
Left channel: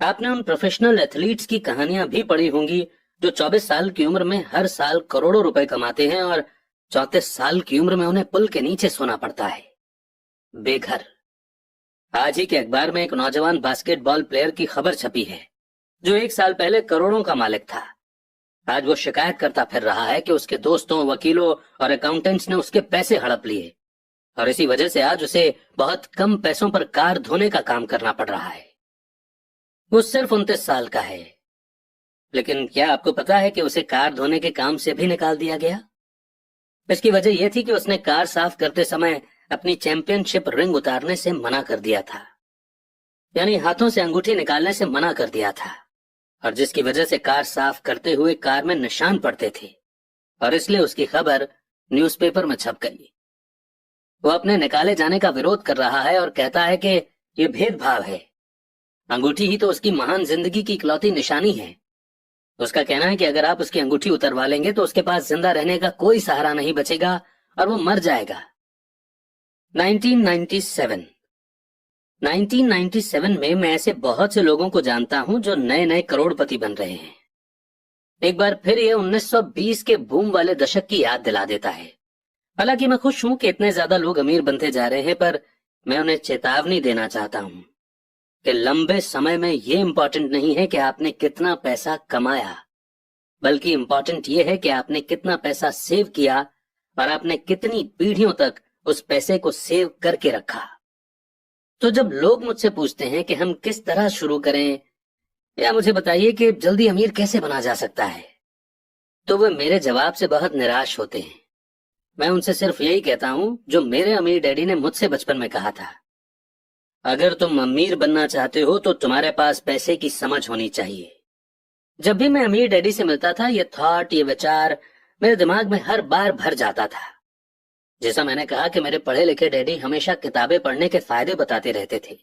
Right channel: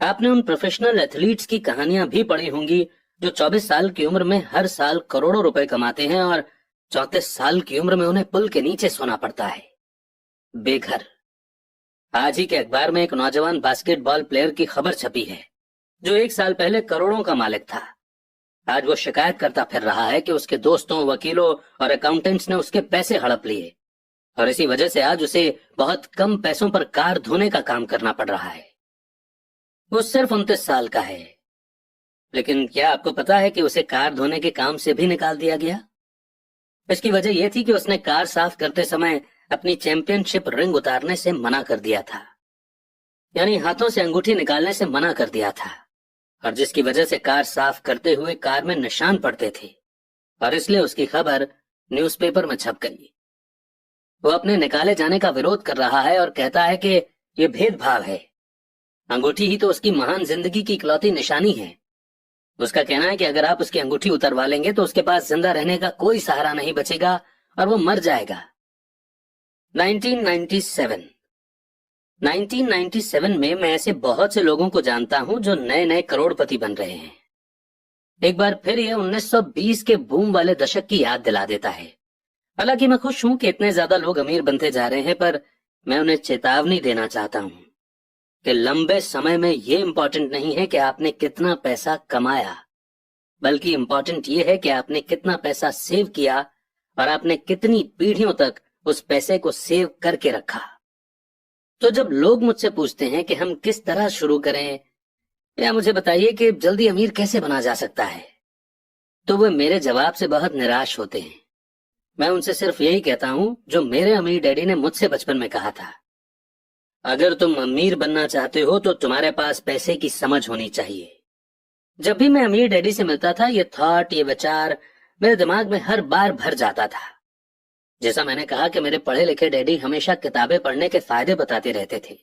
आपने उन प्रोफेशनल एथलीट्स की कहानियां भी पढ़ी होंगी जो 24 साल की उम्र में हर साल करोड़ों रुपए कमाते हैं और 34 साल की उम्र में उन्हें पुल के नीचे सोना पड़ता है, बेघर। आज ही के अखबार में एक नौजवान बास्केटबॉल प्लेयर की खबर छपी है जो 1 साल पहले करोड़ों का मालिक था। आज वो शिकायत करता फिर रहा है कि उसके दोस्तों, वकीलों और अकाउंटेंट्स ने उसके पैसे हड़प लिए और इसी वजह से आज उसे बहुत कम पैसों पर कार धोने का काम करना पड़ रहा है। वो सिर्फ 29 साल का है, लेकिन क्या आपको पता है कि उसे कार धोने के काम से भी निकाल दिया गया? इसकी वजह यह थी कि उसने कार साफ करते समय अपनी चैंपियनशिप रिंग उतारने से मना कर दिया था, यानी हाथों से अंगूठी निकालने से मना कर दिया था, और जिसकी वजह से कार साफ करते हुए कार में निशान पड़ते थे और इसलिए उसकी खबर न्यूज़पेपर में छप गई। वो अपने निकाले जाने का विरोध कर रहा है और कहता है कि ये भेदभाव है। अंगूठी ही तो उसकी महान जिंदगी की इकलौती निशानी है। उसका कहना है कि अगर आप उसकी अंगूठी उतरवा लेंगे तो उसके पास जिंदा रहने का कोई सहारा नहीं बचेगा और वो मर जाएगा। 1997 में मैं ऐसे बहुत से लोगों को जानता हूं जो नए नए करोड़पति बन रहे हैं। एक बार फिर यह 1920 के बूम वाले दशक की याद दिला देता है। हालांकि मैं खुश हूं कि इतने ज्यादा लोग अमीर बनते जा रहे हैं, पर मैं उन्हें चेतावनी देना चाहता हूं कि लंबे समय में ये इंपॉर्टेंट नहीं है कि आपने कितना पैसा कमाया, बल्कि इंपॉर्टेंट ये है कि आपने कितना पैसा सेव किया और आपने कितनी पीढ़ियों तक उस पैसे को सेव करके रखा। तो जब लोग मुझसे पूछते हैं कि हम किस तरह शुरू करें या मुझे बताइए कि जल्दी अमीर कैसे बना जा सकता है, तो वे मेरे जवाब से बहुत निराश होते हैं। मैं उनसे सिर्फ यही कहता हूं जो मेरे अमीर डैडी ने मुझसे बचपन में कहा था, अगर तुम अमीर बनना चाहते हो तो तुम्हारे पास पैसे की समझ होनी चाहिए। जब भी मैं अमीर डैडी से मिलता था, ये थॉट, ये विचार मेरे दिमाग में हर बार भर जाता था। जैसा मैंने कहा कि मेरे पढ़े लिखे डैडी हमेशा किताबें पढ़ने के फायदे बताते रहते थे,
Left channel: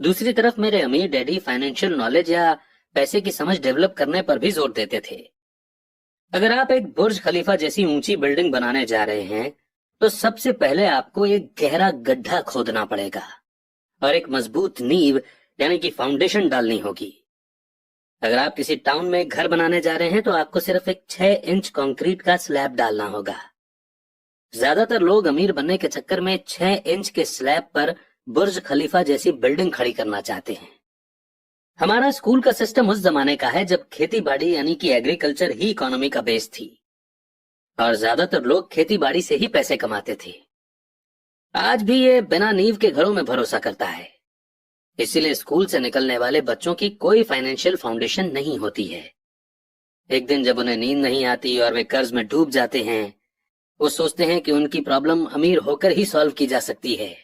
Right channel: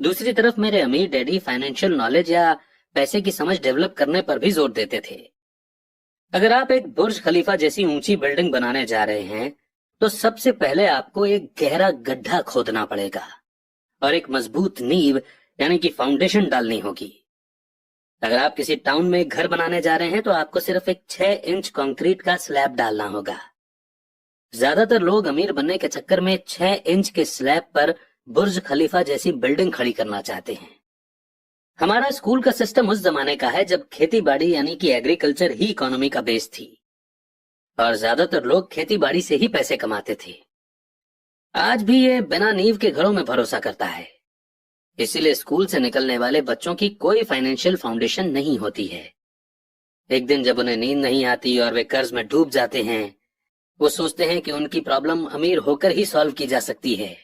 दूसरी तरफ मेरे अमीर डैडी फाइनेंशियल नॉलेज या पैसे की समझ डेवलप करने पर भी जोर देते थे। अगर आप एक बुर्ज खलीफा जैसी ऊंची बिल्डिंग बनाने जा रहे हैं तो सबसे पहले आपको एक गहरा गड्ढा खोदना पड़ेगा और एक मजबूत नींव यानी कि फाउंडेशन डालनी होगी। अगर आप किसी टाउन में एक घर बनाने जा रहे हैं तो आपको सिर्फ एक 6 इंच कंक्रीट का स्लैब डालना होगा। ज्यादातर लोग अमीर बनने के चक्कर में 6 इंच के स्लैब पर बुर्ज खलीफा जैसी बिल्डिंग खड़ी करना चाहते हैं। हमारा स्कूल का सिस्टम उस जमाने का है जब खेती बाड़ी यानी कि एग्रीकल्चर ही इकोनॉमी का बेस थी और ज्यादातर लोग खेती बाड़ी से ही पैसे कमाते थे। आज भी ये बिना नींव के घरों में भरोसा करता है, इसीलिए स्कूल से निकलने वाले बच्चों की कोई फाइनेंशियल फाउंडेशन नहीं होती है। एक दिन जब उन्हें नींद नहीं आती और वे कर्ज में डूब जाते हैं, वो सोचते हैं कि उनकी प्रॉब्लम अमीर होकर ही सॉल्व की जा सकती है।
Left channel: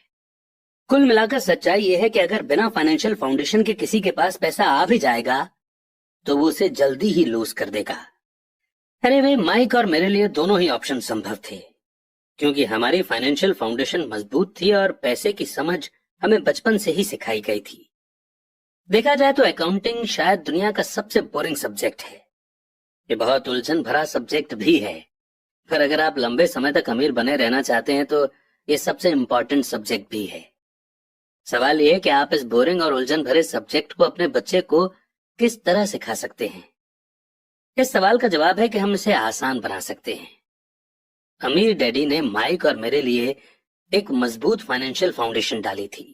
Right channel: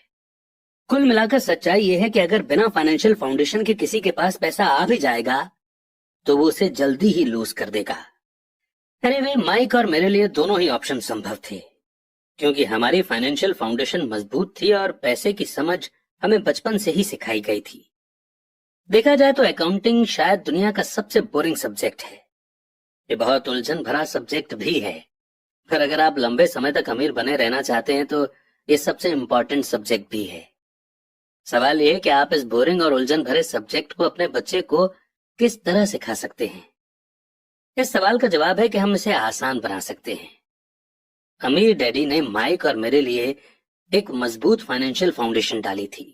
कुल मिलाकर सच्चाई यह है कि अगर बिना फाइनेंशियल फाउंडेशन के किसी के पास पैसा आ भी जाएगा तो वो उसे जल्दी ही लूज कर देगा। अरे वे माइक और मेरे लिए दोनों ही ऑप्शन संभव थे, क्योंकि हमारी फाइनेंशियल फाउंडेशन मजबूत थी और पैसे की समझ हमें बचपन से ही सिखाई गई थी। देखा जाए तो अकाउंटिंग शायद दुनिया का सबसे बोरिंग सब्जेक्ट है। ये बहुत उलझन भरा सब्जेक्ट भी है, पर अगर आप लंबे समय तक अमीर बने रहना चाहते हैं तो ये सबसे इम्पोर्टेंट सब्जेक्ट भी है। सवाल ये है कि आप इस बोरिंग और उलझन भरे सब्जेक्ट को अपने बच्चे को किस तरह सिखा सकते हैं। इस सवाल का जवाब है कि हम इसे आसान बना सकते हैं। अमीर डैडी ने माइक और मेरे लिए एक मजबूत फाइनेंशियल फाउंडेशन डाली थी।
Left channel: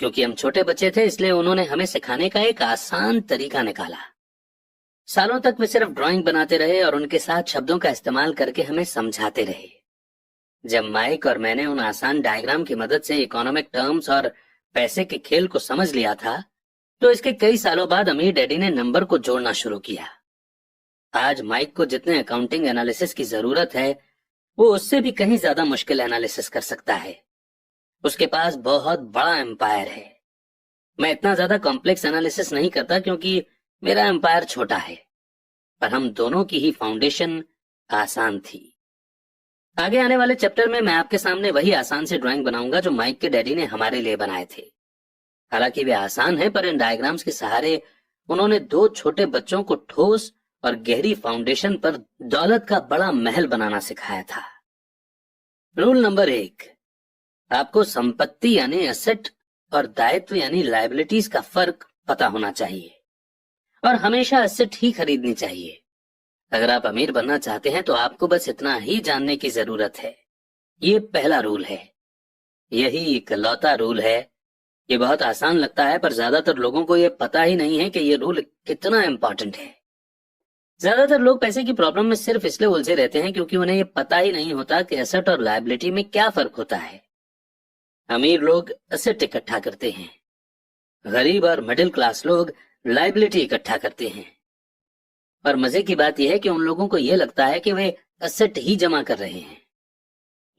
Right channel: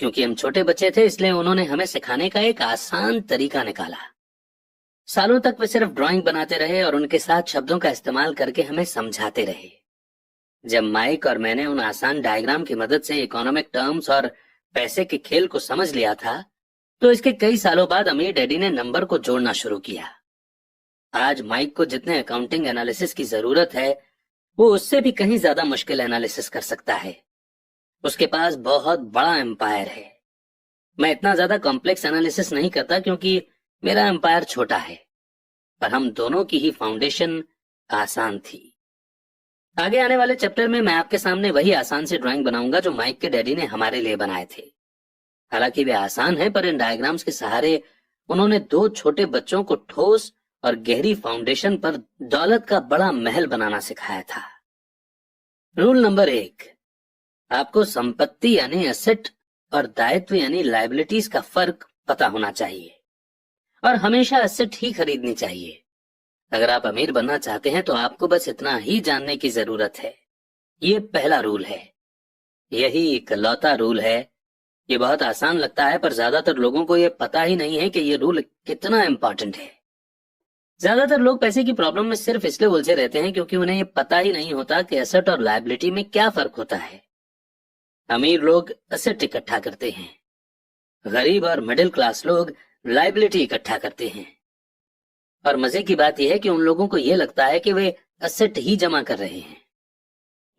क्योंकि हम छोटे बच्चे थे, इसलिए उन्होंने हमें सिखाने का एक आसान तरीका निकाला। सालों तक वे सिर्फ ड्राइंग बनाते रहे और उनके साथ शब्दों का इस्तेमाल करके हमें समझाते रहे। जब माइक और मैंने उन आसान डायग्राम की मदद से इकोनॉमिक टर्म्स और पैसे के खेल को समझ लिया था, तो इसके कई सालों बाद अमीर डैडी ने नंबर को जोड़ना शुरू किया। आज माइक को जितने अकाउंटिंग एनालिसिस की जरूरत है, वो उससे भी कहीं ज्यादा मुश्किल एनालिसिस कर सकता है। उसके पास बहुत बड़ा एम्पायर है। मैं इतना ज्यादा कॉम्प्लेक्स एनालिसिस नहीं करता क्योंकि मेरा एम्पायर छोटा है, पर हम दोनों की ही फाउंडेशन आसान थी। आगे आने वाले चैप्टर में मैं आपके सामने वही आसान से ड्राइंग बनाऊंगा जो माइक के डैडी ने हमारे लिए बनाए थे। हालांकि वे आसान है, पर इन डायग्राम्स के सहारे उन्होंने दो छोटे बच्चों को ठोस और गहरी फाउंडेशन पर दौलत का बड़ा महल बनाना सिखाया था। रूल नंबर 1, आपको संपत्ति यानी एसेट और दायित्व यानी लायबिलिटीज का फर्क पता होना चाहिए और हमेशा एसेट ही खरीदनी चाहिए। अगर आप अमीर बनना चाहते हैं तो आपको बस इतना ही जानने की जरूरत है। ये पहला रूल है, यही इकलौता रूल है। ये बहुत आसान लगता है, पर ज्यादातर लोगों को ये पता ही नहीं है कि ये रूल कितना इम्पोर्टेंट है। ज्यादातर लोग पैसे की प्रॉब्लम में सिर्फ इसलिए उलझे रहते हैं क्योंकि उन्हें ये पता ही नहीं होता कि एसेट और लायबिलिटी में क्या फर्क होता है। अमीर लोग एसेट इकट्ठा करते हैं, गरीब और मिडिल क्लास लोग लायबिलिटी इकट्ठा करते हैं। और मजे की बात यह है कि उन लोगों को यह लगता है कि वे एसेट ही जमा कर रहे हैं।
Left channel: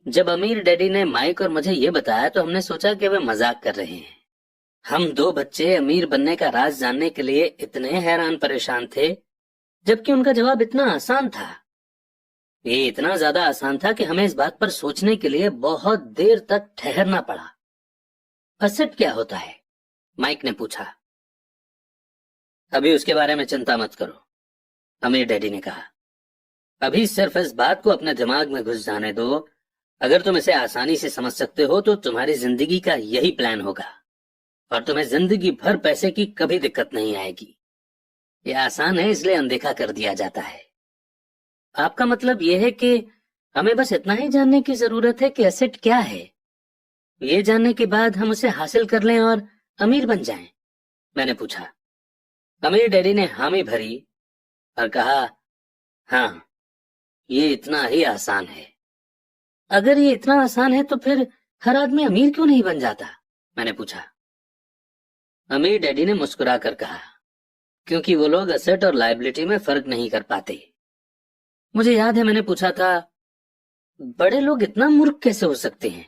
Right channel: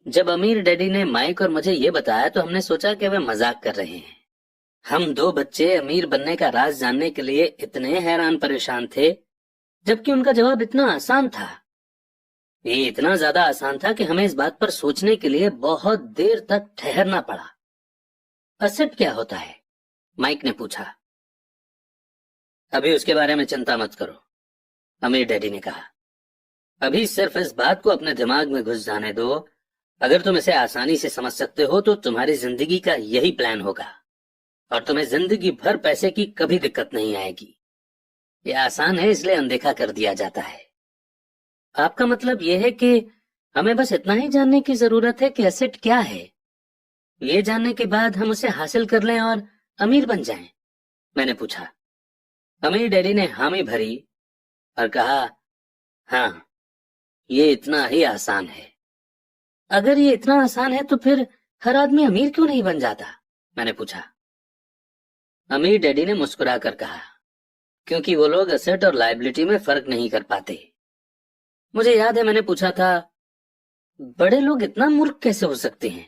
जब अमीर डैडी ने माइक और मुझे ये बताया तो हमने सोचा कि वे मजाक कर रहे हैं। हम दो बच्चे अमीर बनने का राज जानने के लिए इतने हैरान परेशान थे, जबकि उनका जवाब इतना आसान था। ये इतना ज्यादा आसान था कि हमें इस बात पर सोचने के लिए बहुत देर तक ठहरना पड़ा। एसेट क्या होता है? माइक ने पूछा। अभी उसके बारे में चिंता मत करो, अमीर डैडी ने कहा। अभी सिर्फ इस बात को अपने दिमाग में घुस जाने दो। अगर तुम इसे आसानी से समझ सकते हो तो तुम्हारी जिंदगी का यही प्लान होगा और तुम्हें जिंदगी भर पैसे की कभी दिक्कत नहीं आएगी। ये आसान है, इसलिए अनदेखा कर दिया जाता है। आपका मतलब यह है कि हमें बस इतना ही जानने की जरूरत है कि एसेट क्या है। ये जानने के बाद हम उसे हासिल कर लें और अमीर बन जाएं? मैंने पूछा। अमीर डैडी ने हामी भरी और कहा, हाँ, ये इतना ही आसान है। अगर ये इतना आसान है तो फिर हर आदमी अमीर क्यों नहीं बन जाता? मैंने पूछा। अमीर डैडी ने मुस्कुराकर कहा, क्योंकि वो लोग एसेट और लायबिलिटी में फर्क नहीं कर पाते। मुझे याद है मैंने पूछा था, बड़े लोग इतना मूर्ख कैसे हो सकते हैं?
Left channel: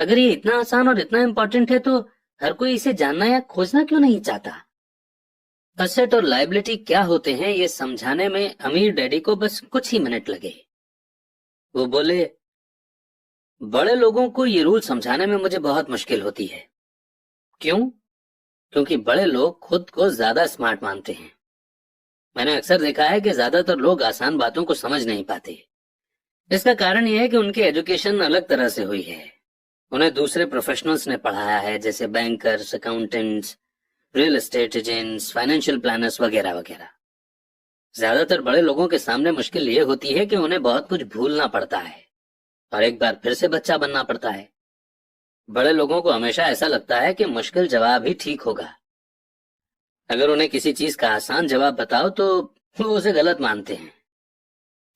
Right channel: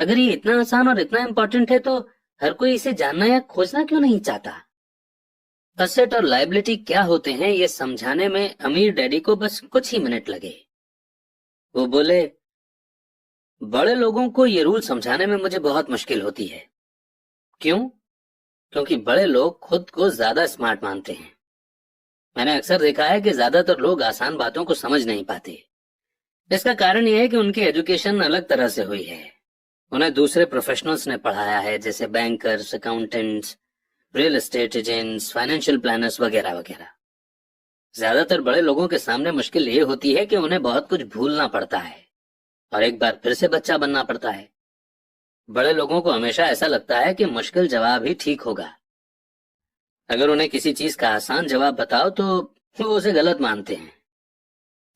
अगर ये इतना आसान और इतना इम्पोर्टेंट है तो हर कोई इसे जानना या खोजना क्यों नहीं चाहता? एसेट और लायबिलिटी क्या होते हैं ये समझाने में अमीर डैडी को बस कुछ ही मिनट लगे। वो बोले, बड़े लोगों को ये रूल समझाने में मुझे बहुत मुश्किल होती है। क्यों? क्योंकि बड़े लोग खुद को ज्यादा स्मार्ट मानते हैं। मैंने अक्सर देखा है कि ज्यादातर लोग आसान बातों को समझ नहीं पाते। इसका कारण यह है कि उनकी एजुकेशन अलग तरह से हुई है। उन्हें दूसरे प्रोफेशनल्स ने पढ़ाया है, जैसे bankers, accountants, real estate agents, financial planners वगैरह वगैरह। ज्यादातर बड़े लोगों के सामने मुश्किल ये होती है कि उन्हें बहुत कुछ भूलना पड़ता है और एक बार फिर से बच्चा बनना पड़ता है। बड़े लोगों को हमेशा ऐसा लगता है कि मुश्किल जवाब ही ठीक होगा। अगर उन्हें किसी चीज का आसान जवाब बताओ तो वो उसे गलत मानते हैं।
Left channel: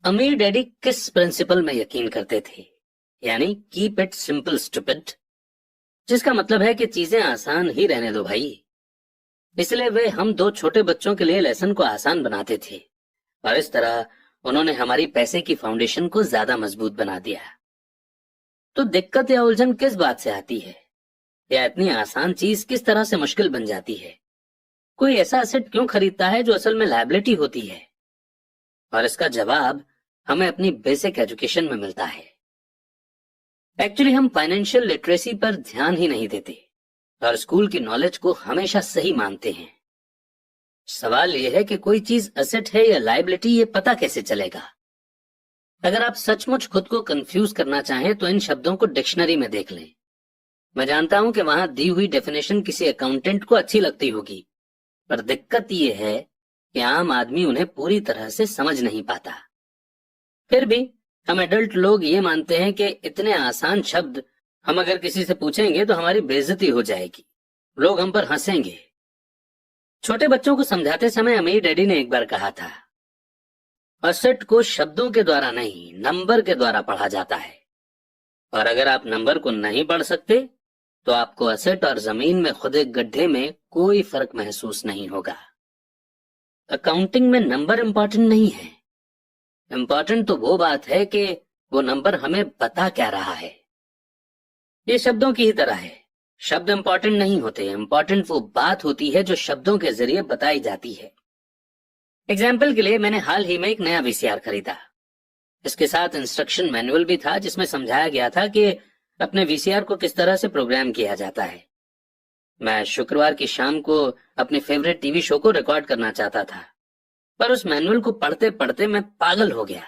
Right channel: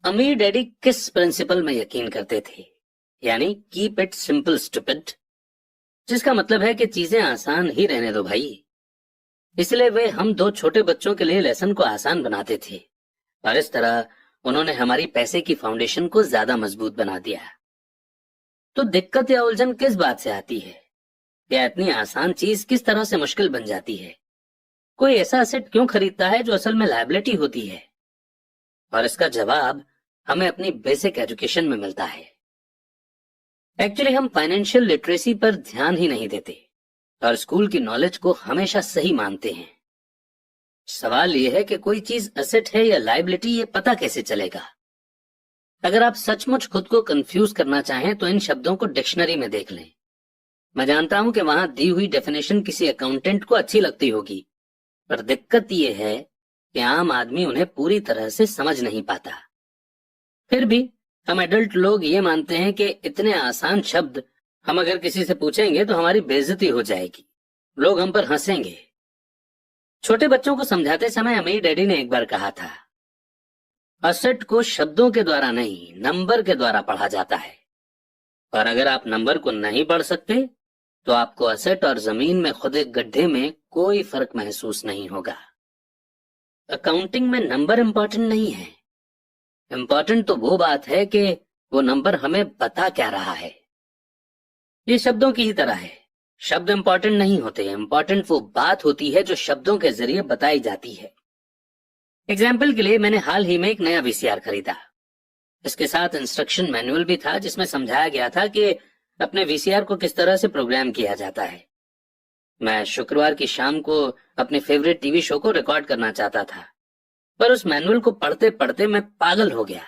अमीर डैडी किस प्रिंसिपल में यकीन करते थे? यानी कीप इट सिंपल स्टूपिड, जिसका मतलब है कि चीजें आसान ही रहने दो भाई। इसलिए वे हम दो छोटे बच्चों के लिए लेसन को आसान बनाते थे और इस तरह उन्होंने हमारी पैसे की फाउंडेशन को ज्यादा मजबूत बना दिया। तो दिक्कत या उलझन किस बात से आती है? या इतनी आसान चीज किस तरह से मुश्किल बन जाती है? कोई ऐसा एसेट क्यों खरीदता है जो असल में लायबिलिटी होती है? और इसका जवाब हमें अपनी बेसिक एजुकेशन में मिलता है। एक्चुअली हम फाइनेंशियल लिटरेसी पर ध्यान ही नहीं देते और स्कूल की नॉलेज को हमेशा सही मानते हैं। सवाल यह है कि कोई चीज एसेट है या लायबिलिटी, ये पता कैसे चलेगा? अगर आप सचमुच खुद को कंफ्यूज करना चाहें तो इन शब्दों को डिक्शनरी में देख लें। मैं जानता हूं कि वहां दी हुई डेफिनेशन किसी अकाउंटेंट को अच्छी लगती होगी, पर दिक्कत यह है कि आम आदमी उन्हें पूरी तरह से समझ नहीं पाता। फिर भी हम एडल्ट लोग ये मानते हैं कि इतने आसान शब्द हम अगर किसी से पूछेंगे तो हमारी बेइज्जती हो जाएगी, लोग हम पर हंसेंगे। छोटे बच्चों को समझाते समय मेरी डैडी ने एक बार कहा था, असेट को शब्दों के द्वारा नहीं, नंबर के द्वारा पढ़ा जाता है। और अगर आप नंबर को नहीं पढ़ सकते तो आपको असेट और जमीन में खुदे गड्ढे में कोई फर्क महसूस नहीं होगा। अकाउंटिंग में नंबर इंपॉर्टेंट नहीं है, इंपॉर्टेंट तो वो बात है कि वो नंबर हमें बता क्या रहा है। ये शब्दों की ही तरह है, शब्द इंपॉर्टेंट नहीं होते, इंपॉर्टेंट वो बात होती है जो शब्दों के जरिए बताई जाती है। एग्जाम्पल के लिए मैंने हाल ही में एक नया वीसीआर खरीदा। इसके साथ इंस्ट्रक्शन मैनुअल भी था जिसमें समझाया गया था कि अपने वीसीआर को किस तरह से प्रोग्राम किया जाता है। मैं शुक्रवार की शाम को अपने फेवरेट टीवी शो को रिकॉर्ड करना चाहता था, पर उस मैनुअल को पढ़ते पढ़ते मैं पागल हो गया।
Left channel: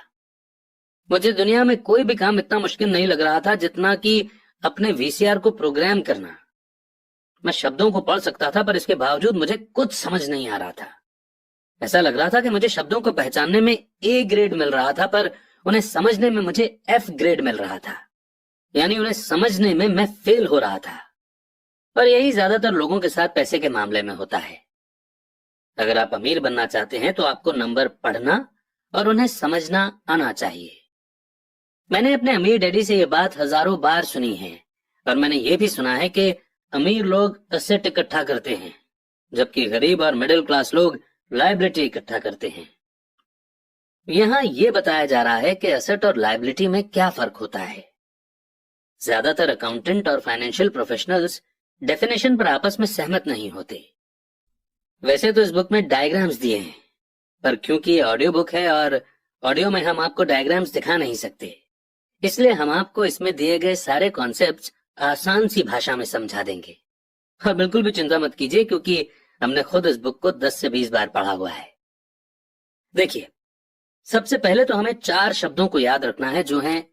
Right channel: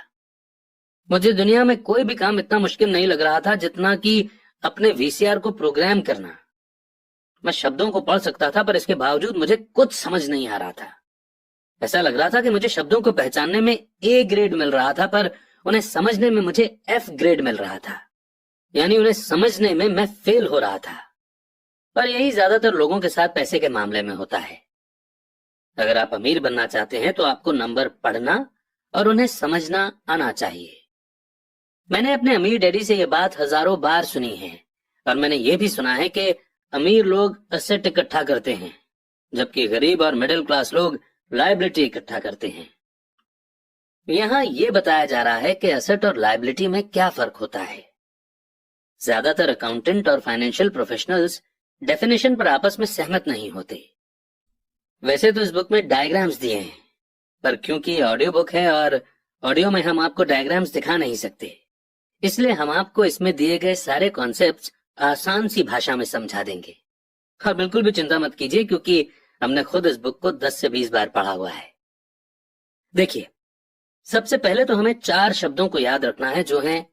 मुझे दुनिया में कोई भी काम इतना मुश्किल नहीं लग रहा था जितना कि अपने वीसीआर को प्रोग्राम करना। मैं शब्दों को पढ़ सकता था पर इसके बावजूद मुझे कुछ समझ नहीं आ रहा था। ऐसा लग रहा था कि मुझे शब्दों को पहचानने में ए ग्रेड मिल रहा था पर उन्हें समझने में मुझे एफ ग्रेड मिल रहा था, यानी उन्हें समझने में मैं फेल हो रहा था। और यही ज्यादातर लोगों के साथ पैसे के मामले में होता है। अगर आप अमीर बनना चाहते हैं तो आपको नंबर पढ़ना और उन्हें समझना आना चाहिए। मैंने अपने अमीर डैडी से यह बात हजारों बार सुनी है और मैंने यह भी सुना है कि अमीर लोग एसेट इकट्ठा करते हैं जबकि गरीब और मिडिल क्लास लोग लायबिलिटी इकट्ठा करते हैं। यहां यह बताया जा रहा है कि एसेट और लायबिलिटी में क्या फर्क होता है। ज्यादातर अकाउंटेंट और फाइनेंशियल प्रोफेशनल्स डेफिनेशन पर आपस में सहमत नहीं होते। वैसे तो इस बुक में डायग्राम्स दिए हैं, पर क्योंकि ये ऑडियो बुक है और ऑडियो में हम आपको डायग्राम्स दिखा नहीं सकते, इसलिए हम आपको इसमें दिए गए सारे कॉन्सेप्ट्स आसान सी भाषा में समझा देंगे। और बिल्कुल भी चिंता मत कीजिए क्योंकि हमने खुद इस बुक को 10 से 20 बार पढ़ा हुआ है। देखिए, सबसे पहले तो हमें 4 शब्दों को याद रखना है जो हैं